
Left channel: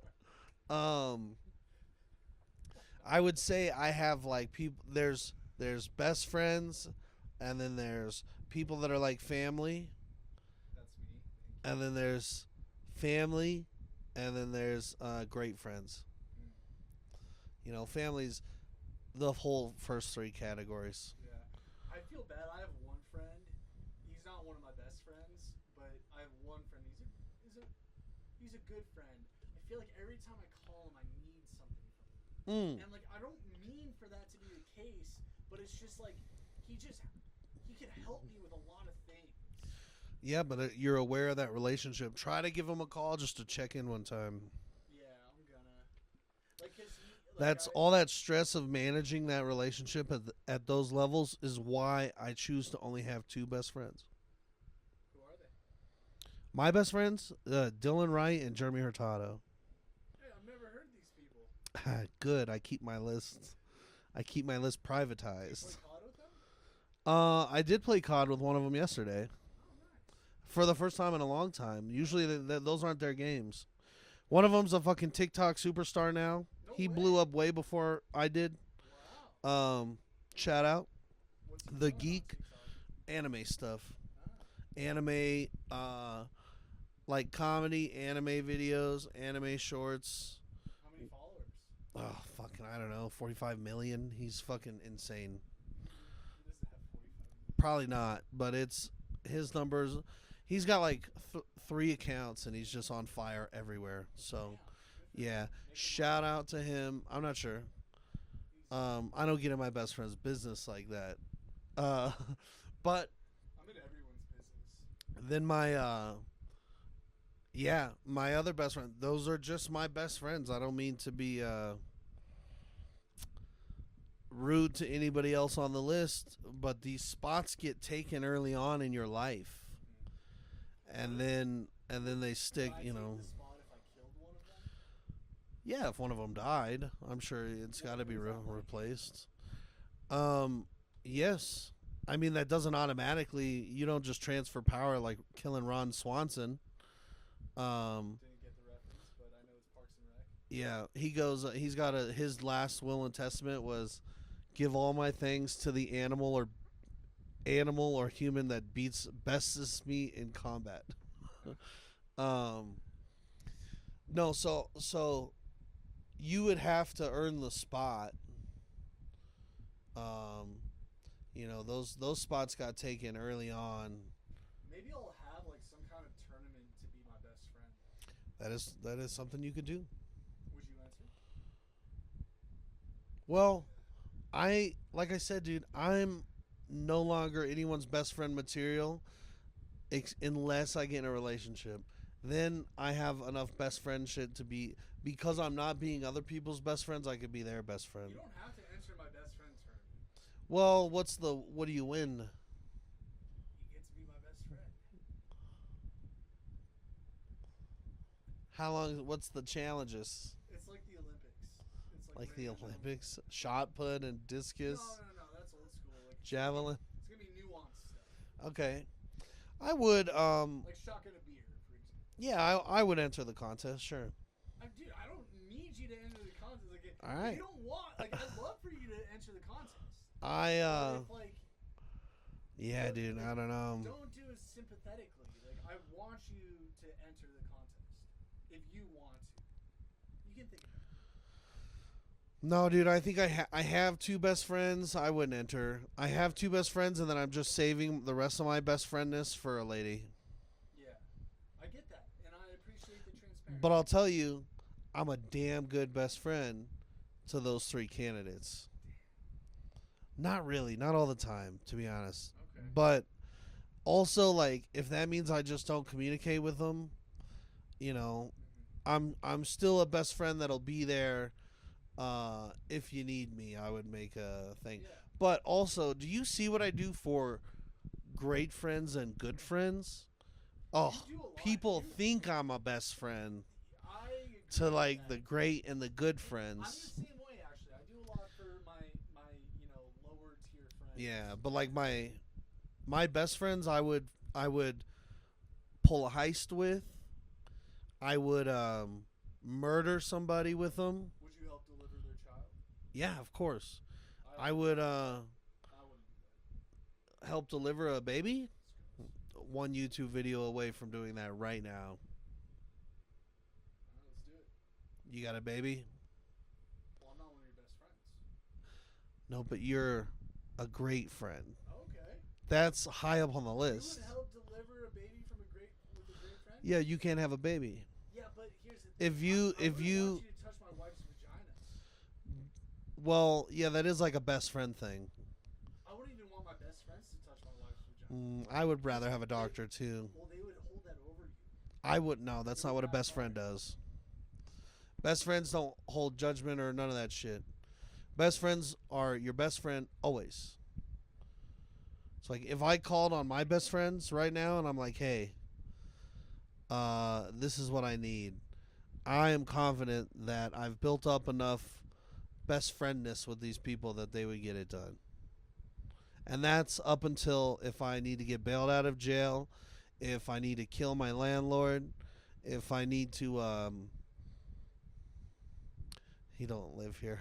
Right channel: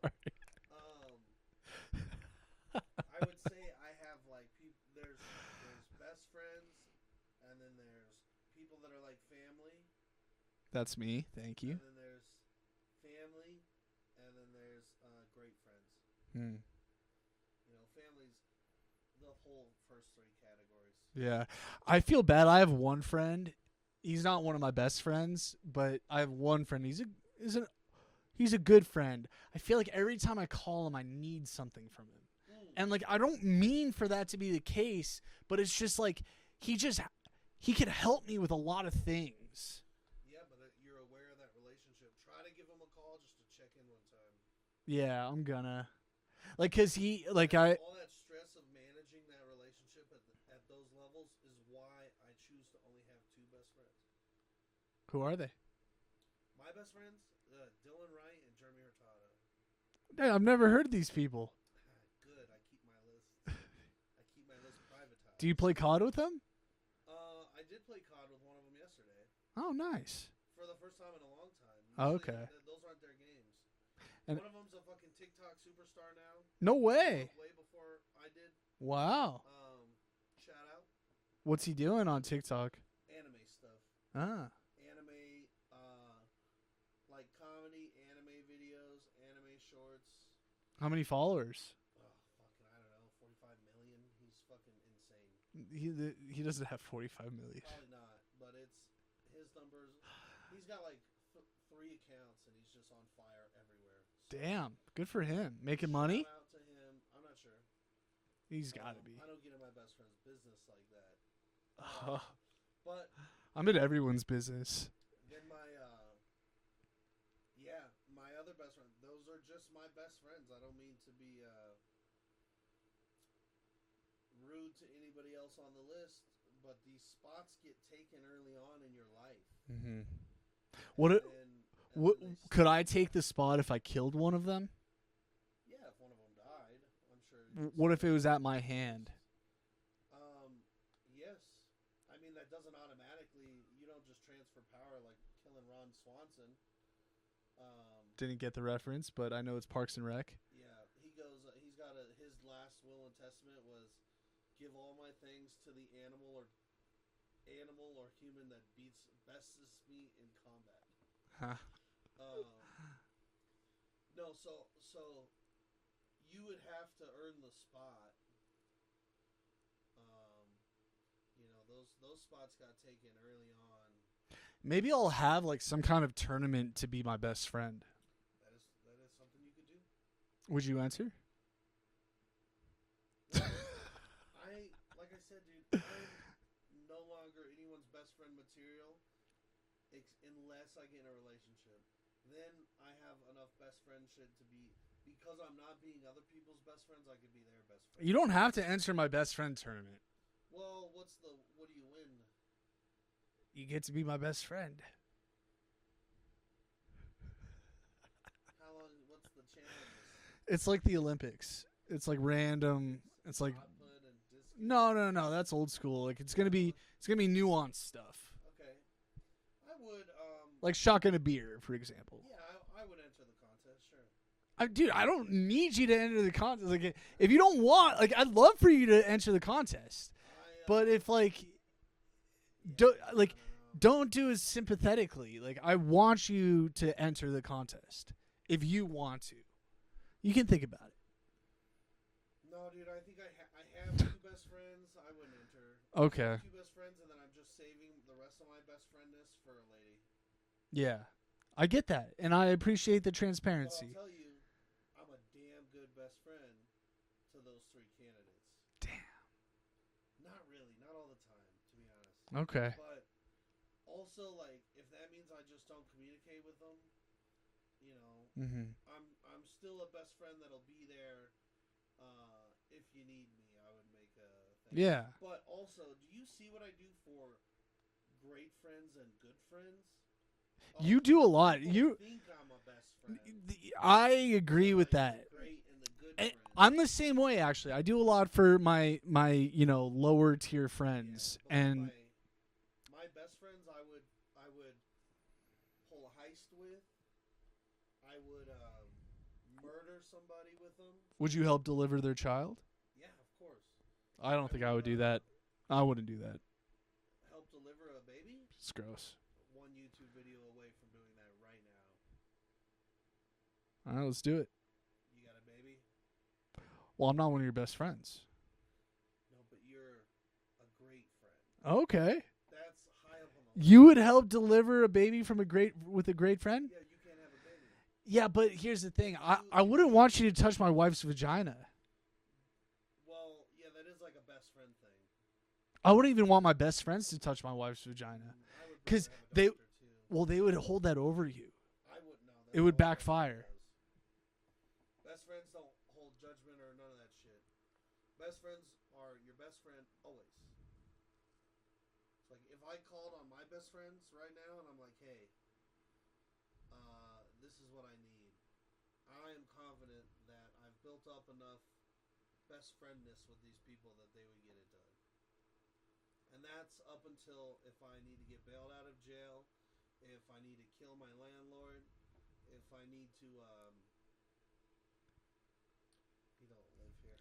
I would say I have like people. There's best friends, and then there's people that are like family, That's me. Thank you. and then there's family, and then there's great friends. Hmm. You know, family's the whole first 3 categories. Yeah. I feel bad. I have one friend. He's not one of my best friends, but I have one friend. He's a good friend. I feel like every time I call him, I need something from him. And like I don't mean for that to be the case, but it's just like he could help me with a lot of things. Yeah, but you're aware of that relationship. Try to give him a call just to check in one time. Yeah, I'm gonna. Like, cause all that stress of managing that relationship at those levels is why I choose to only have 2 best friends. Who are they? My best friends, Dylan Wright and Jeremy Hurtado. Hey, I've never heard of these people. Good. I keep my list privatized. Do you play COD with them? I did play COD with one of them yesterday Oh, nice. for the first time in a long time. Usually, Okay. those aren't their games. And- One of them's a fucking TikTok superstar now. No he way. blew up way before I did. Wow. Shout out What's he the doing on geek. TikTok? anime stuff. Ah. Anime, like comedy, anime videos, anime shorts. How many followers? Oh, fucking, I don't know, 45 million. He's fucking insane. He doesn't have 45 million. Probably not, but it's his numbers. He's got like 3 accounts, and he's just on fire everywhere. So Damn. Good for yeah. him. Making Shout money. out to him. I'm not sure. He's gotta be. I don't get in my best friend's business like that. Oh. But I'm in everyone's business. then my my other best friend. Those are just my best friends. I don't mean to be rude to anybody else on the list, but these spots get taken early on in your life, What and if- then What- they stick, could I you take know. the spot if I killed one of them? Yeah, if one of them died, I'm sure. It's What if gotta it be was at my replaced. Yes. I mean, that doesn't automatically. You don't just transfer power like killing Ron Swanson. Didn't get the reference, but I know it's Parks and Rec. Yeah, he goes. He's got his last will and testament was, give all my things to the animal or human that bestest me in combat. No, so you would have to earn the spot. You know, those spots got taken early on. Maybe I'll have like some kind of tournament to be my best friend. That is something you could do. Would you enter? Well, like I said, dude, I'm no longer anyone's best friend material unless I get in a relationship. Then I have enough best friend shit to be, because I'm not being other people's best friends, I could be their best friend. You don't have to enter my best friend tournament. Well, what do you win? You get to be my best friend. How long? What's the challenges? It's like the Olympics. It's like Like the random. Olympics, It's shot like put and discus. no. That's old school. Like it's Javelin. gonna be nuanced stuff. Okay, I would Like shotgun a beer, for example. Yeah, I would enter the contest. Sure. Dude, I don't need you to enter the contest. Like, All if you don't want, like, I'd love for you to enter the contest. But if like, yeah, don't- dude, like, I don't know. don't do it sympathetically. Like, I want you to enter the contest if you want to. You can think about it. No, dude, I think I have two best friends. I wouldn't enter. I have Okay. two best friends, and then I'm just saving the rest of my best friendness for a lady. Yeah, I get that, and I appreciate the transparency. But I'll tell you, I'm a damn good best friend to those three candidates. Damn. Not really, not all the time, to be honest. Okay. But also, like, if that means I just don't communicate with them, you know, Mm-hmm. I'm still a best friend that'll be there. If you need me, I would make a thing. Yeah. But also, do you see what I do for great friends and good friends? Oh, You do a lot. People You think I'm a best friend. I agree to, with like, that. the great and the good And friends. I'm the same way, actually. I do a lot for my lower tier friends. Yeah, but like And my best friends, I would pull a heist with. I would murder somebody with them. would you help deliver their child? Yeah, of course. I don't think would I would do that. I wouldn't do that. help deliver a baby. It's gross. One YouTube video away from doing that right now. All right, let's do it. You got a baby? Well, I'm not one of your best friends. No, but you're a great friend. Okay. That's high up on the list. You would help deliver a baby with a great friend? Yeah, you can't have a baby. Yeah, but here's the thing. If I if wouldn't want you to touch my wife's vagina. Well, yeah, that is like a best friend thing. I wouldn't even want my best friends to touch my wife's vagina. I would 'Cause rather have a they- doctor too. Well, they would hold that over you. I would no. That's It not would what a best friend backfire. does. Best friends don't hold judgment or none of that shit. Best friends are your best friend always. It's like if I called on my best friends right now and I'm like, hey, this is what I need. I am confident that I've built up enough best friendness with these people that they would get it done. And that's up until if I need to get bailed out of jail, if I need to kill my landlord, if I need to he don't live here.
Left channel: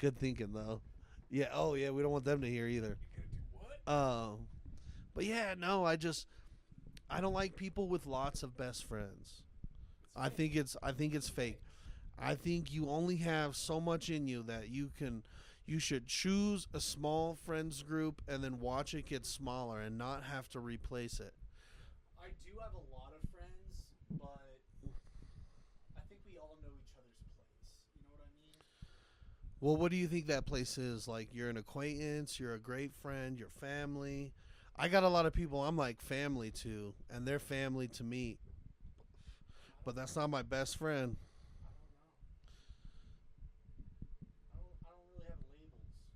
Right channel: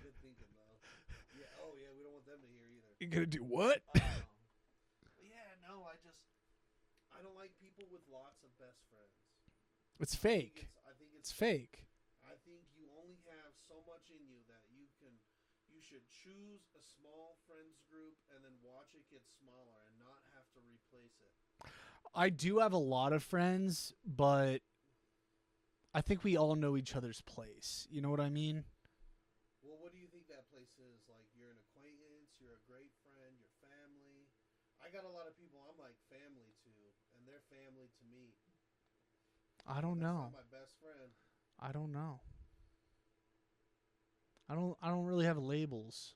Good thinking though. Yeah, oh yeah, we don't want them to hear either. You're gonna do what? But yeah, no, I don't like people with lots of best friends. It's I fake. think it's fake. I think you only have so much in you that you should choose a small friends group and then watch it get smaller and not have to replace it. I do have a lot of friends, but I think we all know each other's place. You know what I mean? Well, what do you think that place is? Like, you're an acquaintance, you're a great friend, you're family. I got a lot of people I'm like family to, and they're family to me. I don't But that's know. not my best friend. I don't know. I don't really have labels.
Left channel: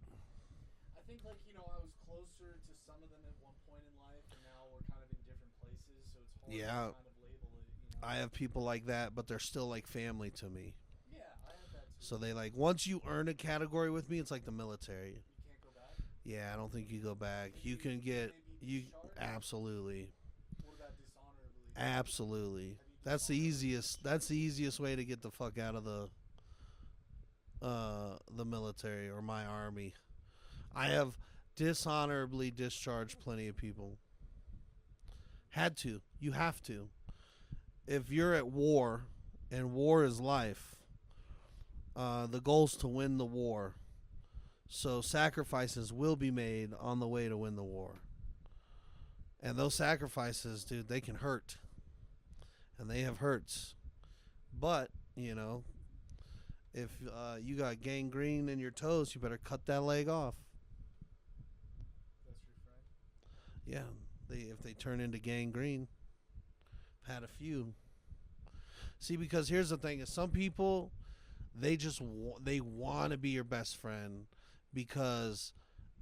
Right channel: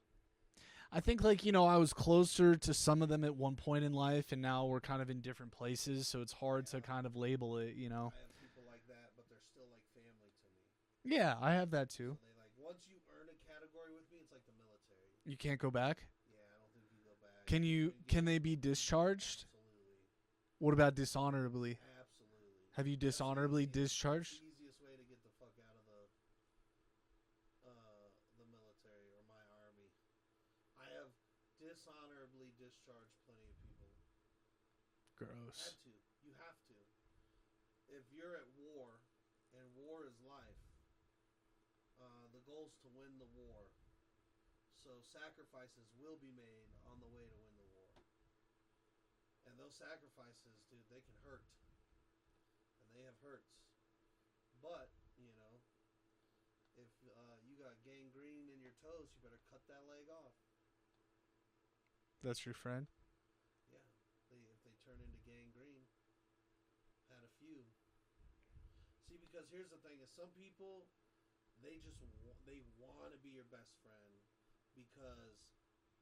I think I was closer to some of them at one point in life, and now we're kind of in different places, so it's hard Yeah. to kind of label it, you know. I have people like that, but they're still like family to me. Yeah, I have that too. So they like, once you earn a category with me, it's like the military. You can't go back? Yeah, I don't think you go back. Can can they be you- discharged? Absolutely. What about dishonorably? Absolutely. Have you That's the dishonorably easiest. discharged? That's the easiest way to get the fuck out of the military or my army. I have dishonorably discharged plenty of people. Gross. Had to. You have to. If you're at war, and war is life, the goal's to win the war. So sacrifices will be made on the way to win the war. And those sacrifices, dude, they can hurt. And they have hurts. But, if you got gangrene in your toes, you better cut that leg off. That's your friend. Yeah, if they turn into gangrene, I've had a few. See, because here's the thing: is some people they just they want to be your best friend because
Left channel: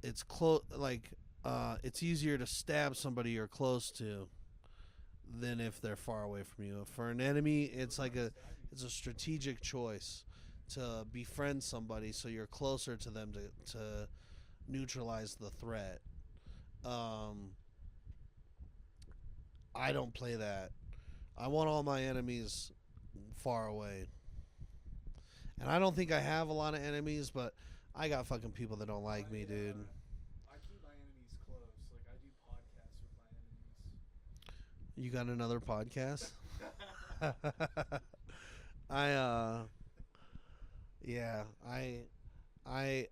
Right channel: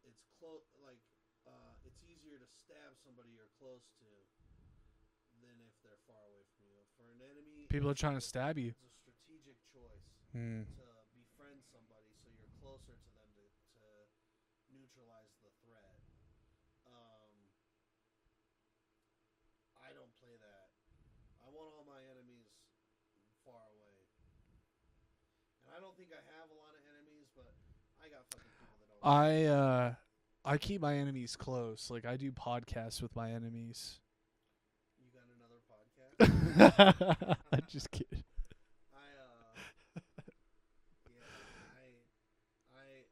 it's close. Like it's easier to stab somebody you're close to than if they're far away from you. For an enemy, People it's are trying like to stab you. it's a strategic choice to befriend somebody so you're closer to them to neutralize the threat. I don't play that. I want all my enemies far away. And I don't think I have a lot of enemies, but I got fucking people that don't like me. I keep my enemies close. Like I do podcasts with my enemies. You got another podcast? Just kidding. I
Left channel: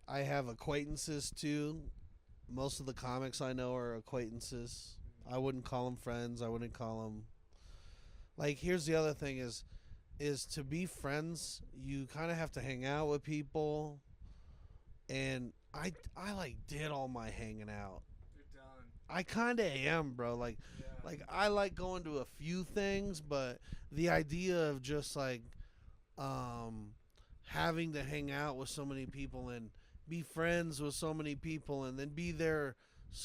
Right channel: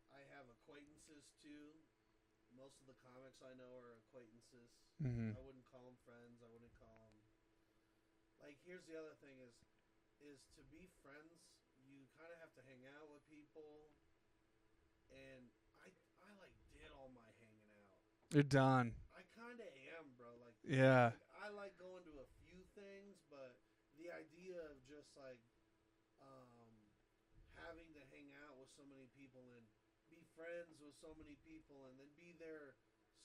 have acquaintances too. Most of the comics I know are acquaintances. Mhm. I wouldn't call them friends. I wouldn't call them. Like, here's the other thing: is to be friends, you kind of have to hang out with people. And I like did all my hanging out. You're done. I kind of am, bro. Like I like going to a few things, but the idea of just like having to hang out with so many people and be friends with so many people and then be there,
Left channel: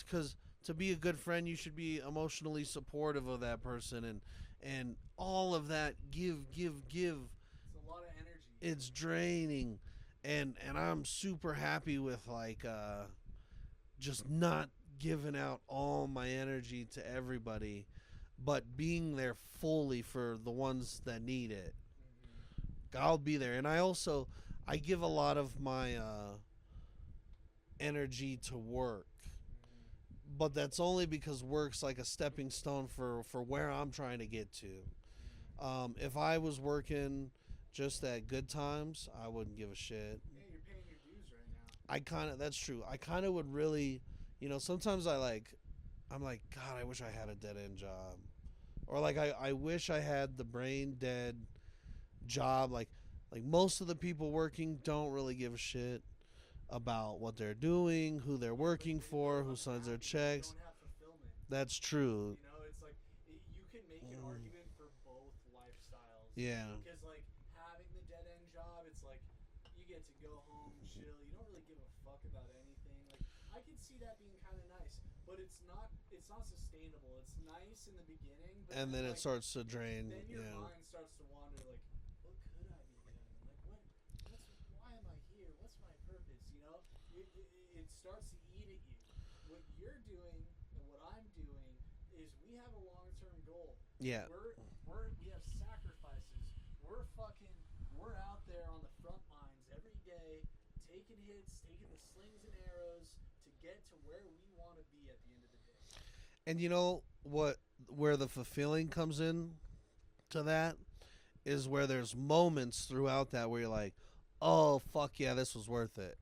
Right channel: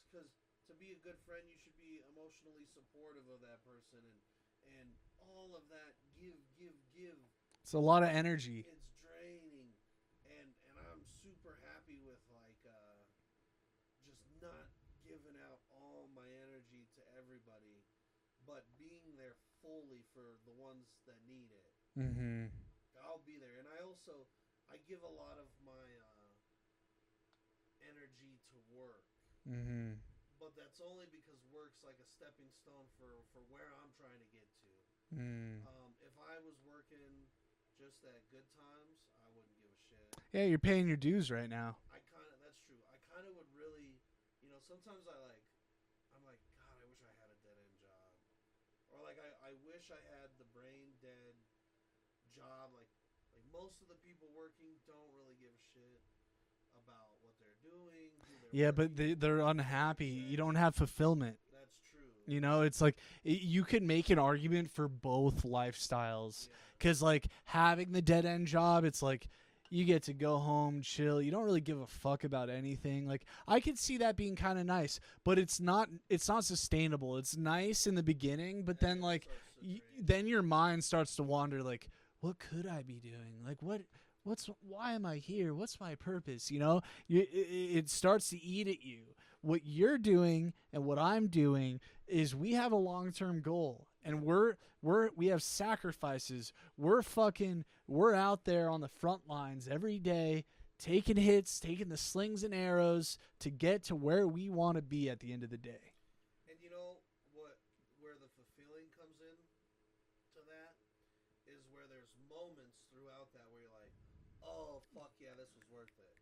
because to be a good friend you should be emotionally supportive of that person and all of that. Give It's a lot of energy. It's draining, and I'm super happy with like just not giving out all my energy to everybody, but being there fully for the ones that need it. I'll be there. And I give a lot of my energy to work, but that's only because work's like a stepping stone for where I'm trying to get to. If I was working just at Good Times, I wouldn't give a shit. Yeah, you're paying your dues right now. That's true. I kind of would really, sometimes I'm like, God, I wish I had a dead end job, or like I wish I had the brain dead job. Like most of the people working don't really give a shit about what they're doing, who they're working for. They're who signs their unhappy. You checks. don't have fulfillment. That's true. It's like you could make an argument for both lifestyles. Yeah. Because like having the dead end job, it's like you get to go home, chill. You don't really give a fuck about anything. Like I could see that being kind of nice, but it's not sustainable. It's nice in the beginning, but And then like it starts to drain. then your mind starts to wander. Like, what could I be doing? Like why am I here? What's my purpose? It starts to eat at you. What you're doing and what I'm doing is we have a long-term goal, and we have sacrifices. We're out there on the front lines every day, taking hits, taking the slings and arrows to get to where we want to be at the end of the day. And you know where the fulfilling comes in to that is where there's moments throughout that where you're like, oh fuck yeah, this was worth it.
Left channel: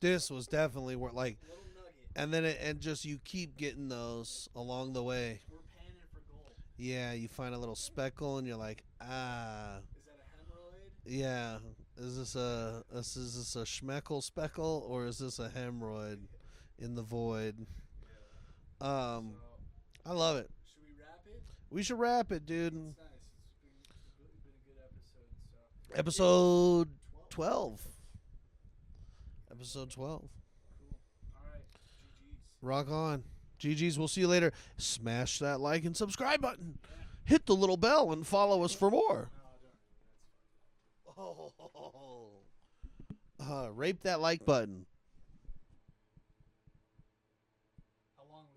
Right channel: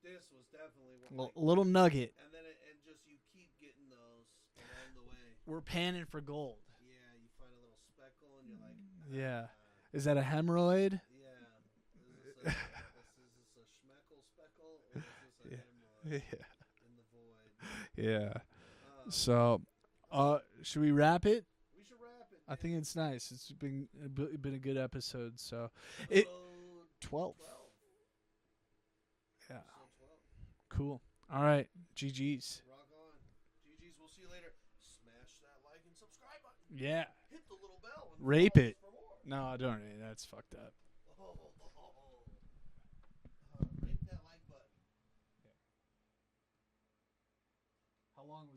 This was definitely worth, like, a little nugget. And then just you keep getting those along the way. We're panning for gold. Yeah, you find a little speckle and you're like, ah. Is that a hemorrhoid? Yeah. Is this a schmeckle speckle, or is this a hemorrhoid in the void? Yeah. So I love it. Should we wrap it? We should wrap it, dude. I think it's nice. It's been a good episode. So episode 12. 12. Yeah. Episode 12. Cool. All right. GG's. Rock on. GG's. We'll see you later. Smash that like and subscribe button. Yeah. Hit the little bell and follow us for more. No, I don't. That's fucked up. Rape that like button.